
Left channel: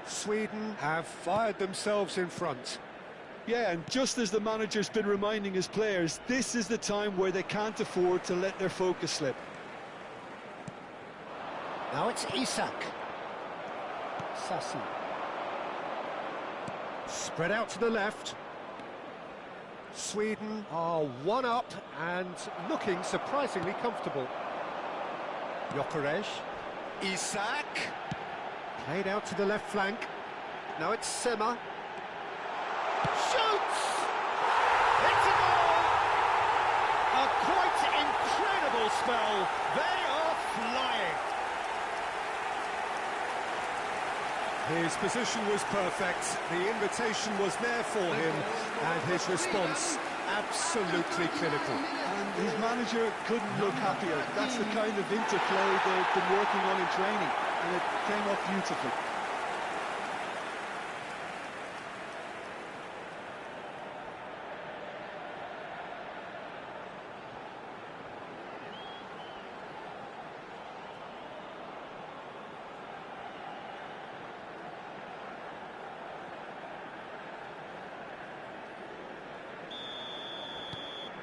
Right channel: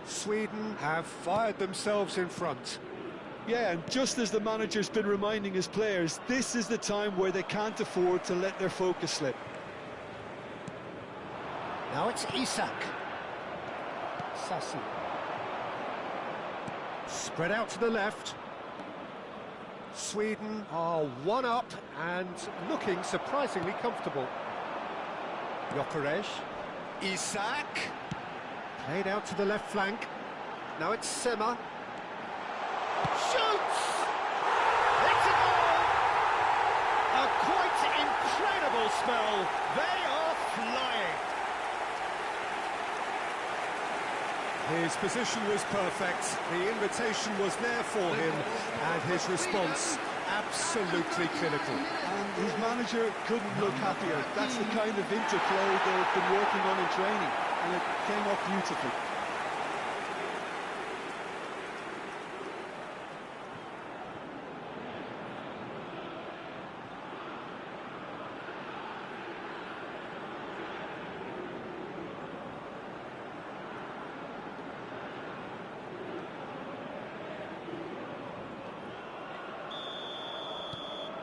Sweden have fired themselves in front. Yeah, and just as the manager's been reminding his players, this is the time where they can't afford to let their focus slip. Now it's Isak. Sassi. Spread out to the left. Sweden are one up and looking surprisingly comfortable. Gyökeres. Isak. Played out to the left flank. Now it's Sema. Shoots! It's a goal! A quite incredible spell. They are flying. His position was perfect. The invitation was there for him, and his response absolutely clinical. And his manager couldn't look happier. That's the kind of interplay they've been working on in training, and it came off beautifully.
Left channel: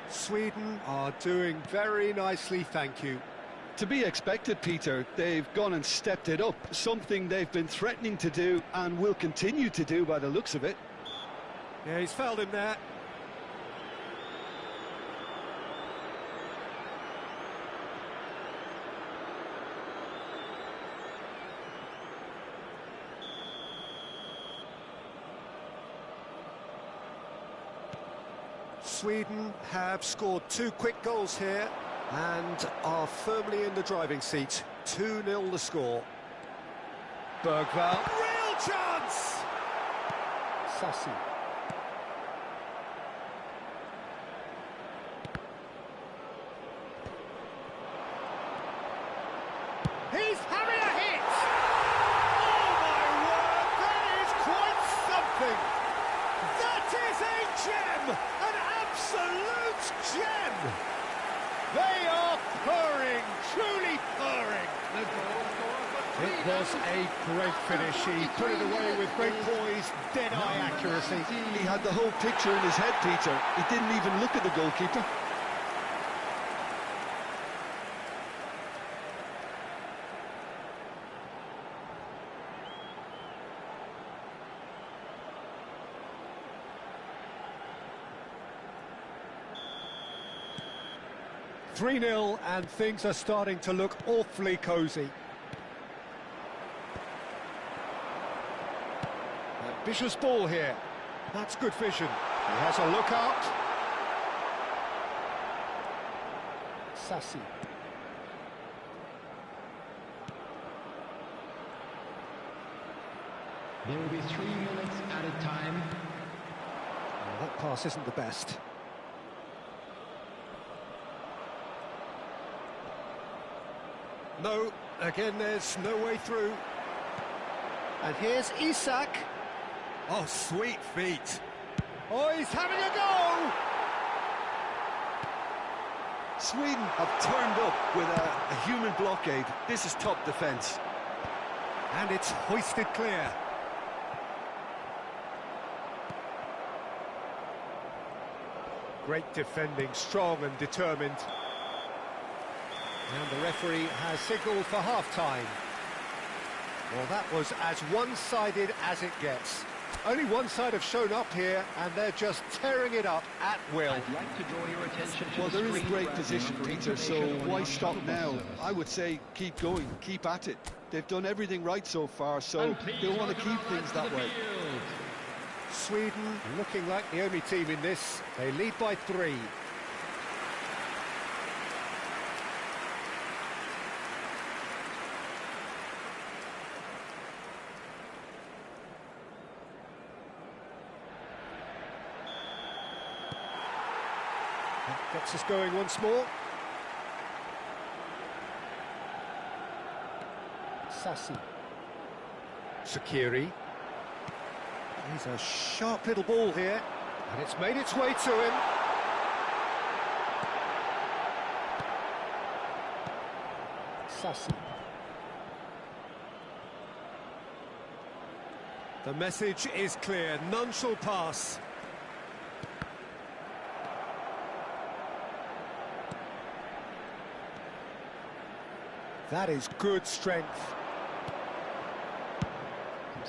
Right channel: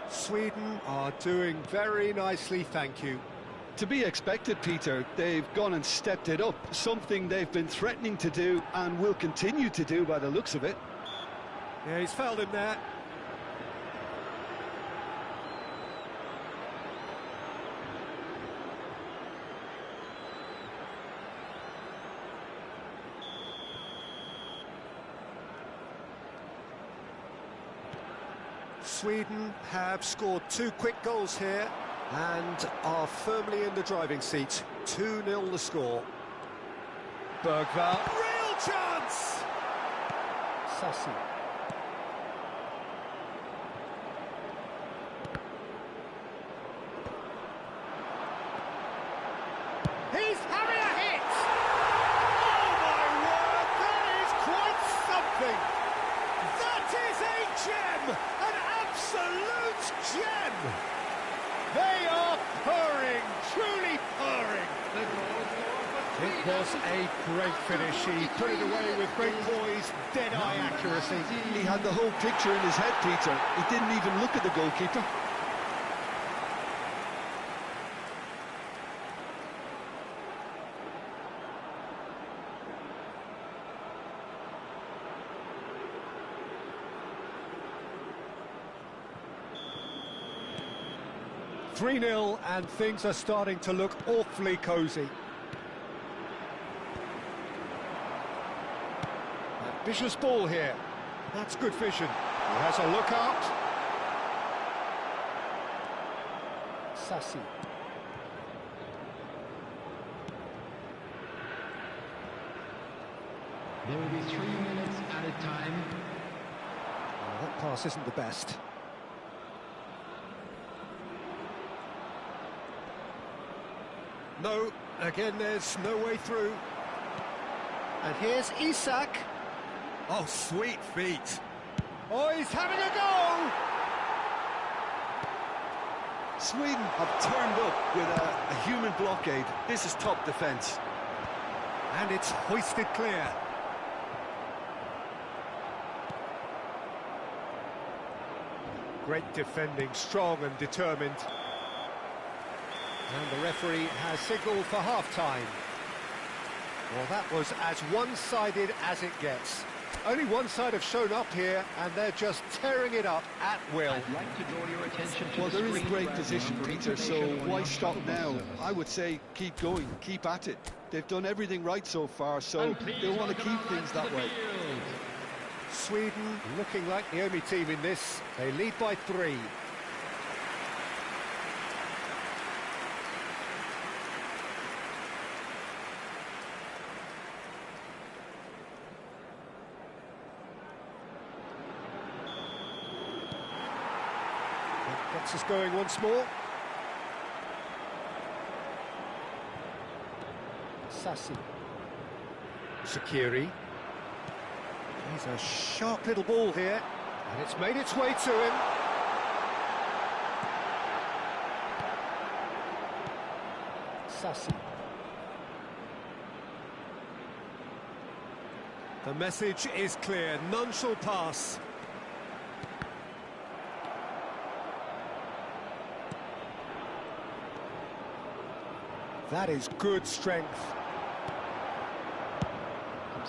Sweden are doing very nicely, thank you. To be expected, Peter. They've gone and stepped it up, something they've been threatening to do and will continue to do by the looks of it. Yeah, he's fouled him there. Sweden have scored 2 quick goals here and are firmly in the driving seat. 2-0 the score. Bergvall. Real chance! Sassi. He's having a hit! Oh my word, that is quite something! That is a gem! An absolute gem! They are purring, truly purring. It was a great finish. He put it away with great poise, dead-eye accuracy. He had the whole picture in his head, Peter. He didn't even look at the goalkeeper. "3-0 and things are starting to look awfully cosy. Ambitious ball here. That's good vision. He has a look out. Sassi. There will be 3 minutes at a time. Well, that pass isn't the best. No, again there's no way through. And here's Isak. Oh, sweet feet. Oh, he's having a go! Sweden have turned up with a human blockade. This is top defence. And it's hoisted clear. Great defending, strong and determined. And the referee has signalled for half-time. Well, that was as one-sided as it gets. Only one side have shown up here, and they're just tearing it up at will. I'd like to draw your attention to Well, the they're in a screen great grab position, for Peter, so information on why your stop shuttle bus now? service. I would say keep going, keep at it. They've done everything right so far, so And please they'll want to welcome keep our things lads to that the way. field. Sweden looking like the only team in this. They lead by 3. That gets us going once more. Sassi. Sakiri. He's a sharp little ball here, and it's made its way to him. Sassi. The message is clear, none shall pass. That is good strength.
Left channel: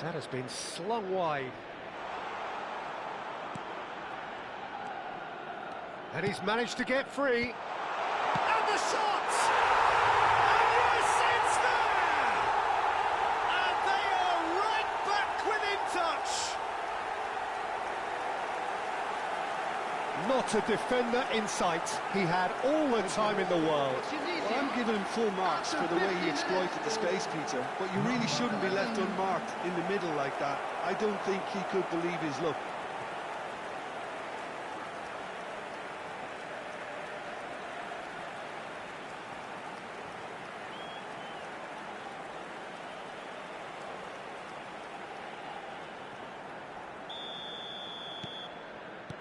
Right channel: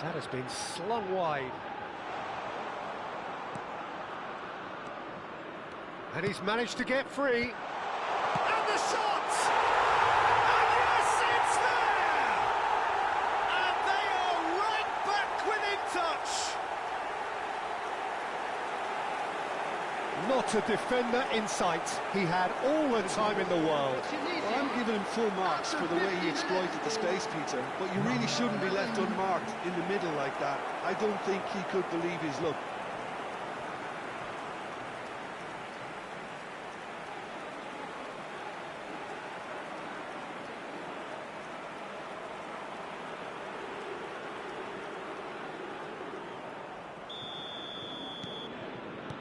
That has been slung wide. And he's managed to get free. And the shot! And yes, it's there! And they are right back within touch. Not a defender in sight. He had all the time in the world. Well, I'm giving him full marks for the way he exploited the space, Peter, but you really shouldn't be left unmarked in the middle like that. I don't think he could believe his luck.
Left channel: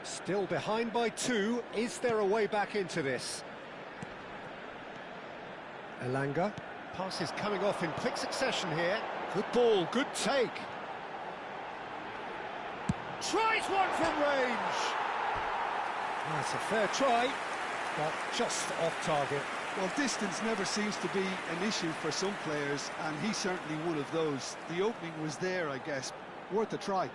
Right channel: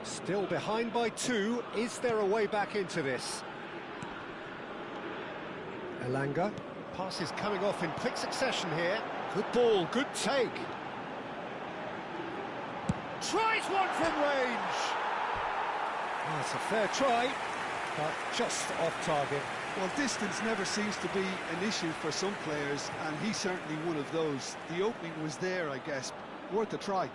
Still behind by 2. Is there a way back into this? Elanga. Pass is coming off in quick succession here. Good ball, good take. Tries one from range. That's a fair try, but just off target. Well, distance never seems to be an issue for some players, and he's certainly one of those. The opening was there, I guess. Worth a try.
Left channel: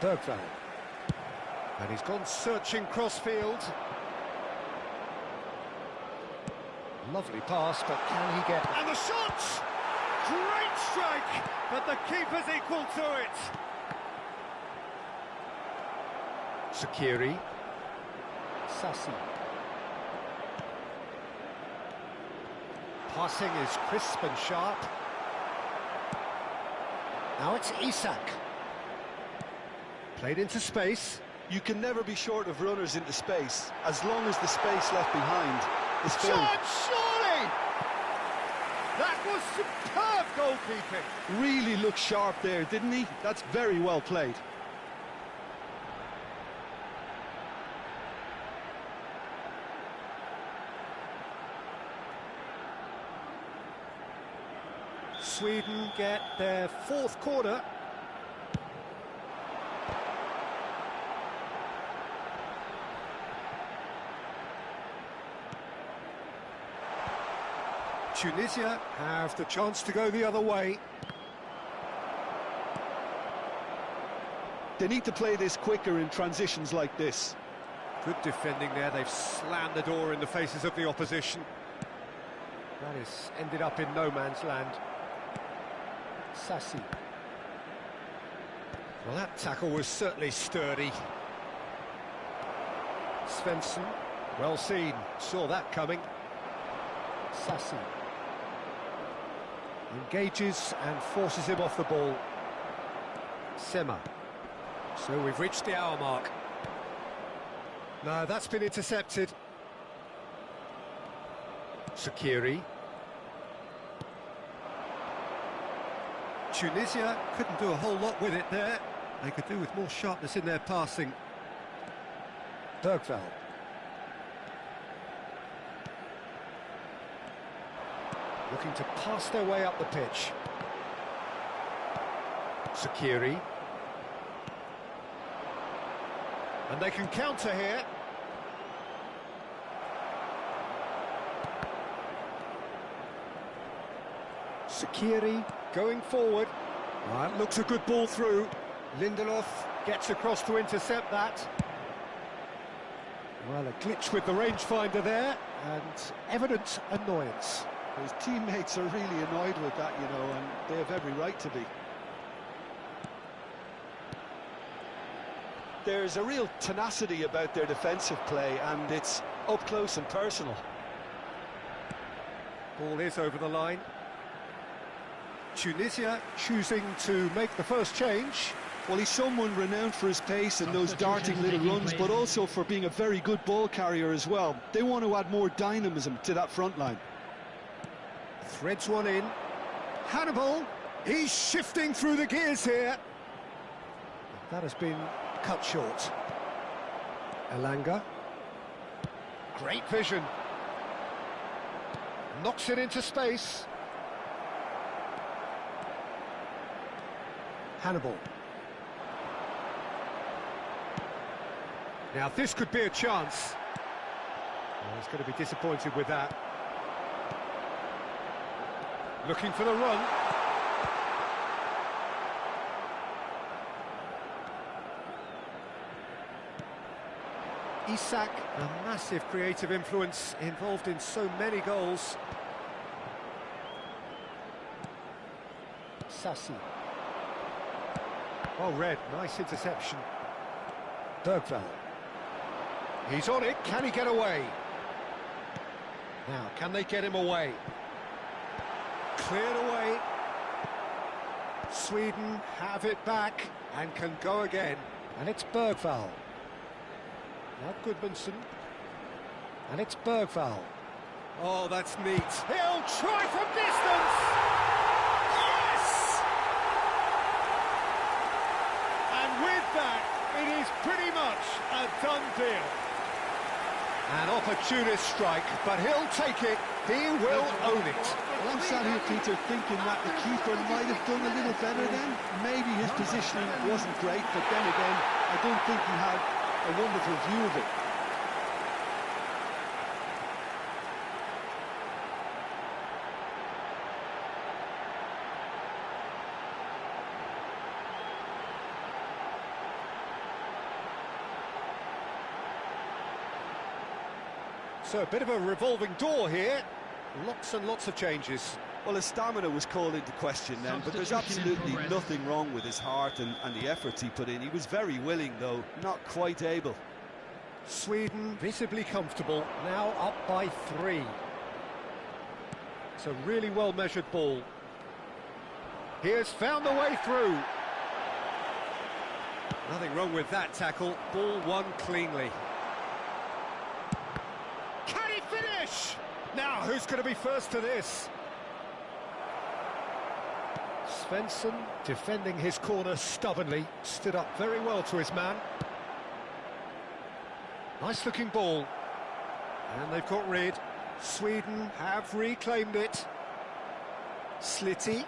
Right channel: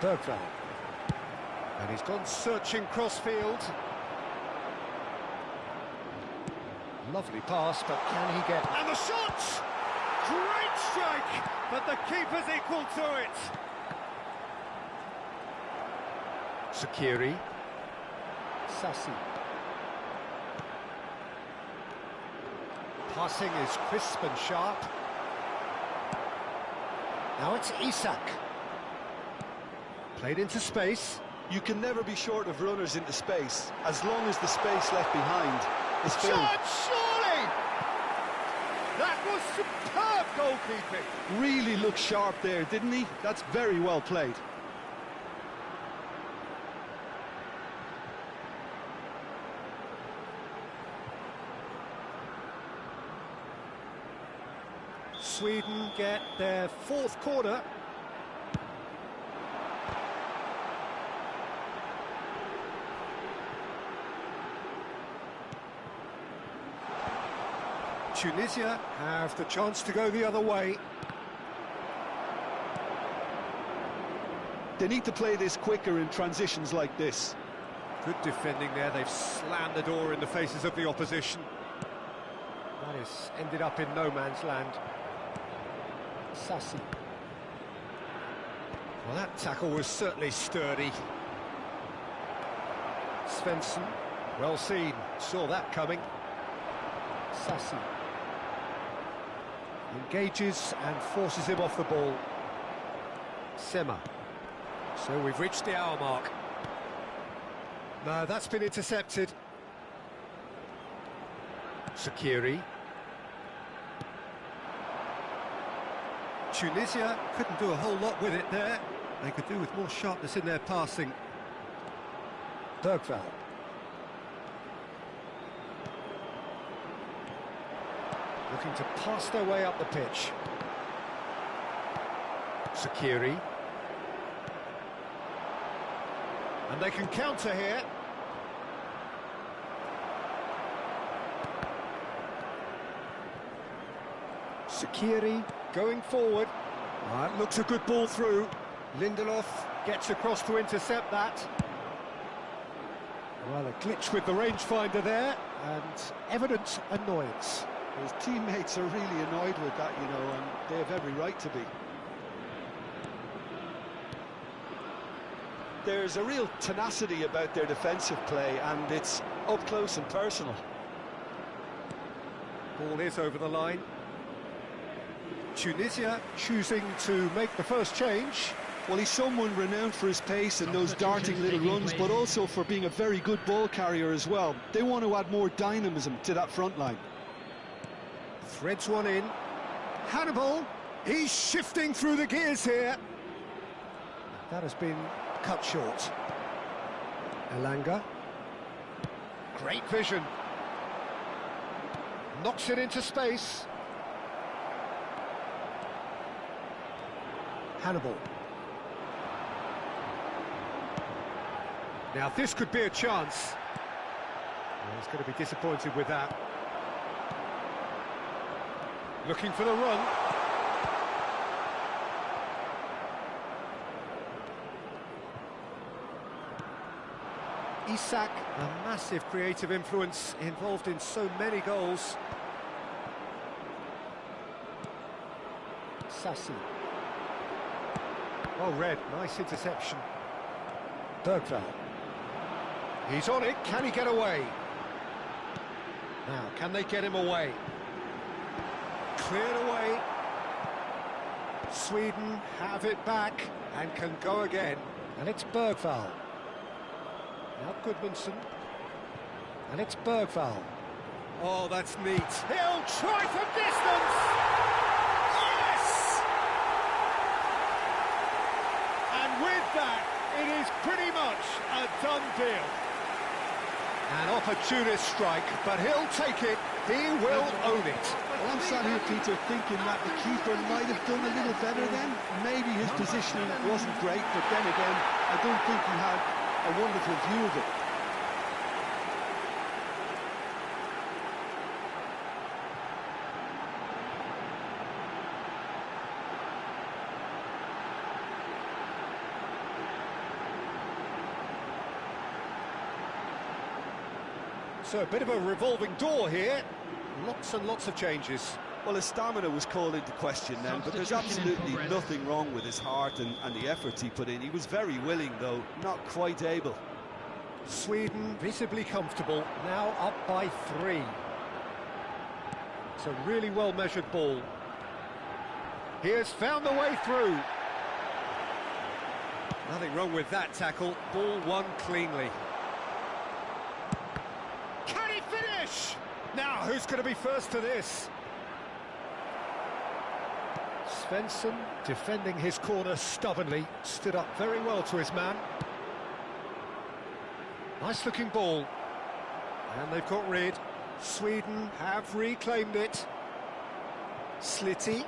Bergvall. And he's gone searching crossfield. Lovely pass, but can he get... And the shot! Great strike, but the keeper's equal to it. Sakiri. Sassi. Passing is crisp and sharp. Now it's Isak. Played into space. You can never be short of runners into space, as long as the space left behind is filled. Shot, surely! That was superb goalkeeping. Really looked sharp there, didn't he? That's very well played. Sweden get their 4th corner. Tunisia have the chance to go the other way. They need to play this quicker in transitions like this. Good defending there, they've slammed the door in the faces of the opposition. That has ended up in no man's land. Sassi. Well, that tackle was certainly sturdy. Svensson. Well seen, saw that coming. Sassi. Engages and forces him off the ball. Sema. So we've reached the hour mark. No, that's been intercepted. Sakiri. Tunisia couldn't do a whole lot with it there. They could do with more sharpness in their passing. Bergvall. Looking to pass their way up the pitch. Sakiri. And they can counter here. Sakiri going forward. It looks a good ball through. Lindelof gets across to intercept that. Well, a glitch with the rangefinder there, and evident annoyance. His teammates are really annoyed with that, you know, and they have every right to be. There's a real tenacity about their defensive play, and it's up close and personal. Ball is over the line. Tunisia choosing to make the first change. Well, he's someone renowned for his pace and those darting little runs, but also for being a very good ball carrier as well. They want to add more dynamism to that front line. Threads one in. Hannibal, he's shifting through the gears here. That has been cut short. Elanga. Great vision. Knocks it into space. Hannibal. Now this could be a chance. Well, he's going to be disappointed with that. Looking for the run. Isak, a massive creative influence, involved in so many goals. Sassi. Oh, Red, nice interception. Bergvall. He's on it, can he get away? Now, can they get him away? Cleared away. Sweden have it back and can go again. And it's Bergvall. Now Goodmanson. And it's Bergvall. Oh, that's neat. He'll try from distance! Yes! And with that, it is pretty much a done deal. An opportunist strike, but he'll take it. He will own it. Well, I'm sat here, Peter, thinking that the keeper might have done a little better then. Maybe his positioning wasn't great, but then again, I don't think he had a wonderful view of it. So a bit of a revolving door here. Lots and lots of changes. Well, his stamina was called into question then, but there's absolutely nothing wrong with his heart and the efforts he put in. He was very willing, though, not quite able. Sweden visibly comfortable, now up by 3. It's a really well-measured ball. He has found the way through. Nothing wrong with that tackle. Ball won cleanly. Can he finish? Now, who's going to be first to this? Svensson, defending his corner stubbornly, stood up very well to his man. Nice-looking ball. And they've got rid. Sweden have reclaimed it. Slitty.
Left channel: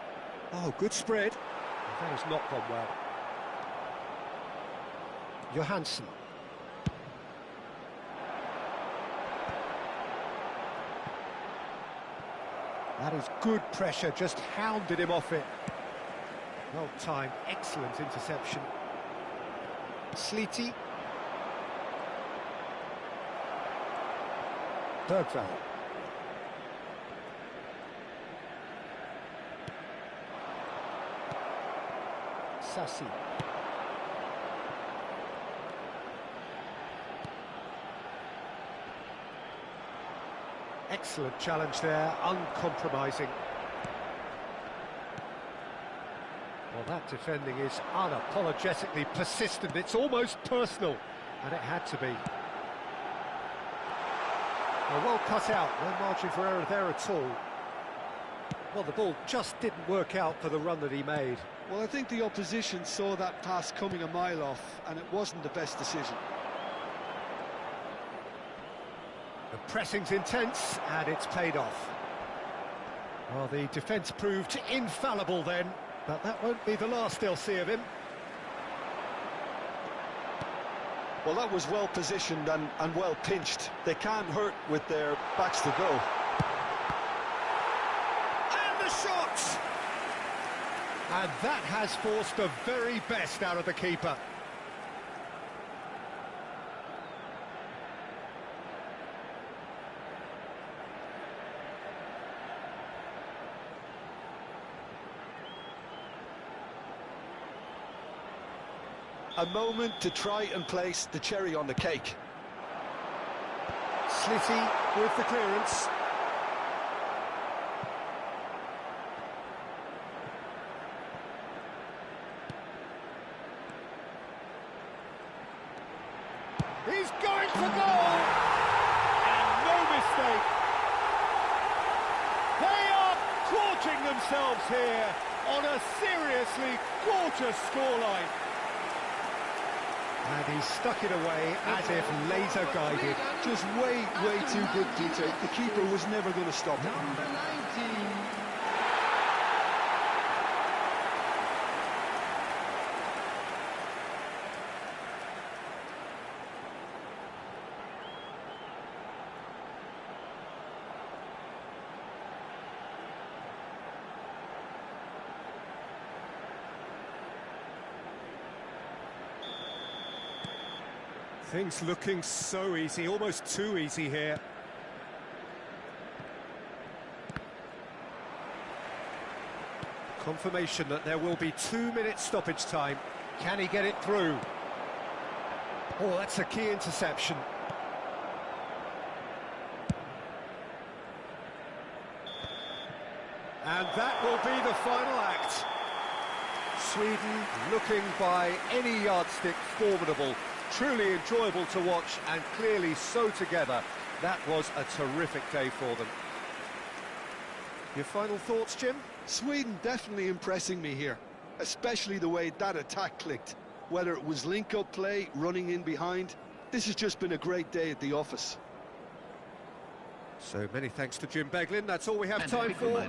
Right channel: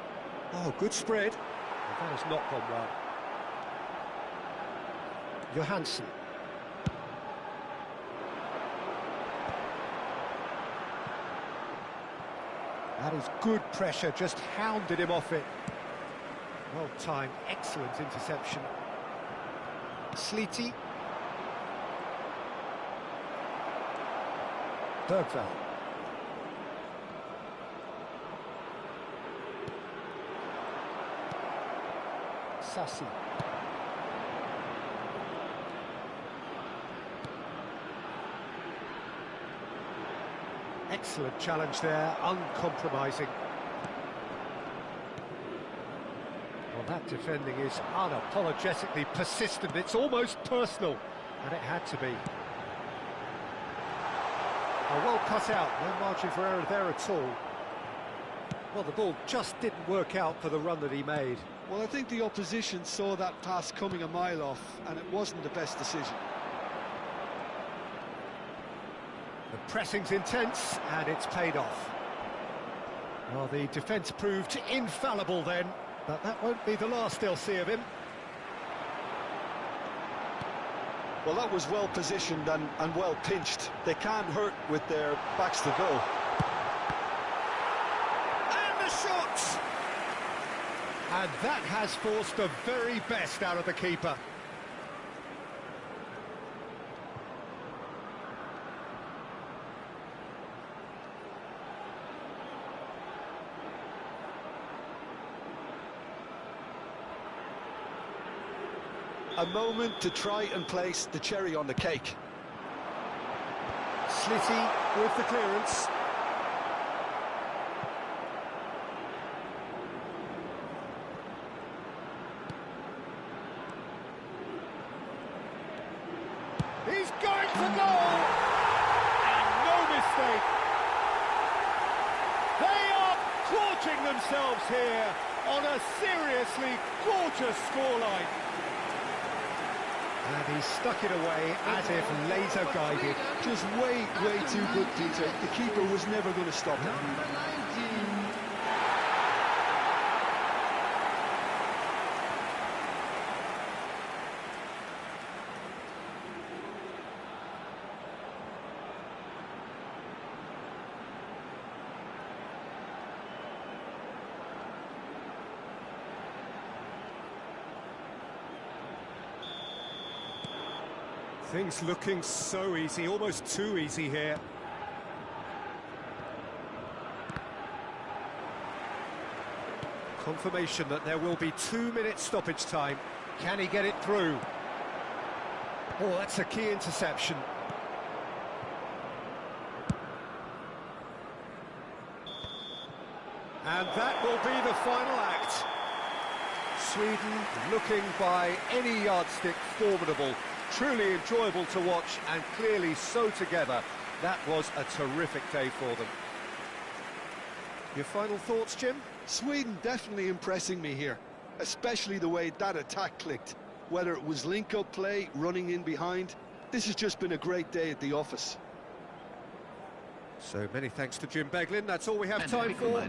Oh, good spread. That has not gone well. Johansson. That is good pressure, just hounded him off it. Well timed, excellent interception. Slitty. Bergvall. Sassi. Excellent challenge there, uncompromising. Well, that defending is unapologetically persistent. It's almost personal, and it had to be. Well cut out, no margin for error there at all. Well, the ball just didn't work out for the run that he made. Well, I think the opposition saw that pass coming a mile off, and it wasn't the best decision. The pressing's intense, and it's paid off. Well, the defence proved infallible then, but that won't be the last they'll see of him. Well, that was well positioned and well pinched. They can't hurt with their backs to goal. And the shot! And that has forced the very best out of the keeper. A moment to try and place the cherry on the cake. Slitty with the clearance. He's going for goal! And no mistake. They are gorging themselves here on a seriously gorgeous scoreline. And he stuck it away as if laser guided. Just way too good, Peter. The keeper was never going to stop him. Number 19. Things looking so easy, almost too easy here. Confirmation that there will be 2 minutes stoppage time. Can he get it through? Oh, that's a key interception. And that will be the final act. Sweden looking by any yardstick formidable. Truly enjoyable to watch and clearly so together. That was a terrific day for them. Your final thoughts, Jim? Sweden definitely impressing me here, especially the way that attack clicked. Whether it was link-up play, running in behind, this has just been a great day at the office. So many thanks to Jim Beglin. That's all we have time for.